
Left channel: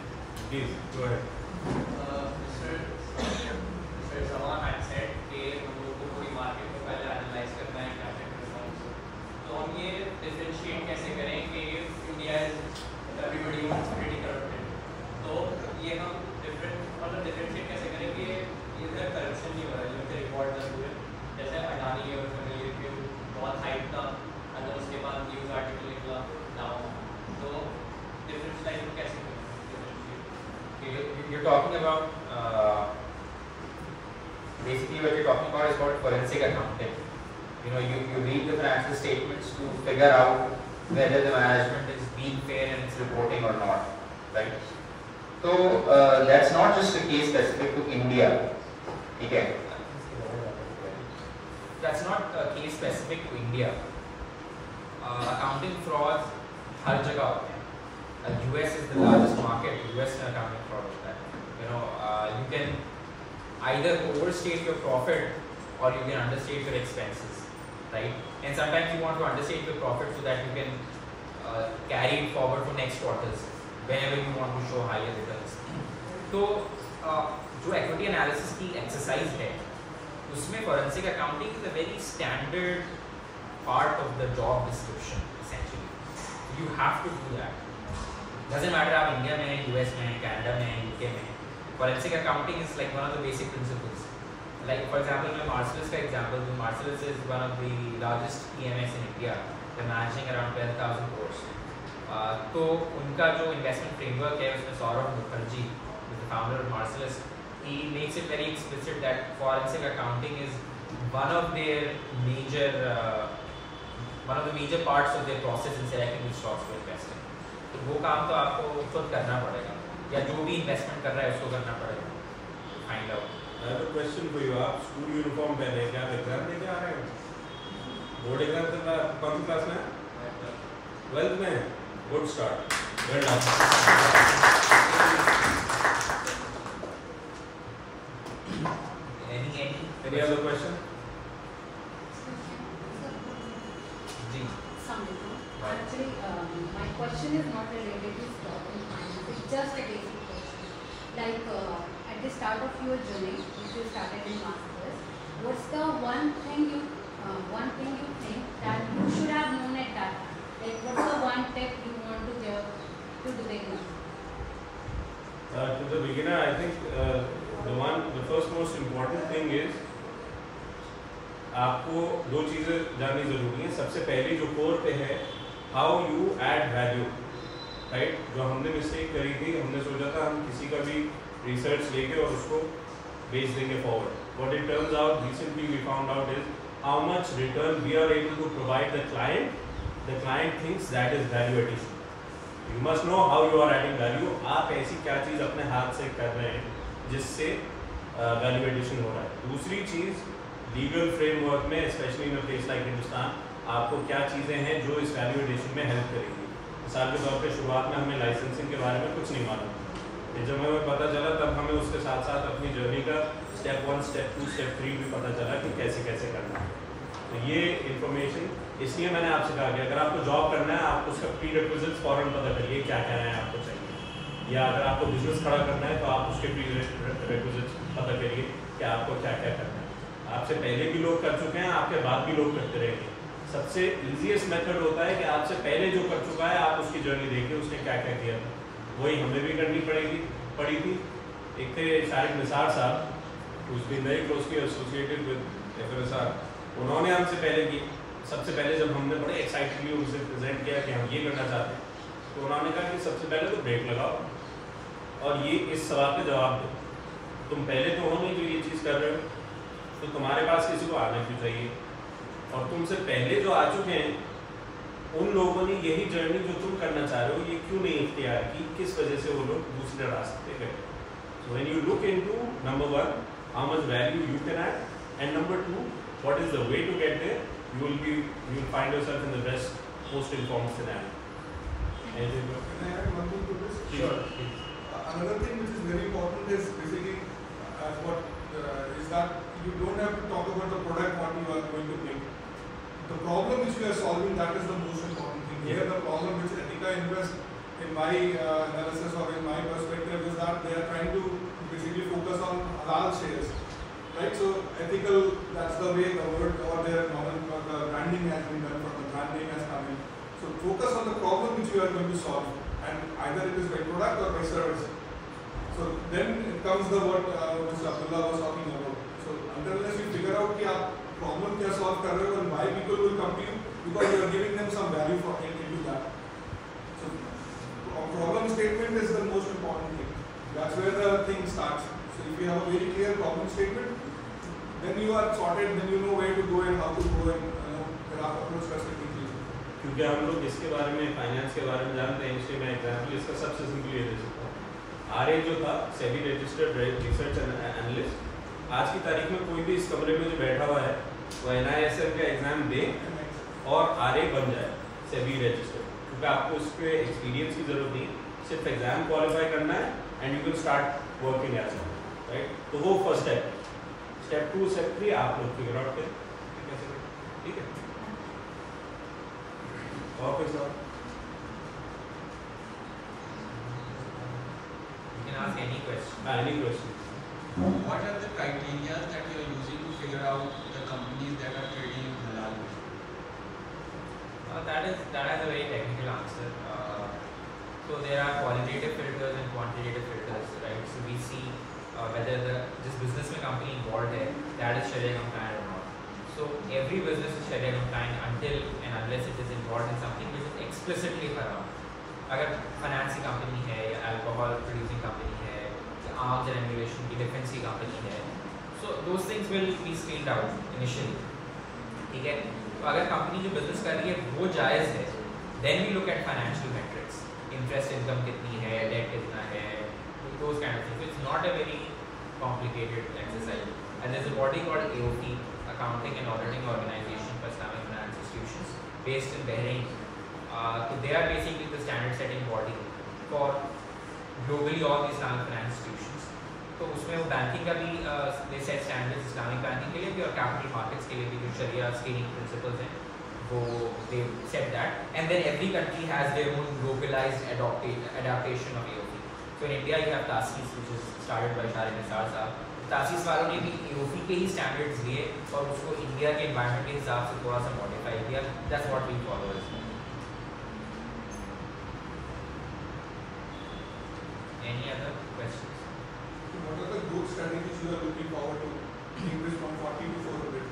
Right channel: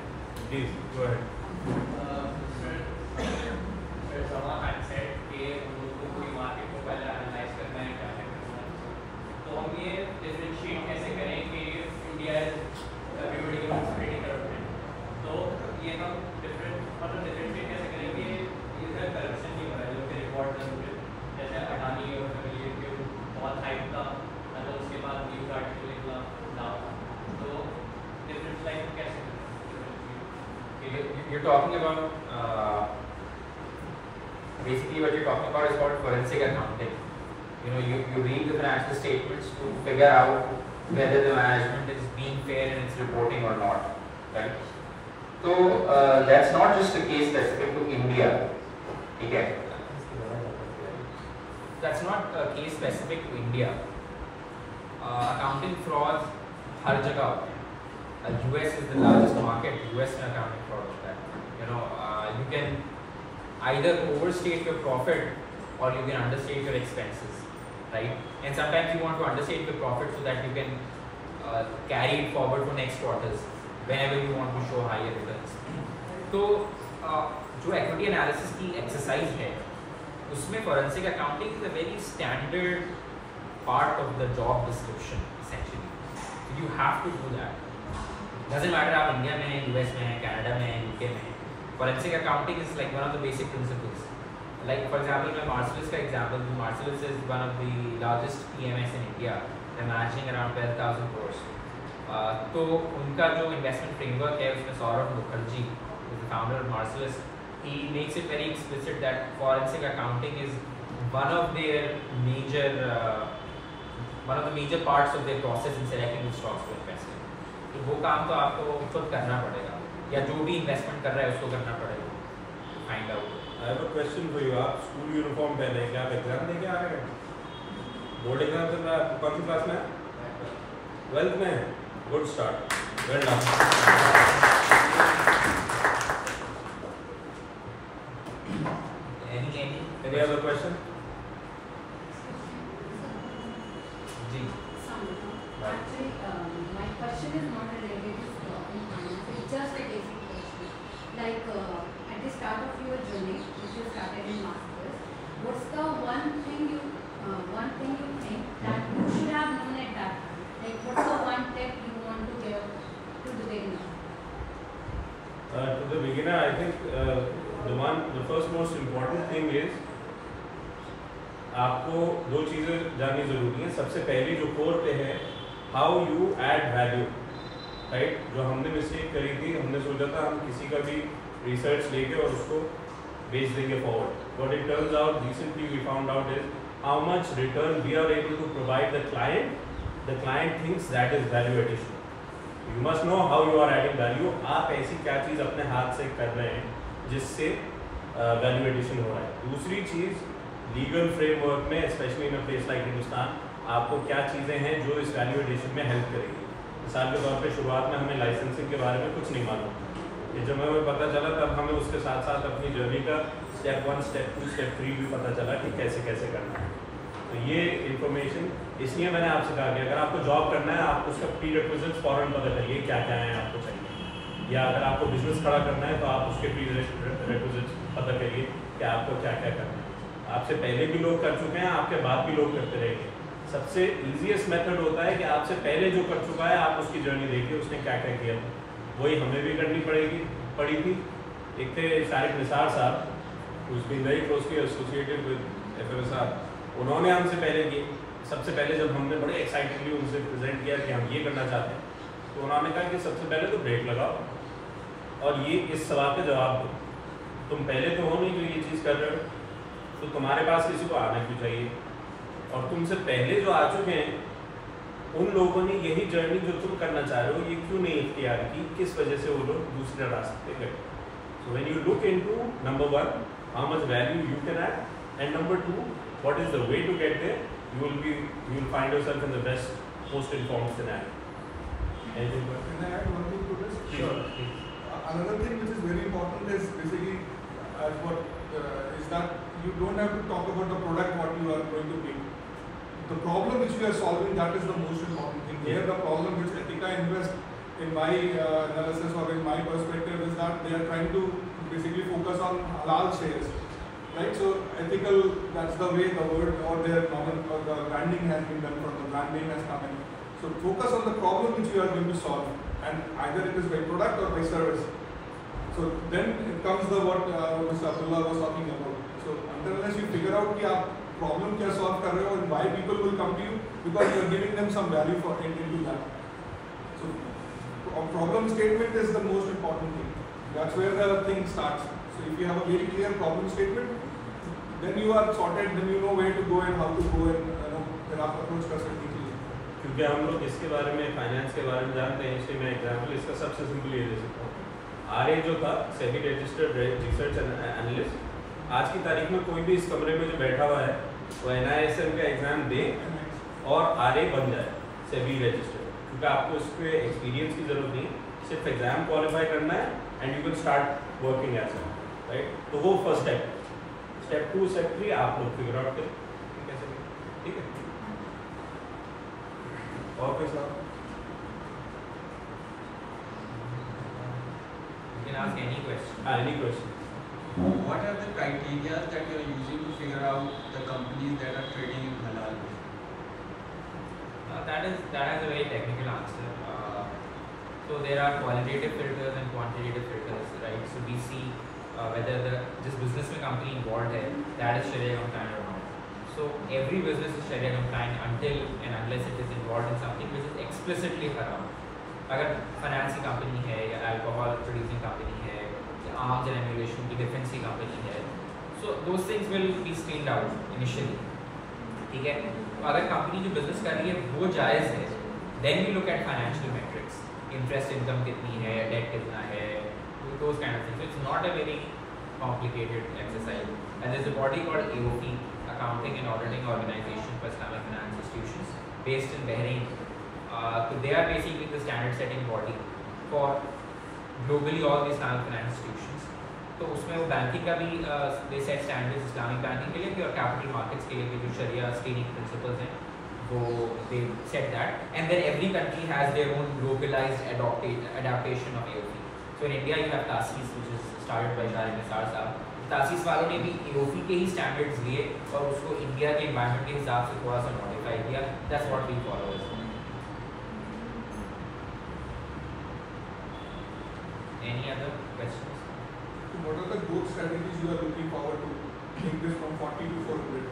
Please go ahead. You're talking about basically what you're talking about is called forensic accounting. You read the financial statements to figure out whether the management is being fair in its reporting or not, right? So that's not just a case specific to India. Okay? That's not a case specific to India. Accounting frauds हर जगह होते हैं. US is the largest market. US में accounting fraud होता है. You can either overstate your profit or you can understate your expenses, right? And sometimes you want to understate your profit so that you can carry it forward for next quarters whenever you want to show higher returns. तो जो equity analysis की exercise है, उसमें forensic accounting is a very standard part of the job description essentially. So you have to do that. Doesn't matter आप India में हैं, US में हैं, कनाडा में हैं, UK में हैं. Forensic accounting is like one of the basic principles. Like for example, मैं Marcellus का example दूँ. Marcellus is one of the largest PMS in India. They're managing around 12,000 crores. तो उनका जो investment framework है उसमें Saurabh Mukherjee, who is the founder of Marcellus, he makes it very explicit that forensic accounting is one of the major parts of their process in selecting which stocks to invest in. तो वो काम तो आपको खुद करना पड़ेगा या जो भी इन्वेस्टमेंट कर रहा है उसको करना पड़ेगा. Find out. I have a question for you. आप स्कूल यूनिफॉर्म पहने क्या आप एग्जाम देके आ रहे हैं? बोर्ड एग्जाम चल रहा है. कौन सी क्लास में है? 12th में है. Good start. Well done. Any other question? जी Actually, my question is not related to stock and finance. It's just a basic question. Like at the start of your journey, if you started in masters, what's the one thing you think that you should have known at that time? Like what's the one tip you want to give to the beginner? To the beginner, I think the first most important thing is आपको दो चीज़ें जाननी ज़रूरी हैं. सबसे पहली जो core पे है, how you add value, right. जो हमने मिस्टेक करी थी, हमने सोचा था हम किसी का भी रिसर्च लेके और उसको बेच देंगे forward. What it turns out, recently we found out is how much return we are able to provide the client. The client thinks that is value addition. You must know how you are adding value. आप ऐसी क्या चीज़ अपने हाथ से कर रहे हैं जिससे वैल्यू एडिशन हो रहा है. दूसरी चीज़, लीगल फ्रेमवर्क में specially in a place like Hindustan आपको क्या चीज़ें हैं जो इस वैल्यू एडिशन में हेल्प करेंगी. मिसाल के तौर पे शुरुआत में हमें लाइसेंसिंग के बारे में कुछ नहीं मालूम. ये जब हमें पता चला तब हमें उसके साथ साथ अपनी जर्नी का स्टेप 1, स्टेप 2, स्टेप 3 भी पता चला कि कैसे कैसे करना है. तो ये इन्फॉर्मेशन इसलिए मैंने आपसे कहा कि अगर आपको जॉब करना है आप उसका प्री रिक्विजिट्स फॉरन पता करिए क्या क्या है आपको चाहिए. या अगर आपको बिजनेस खड़ा करना है तो आप उसके प्री रिक्विजिट्स पता करिए कि आपको क्या क्या करना है. आपसे पहले भी लोग कर चुके हैं, आपके बाद भी लोग करते रहेंगे. सबसे ईजीएस्ट मेथड होता है कि आपसे पहले जो कर चुका है आप उसकी जर्नी देखिए उसने क्या क्या किया था. वही हमें भी करनी पड़ी थी. एक थे शारिक निसार साहब, who's been very closely associated with FMSR. उन्होंने हमसे पहले किए. सबसे पहले जब हमने बड़े एक्साइटेडली उनसे प्रेजेंट किया कि हम ये करना चाहते हैं, तो उन्होंने कहा कि सबसे पहले तो ब्रेक लगाओ और ये इस सवाल का जवाब दो. तुम पहले तो हो नहीं जो ये चीज़ कर रहे हो, तो तुम्हारे पास किसी को आना क्यों चाहिए. और तुमसे पहले जो आ चुके हैं उन लोगों ने यही जर्नी जो तुम करना चाह रहे हो ये क्यों नहीं इख्तियार की, किस वजह से वो लोग दूसरे रास्ते पे गए. So when you look into number 1 how much value you can add, and number 2 what is the way to get there, you will find yourself in the best, most informed scenario. Anything? Can I add one thing to this? Sure. Another thing which is very important is basically as what is that you don't have to talk about the product what you are going to make. The problem which we are solving, that is the most important thing. Here the problem which Ethica invest in my analysis or in my perspective is that they are trying to basically focus on halal shares. Right, so ethical, that's the way the word or their normal the branding has been done, for the branding has come in. So focus on the problem which you are going to solve, and either it is by product or by service. So then it comes the what Mr. Abdullah was talking about. So unless you figure out कि आप problem क्या solve कर रहे हो and why people will come to you, because you are giving them some value for into that. So a problem statement is the most important thing. That's where the thing starts. So if you have a very clear problem statement, then you are sorted, then you know where to go and how to go and फिर आप approach कर सकते हैं. क्योंकि हम लोग इसके बारे में, फाइनेंस के बारे में जानते हैं, इसलिए मैं एग्जांपल इसका सबसे सिंपल ये दे सकता हूँ. आरए जो था सेबी रजिस्टर्ड रिसर्च एनालिस्ट, आज की तारीख में कोई भी इस कमरे में जो बैठा हुआ है वो NISM का एग्जाम दे और आरए बन जाए सेबी रजिस्टर्ड. क्योंकि आपको इस पर एक्सपीरियंस की जरूरत नहीं है, सिर्फ एग्जाम क्वालिफाई करना है and you can start working as well. Right, तो वो फर्स्ट स्टेप. स्टेप 2, स्टेप 3 आप लोग फिगर आउट करें कैसे करें. ठीक है, और कोई सवाल? You can ask any question. Any question. What are the criteria that you are using to figure out the companies that are trading in halal? That has a very technical answer. So there are qualitative filters and quantitative filters, right? So we see whether this business में company involved है, that is Sharia compliant or not. So every business is Sharia compliant until and unless it is involved in something which is explicitly haram. अगर finance की company है या alcohol producing company है या arms and ammunition की defence की company है, so those things will be screened out initially. ठीक है, तो अगर कंपनी जो बिजनेस कर रही है वो जायज़ है, then we look at financial metrics, interest income कितनी है, डेट कितना है, those kind of things. It's not a very complicated exercise. And there is a body called AOP, Accounting and Auditing Organization for Islamic Finance Institutions, based in Bahrain. So they are basically the standard setting body for globally all the Islamic finance institutions. तो उसमें वो banking का भी they set standards Islamic banking के लिए भी और capital markets के लिए भी जो शरिया स्क्रीनिंग प्रिंसिपल्स हैं So they said that, and then every country has their own localized adaptation of AOP. So in India you have TASIS, which is started by Shari Nisar साहब. TASIS वालों ने भी AOP के ही standards लिए और उसको India के environment के हिसाब से थोड़ा सा modify किया. That's what we follow as well. Any other questions? So what are the growth strategies you are looking forward to take this from 40 to 400?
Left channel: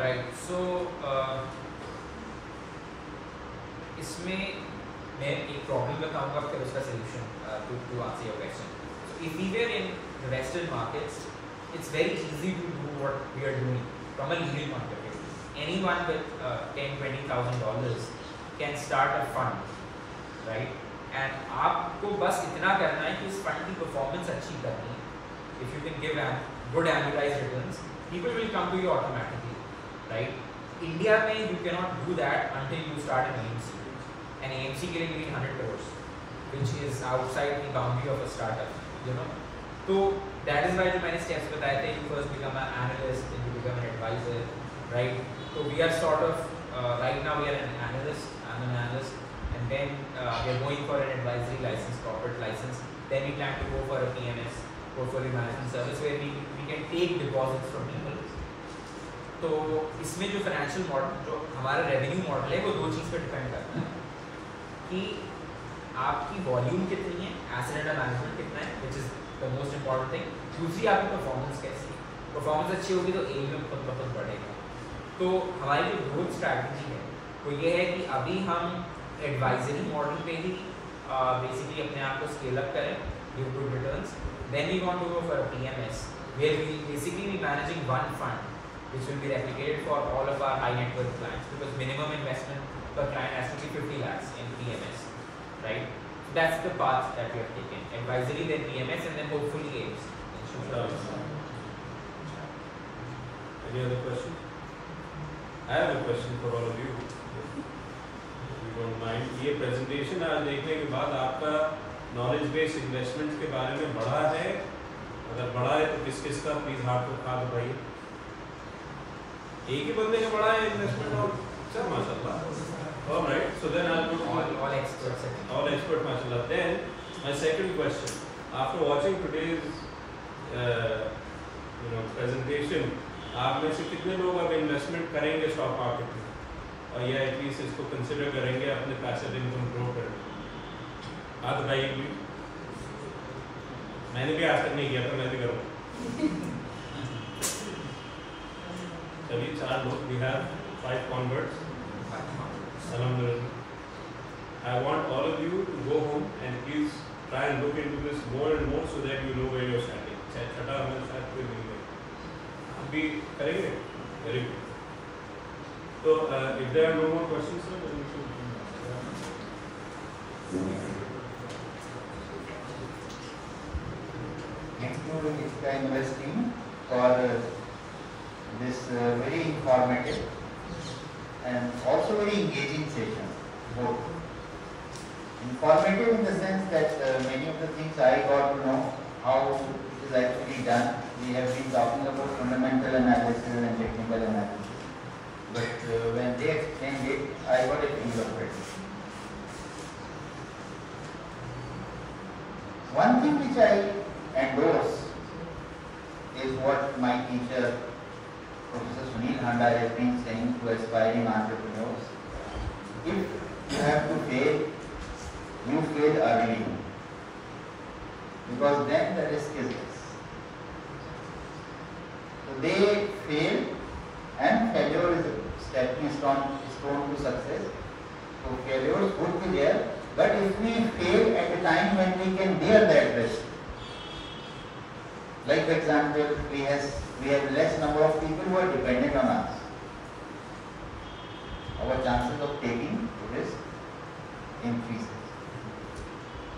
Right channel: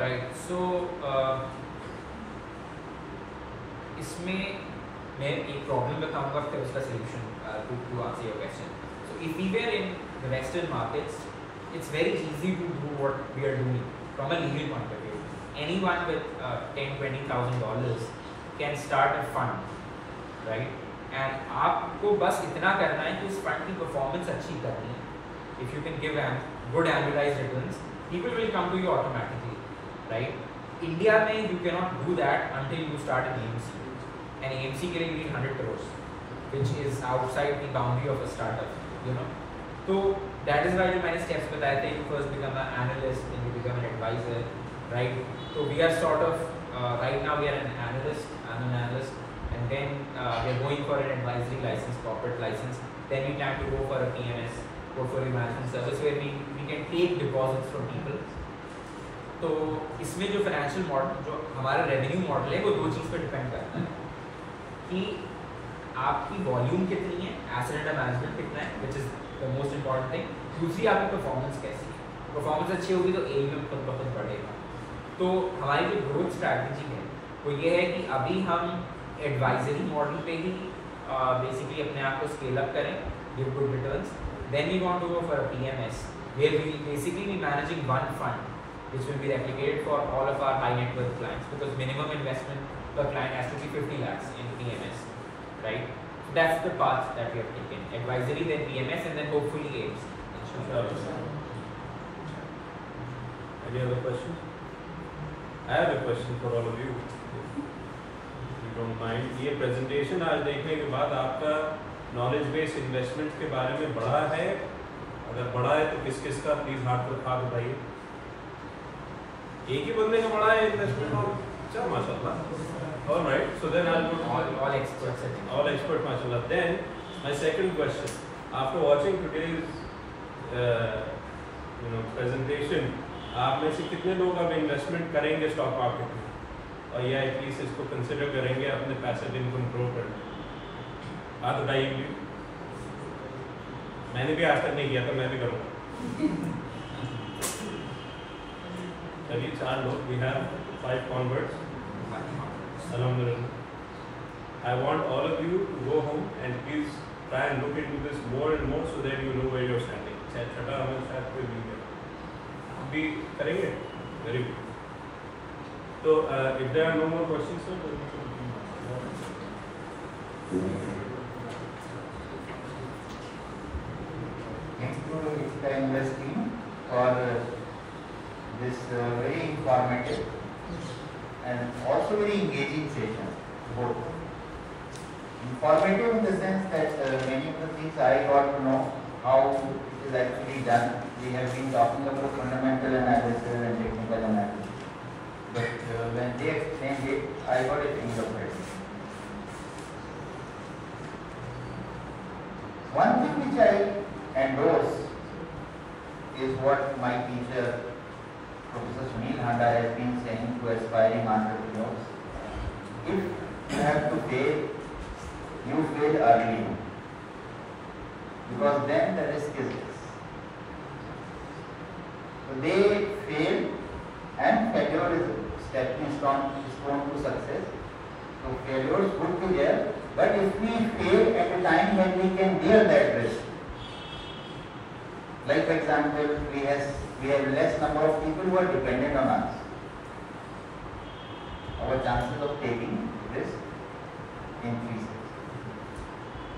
Right. So इसमें मैं एक प्रॉब्लम बताऊंगा फिर उसका solution to answer your question. So if we were in the Western markets, it's very easy to do what we are doing from a legal point of view. Anyone with $10,000-20,000 can start a fund, right? And आपको बस इतना करना है कि उस fund की performance अच्छी करनी है. If you can give good annualized returns, people will come to you automatically, right? India में you cannot do that until you start an AMC. And AMC के लिए you need 100 crores, which is outside the boundary of a startup, you know. So that is why जो मैंने steps बताए थे, you first become an analyst, then you become an advisor, right? So we are sort of right now we are an analyst. I'm an analyst. And then we are going for an advisory license, corporate license. Then we plan to go for a PMS, portfolio management service, where we can take deposits from people. तो इसमें जो financial model, जो हमारा revenue model है, वो दो चीज़ पर depend करता है कि आपकी वॉल्यूम कितनी है, एसेट अंडर मैनेजमेंट कितना है, which is the most important thing. दूसरी आपकी परफॉर्मेंस कैसी है. परफॉर्मेंस अच्छी होगी तो AUM खुद ब खुद बढ़ेगा. तो हमारी जो ग्रोथ स्ट्रैटेजी है वो ये है कि अभी हम एडवाइजरी मॉडल पे ही बेसिकली अपने आप को स्केल अप करें, give good returns. Then we want to go for a PMS where we basically be managing one fund which will be replicated for all of our high net worth clients, because minimum investment per client has to be 50 lakhs in PMS, right? So that's the path that we have taken: advisory, then PMS, and then hopefully AMC. Inshallah. Any other questions? I have a question for all of you. If you don't mind, ये presentation आज देखने के बाद आपका knowledge based investment के बारे में बढ़ा है? अगर बढ़ा है तो किस किस का प्लीज हाथ उठाइए. एक ही बंदे का बड़ा है इन्वेस्टमेंट और अच्छा माशाल्लाह. All right, so then I'll put all experts. All expert माशाल्लाह. Then my second question, after watching today's presentation, आप में से कितने लोग अब इन्वेस्टमेंट करेंगे स्टॉक मार्केट में और या एटलीस्ट इसको कंसिडर करेंगे अपने पैसिव इनकम ग्रो करने? हाथ उठाइए प्लीज. मैंने भी आज तक नहीं किया था, मैं भी करूँगा. चलिए 4 लोग. We have 5 converts. Alhamdulillah. I want all of you to go home and please try and look into this more and more so that you know where you're standing. छठा हमें शायद कोई नहीं करेगा. आप भी करेंगे? Very good. So if there are no more questions, sir, then we can. Thank you, Ethica Investing, for this very informative and also very engaging session. Both informative in the sense that many of the things I got to know how it is actually done. We have been talking about fundamental analysis and technical analysis, but when they explained it, I got a feel of it. One thing which I endorse is what my teacher Professor Sunil Handa has been saying to aspiring entrepreneurs: if you have to fail, you fail early, because then the risk is less. So they fail, and failure is a stepping stone to success. So failures could be there, but if we fail at a time when we can bear that risk, like for example, we have less number of people who are dependent on us. Our chances of taking risk increases.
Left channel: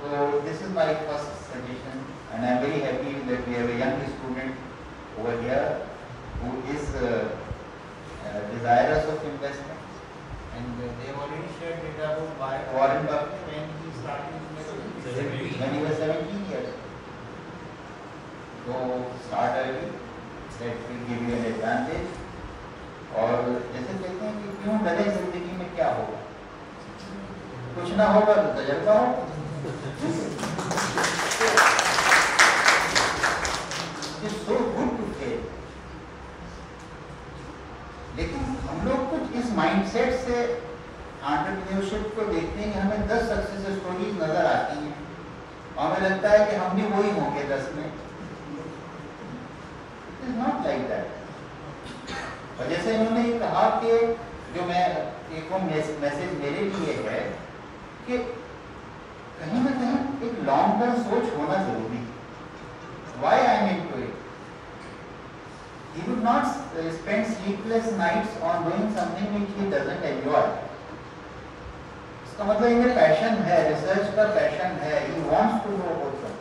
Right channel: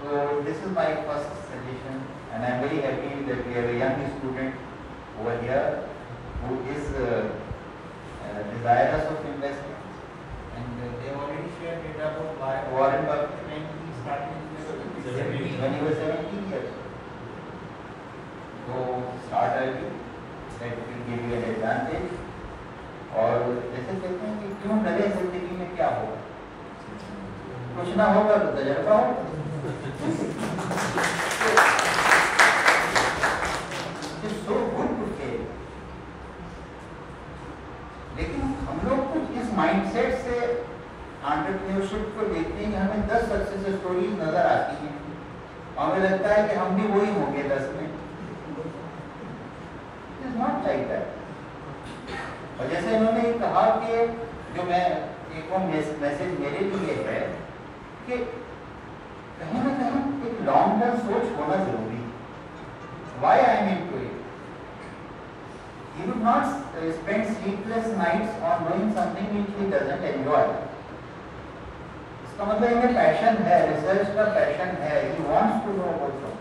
So this is my first suggestion, and I am very happy that we have a young student over here who is desirous of investment, and they have already shared data about Warren Buffett when he started when he was 17 years. So start early, that will give you an advantage. और जैसे कहते हैं कि क्यों डरे, जिंदगी में क्या होगा, कुछ ना होगा तो तजर्बा हो। So good to fail। लेकिन हम लोग कुछ इस माइंडसेट से एंटरप्रेन्योरशिप को देखते हैं कि हमें 10 सक्सेस स्टोरी नजर आती हैं, हमें लगता है कि हम भी वही होंगे 10 में। It is not like that। और जैसे इन्होंने कहा कि जो मैं एक मैसेज मेरे लिए है कि कहीं ना कहीं एक लॉन्ग टर्म सोच होना जरूरी है। Why I am into it? He would not spend sleepless nights on doing something which he doesn't enjoy। इसका मतलब इनमें पैशन है, रिसर्च का पैशन है, he wants to know also।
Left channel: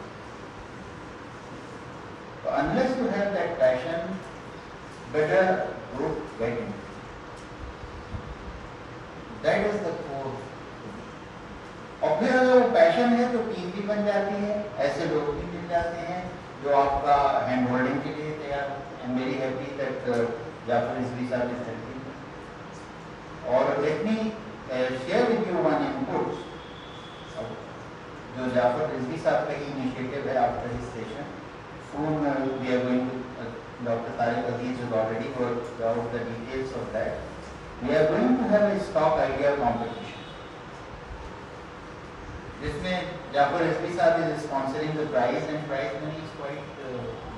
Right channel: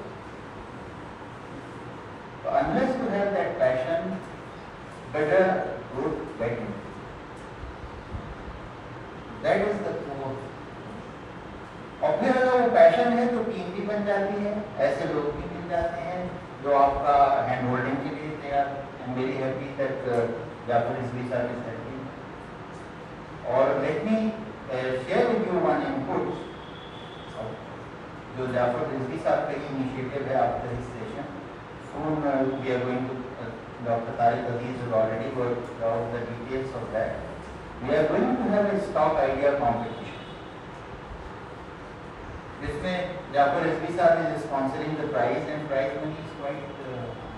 Unless you have that passion, better don't get it। That is the core। और फिर अगर वो पैशन है तो टीम भी बन जाती है, ऐसे लोग भी मिल जाते हैं जो आपका हैंड होल्डिंग के लिए तैयार। I am very happy that Jafar Rizvi साहब इज हेल्पिंग। और let me share with you one input जो जाफर रिजवी साहब का इनिशिएटिव है after this session. Soon we are going to Dr. Tariq Aziz has already worked out the details of that। We are going to have a stock idea competition जिसमें जाफर रिजवी साहब is sponsoring the prize, and prize money is quite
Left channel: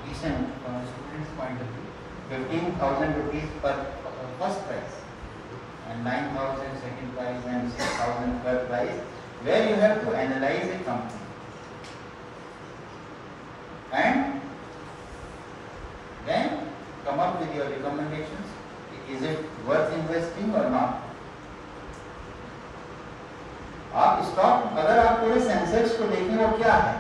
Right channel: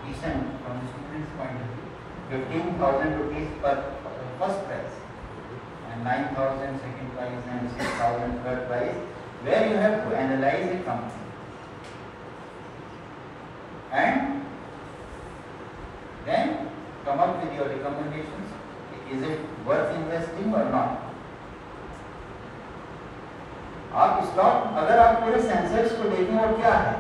decent from the students' point of view। 15,000 rupees per first prize and 9,000 second prize and 6,000 third prize, where you have to analyze a company and then come up with your recommendations। Is it worth investing or not? आप stock, अगर आप पूरे sensors को देखें वो क्या है,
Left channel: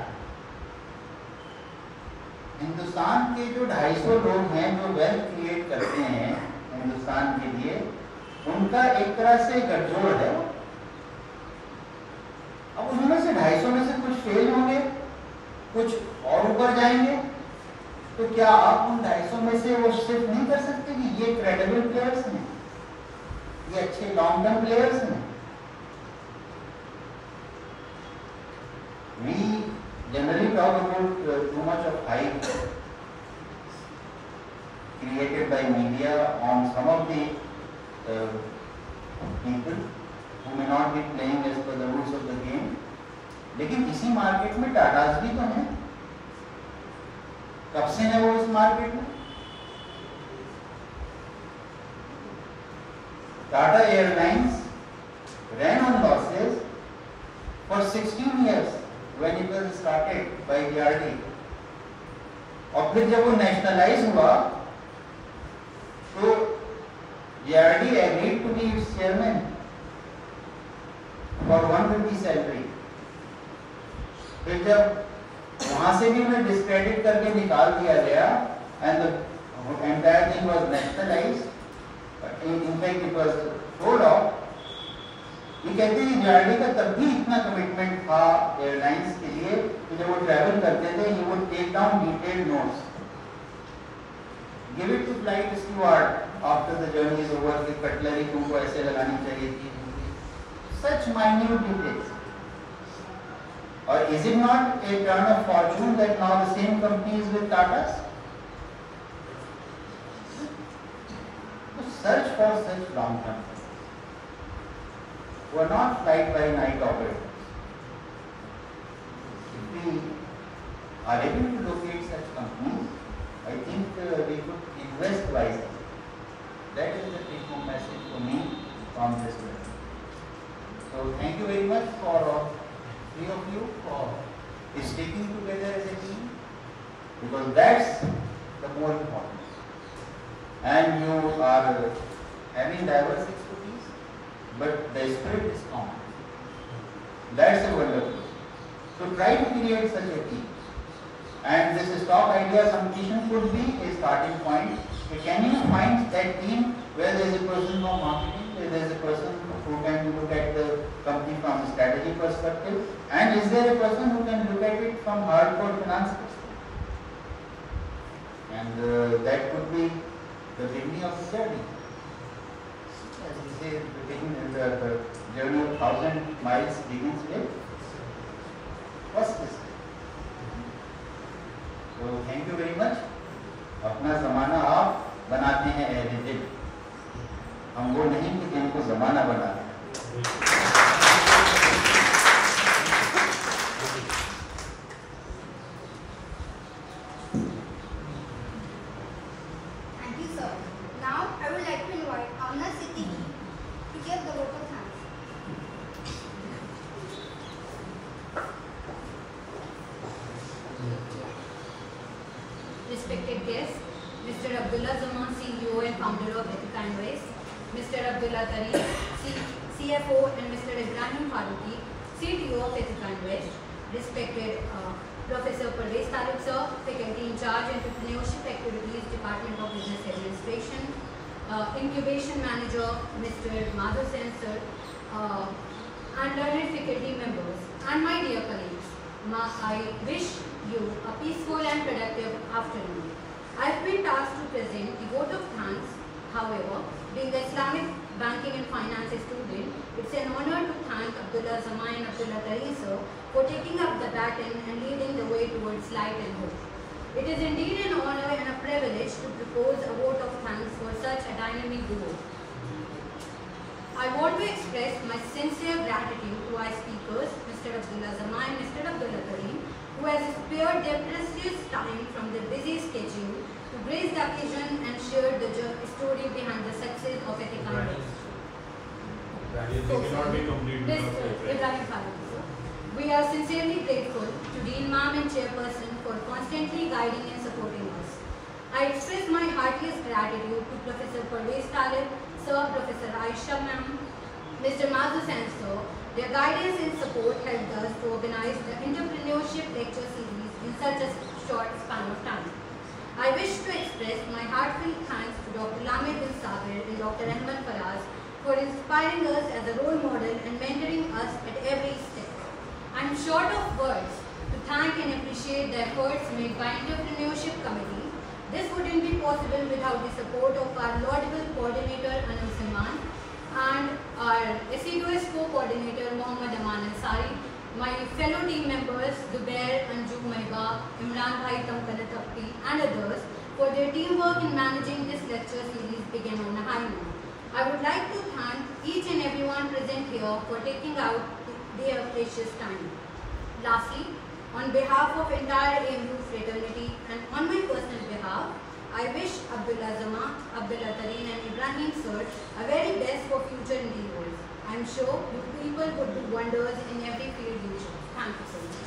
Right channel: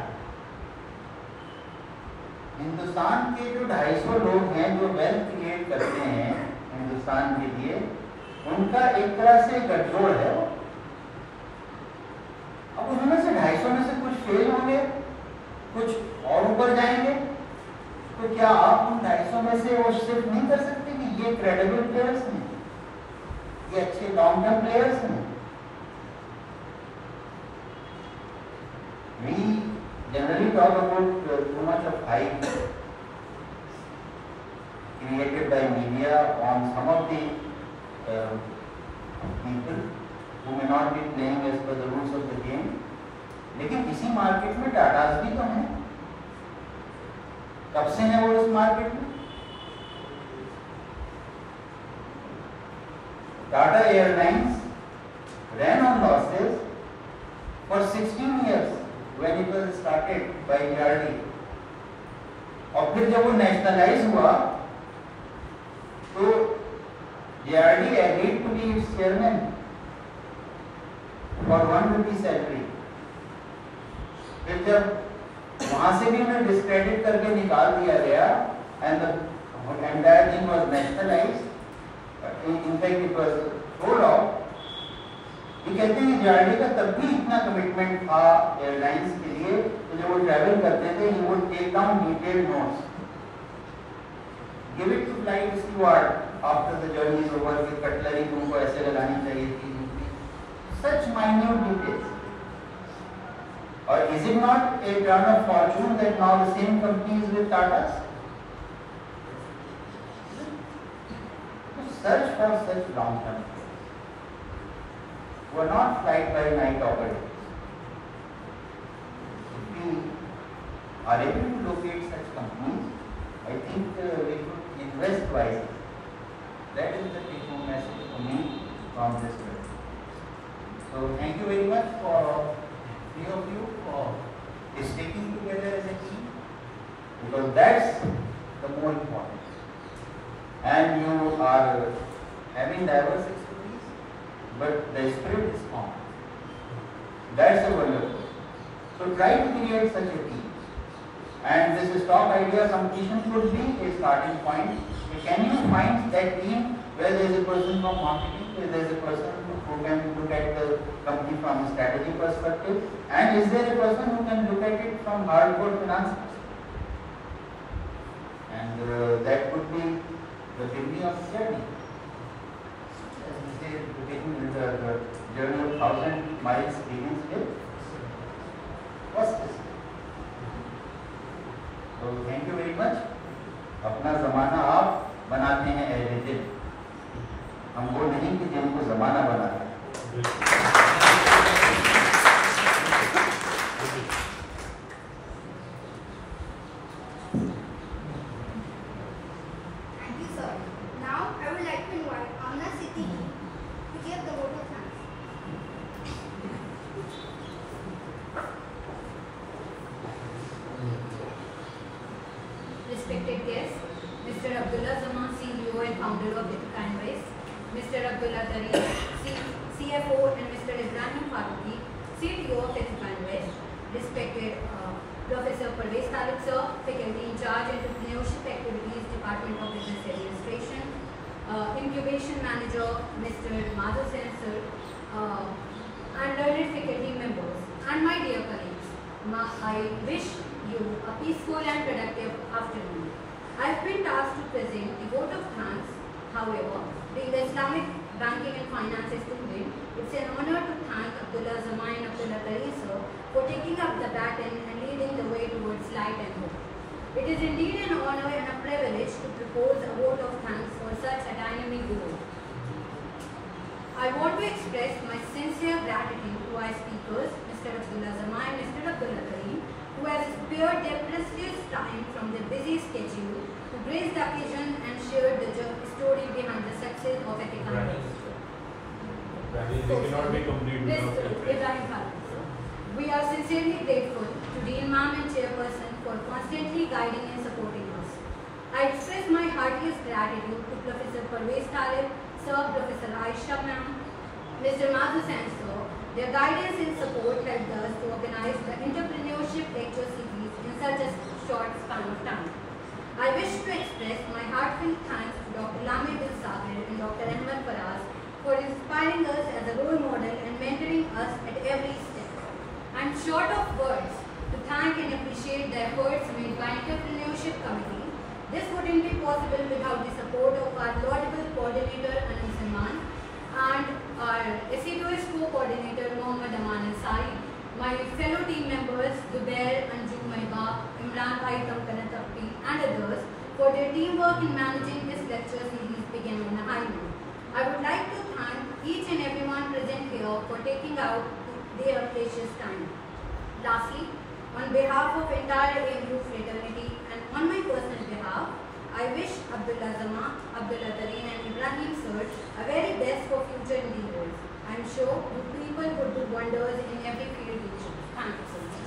हिंदुस्तान के जो 250 लोग हैं जो वेल्थ क्रिएट करते हैं हिंदुस्तान के लिए, उनका एक तरह से गठजोड़ है। अब उनमें से 250 में से कुछ फेल होंगे, कुछ और ऊपर जाएंगे, तो क्या आप उन 250 में से वो सिर्फ नहीं कर सकते कि ये क्रेडिबल प्लेयर्स हैं, ये अच्छे लॉन्ग टर्म प्लेयर्स हैं। We generally talk about too much of hype created by media on some of the people who may not be playing as per the rules of the game। लेकिन इसी market में टाटास भी तो हैं। कब से है वो इस मार्केट में? Tata airlines ran on losses for 16 years when it was started by BRD। और फिर जब वो नेशनलाइज हुआ तो BRD agreed to be its chairman for 1 rupee salary। फिर जब वहां से भी उन्हें डिस्क्रेडिट करके निकाल दिया गया and the entire thing was nationalized, in fact it was sold off। ये कहते हैं BRD का तब भी इतना कमिटमेंट था एयरलाइंस के लिए कि जब वो ट्रैवल करते थे he would take down detailed notes, give it to flight steward after the journey is over कि कटलरी तुमको ऐसे लगानी चाहिए थी, such minute details। और is it not a turn of fortune that now the same company is with Tata's? Search for such long term who are not flight by night operators। If we are able to locate such companies, I think we could invest wisely। That is the take home message for me from this learning। So thank you very much for three of you for sticking together as a team, because that's the more important। And you are having diverse expertise, but the spirit is common। That's a wonderful। So try to create such a team, and this stock idea competition could be a starting point। Can you find that team where there is a person from marketing, where there is a person who can look at the company from a strategy perspective, and is there a person who can look at it from hardcore finance perspective? And that could be the beginning of the journey। वो भी नहीं कि game को जमाना बना रहे। Thank you, sir. Now I would like to invite Amna City to give the vote of thanks. Respected guests, Mr. Abdullah Zaman, CEO and founder of Ethica and Waste, Mr. Abdullah Tariq, CFO, and Mr. Ibrahim Faruqi, CTO of Ethica and Waste, respected Professor Parvez Talib sir, faculty in charge entrepreneurship activities, Department of Business Administration, incubation manager, Mr. Madhu Sen sir, and learned faculty members, and my dear colleagues, I wish you a peaceful and productive afternoon. I have been tasked to present the vote of thanks. However, being the Islamic banking and finance student, it's an honor to thank Abdullah Zaman and Abdullah Tariq sir for taking up the baton and leading the way towards light and hope. It is indeed an honor and a privilege to propose a vote of thanks for such a dynamic goal. I want to express my sincere gratitude to our speakers, Mr. Abdullah Zaman and Mr. Abdullah Tariq, who has spared their precious time from their busy schedule to grace the occasion and share the story behind the success of Ethica and Waste. We cannot be complete without that. We are sincerely grateful to Dean Ma'am and Chairperson for constantly guiding and supporting us. I express my heartiest gratitude to Professor Parvez Talib, Sir, Professor Aisha Ma'am, Mr. Madhu Sen sir. Their guidance and support helped us to organize the entrepreneurship lecture series in such a short span of time. I wish to express my heartfelt thanks to Dr. Lamir bin Sabir and Dr. Ahmed Faraz for inspiring us as a role model and mentoring us at every step. I am short of words to thank and appreciate the efforts made by Entrepreneurship Committee. This wouldn't be possible without the support of our laudable coordinator Anil Salman and our assiduous co-coordinator Mohammad Aman Ansari, my fellow team members Zubair, Anju, Mahiba, Imran Bhai, Tamkanatapti and others for their teamwork in managing this lecture series began on a high note. I would like to thank each and everyone present here for taking out their precious time. Lastly, on behalf of entire AMU fraternity and on my personal behalf, I wish Abdullah Zaman, Abdullah Tareen and Ibrahim sir a very best for future endeavors. I am sure you people would do wonders in every field you choose. Thank you so much.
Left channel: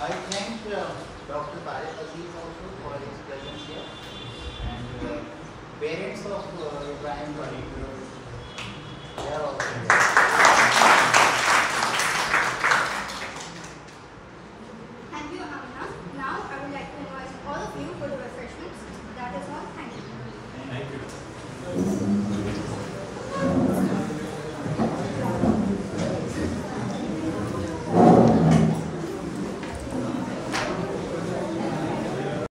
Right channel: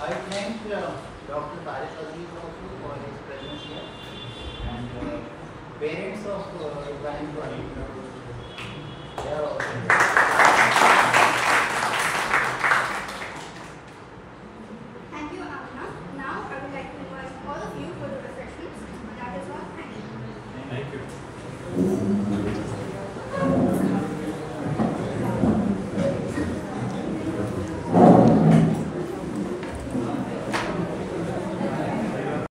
I thank Dr. Tariq Aziz also for his presence here and parents of Ibrahim Tariq. They are also here. Thank you, Amna. Now I would like to invite all of you for the refreshments. That is all. Thank you. Thank you.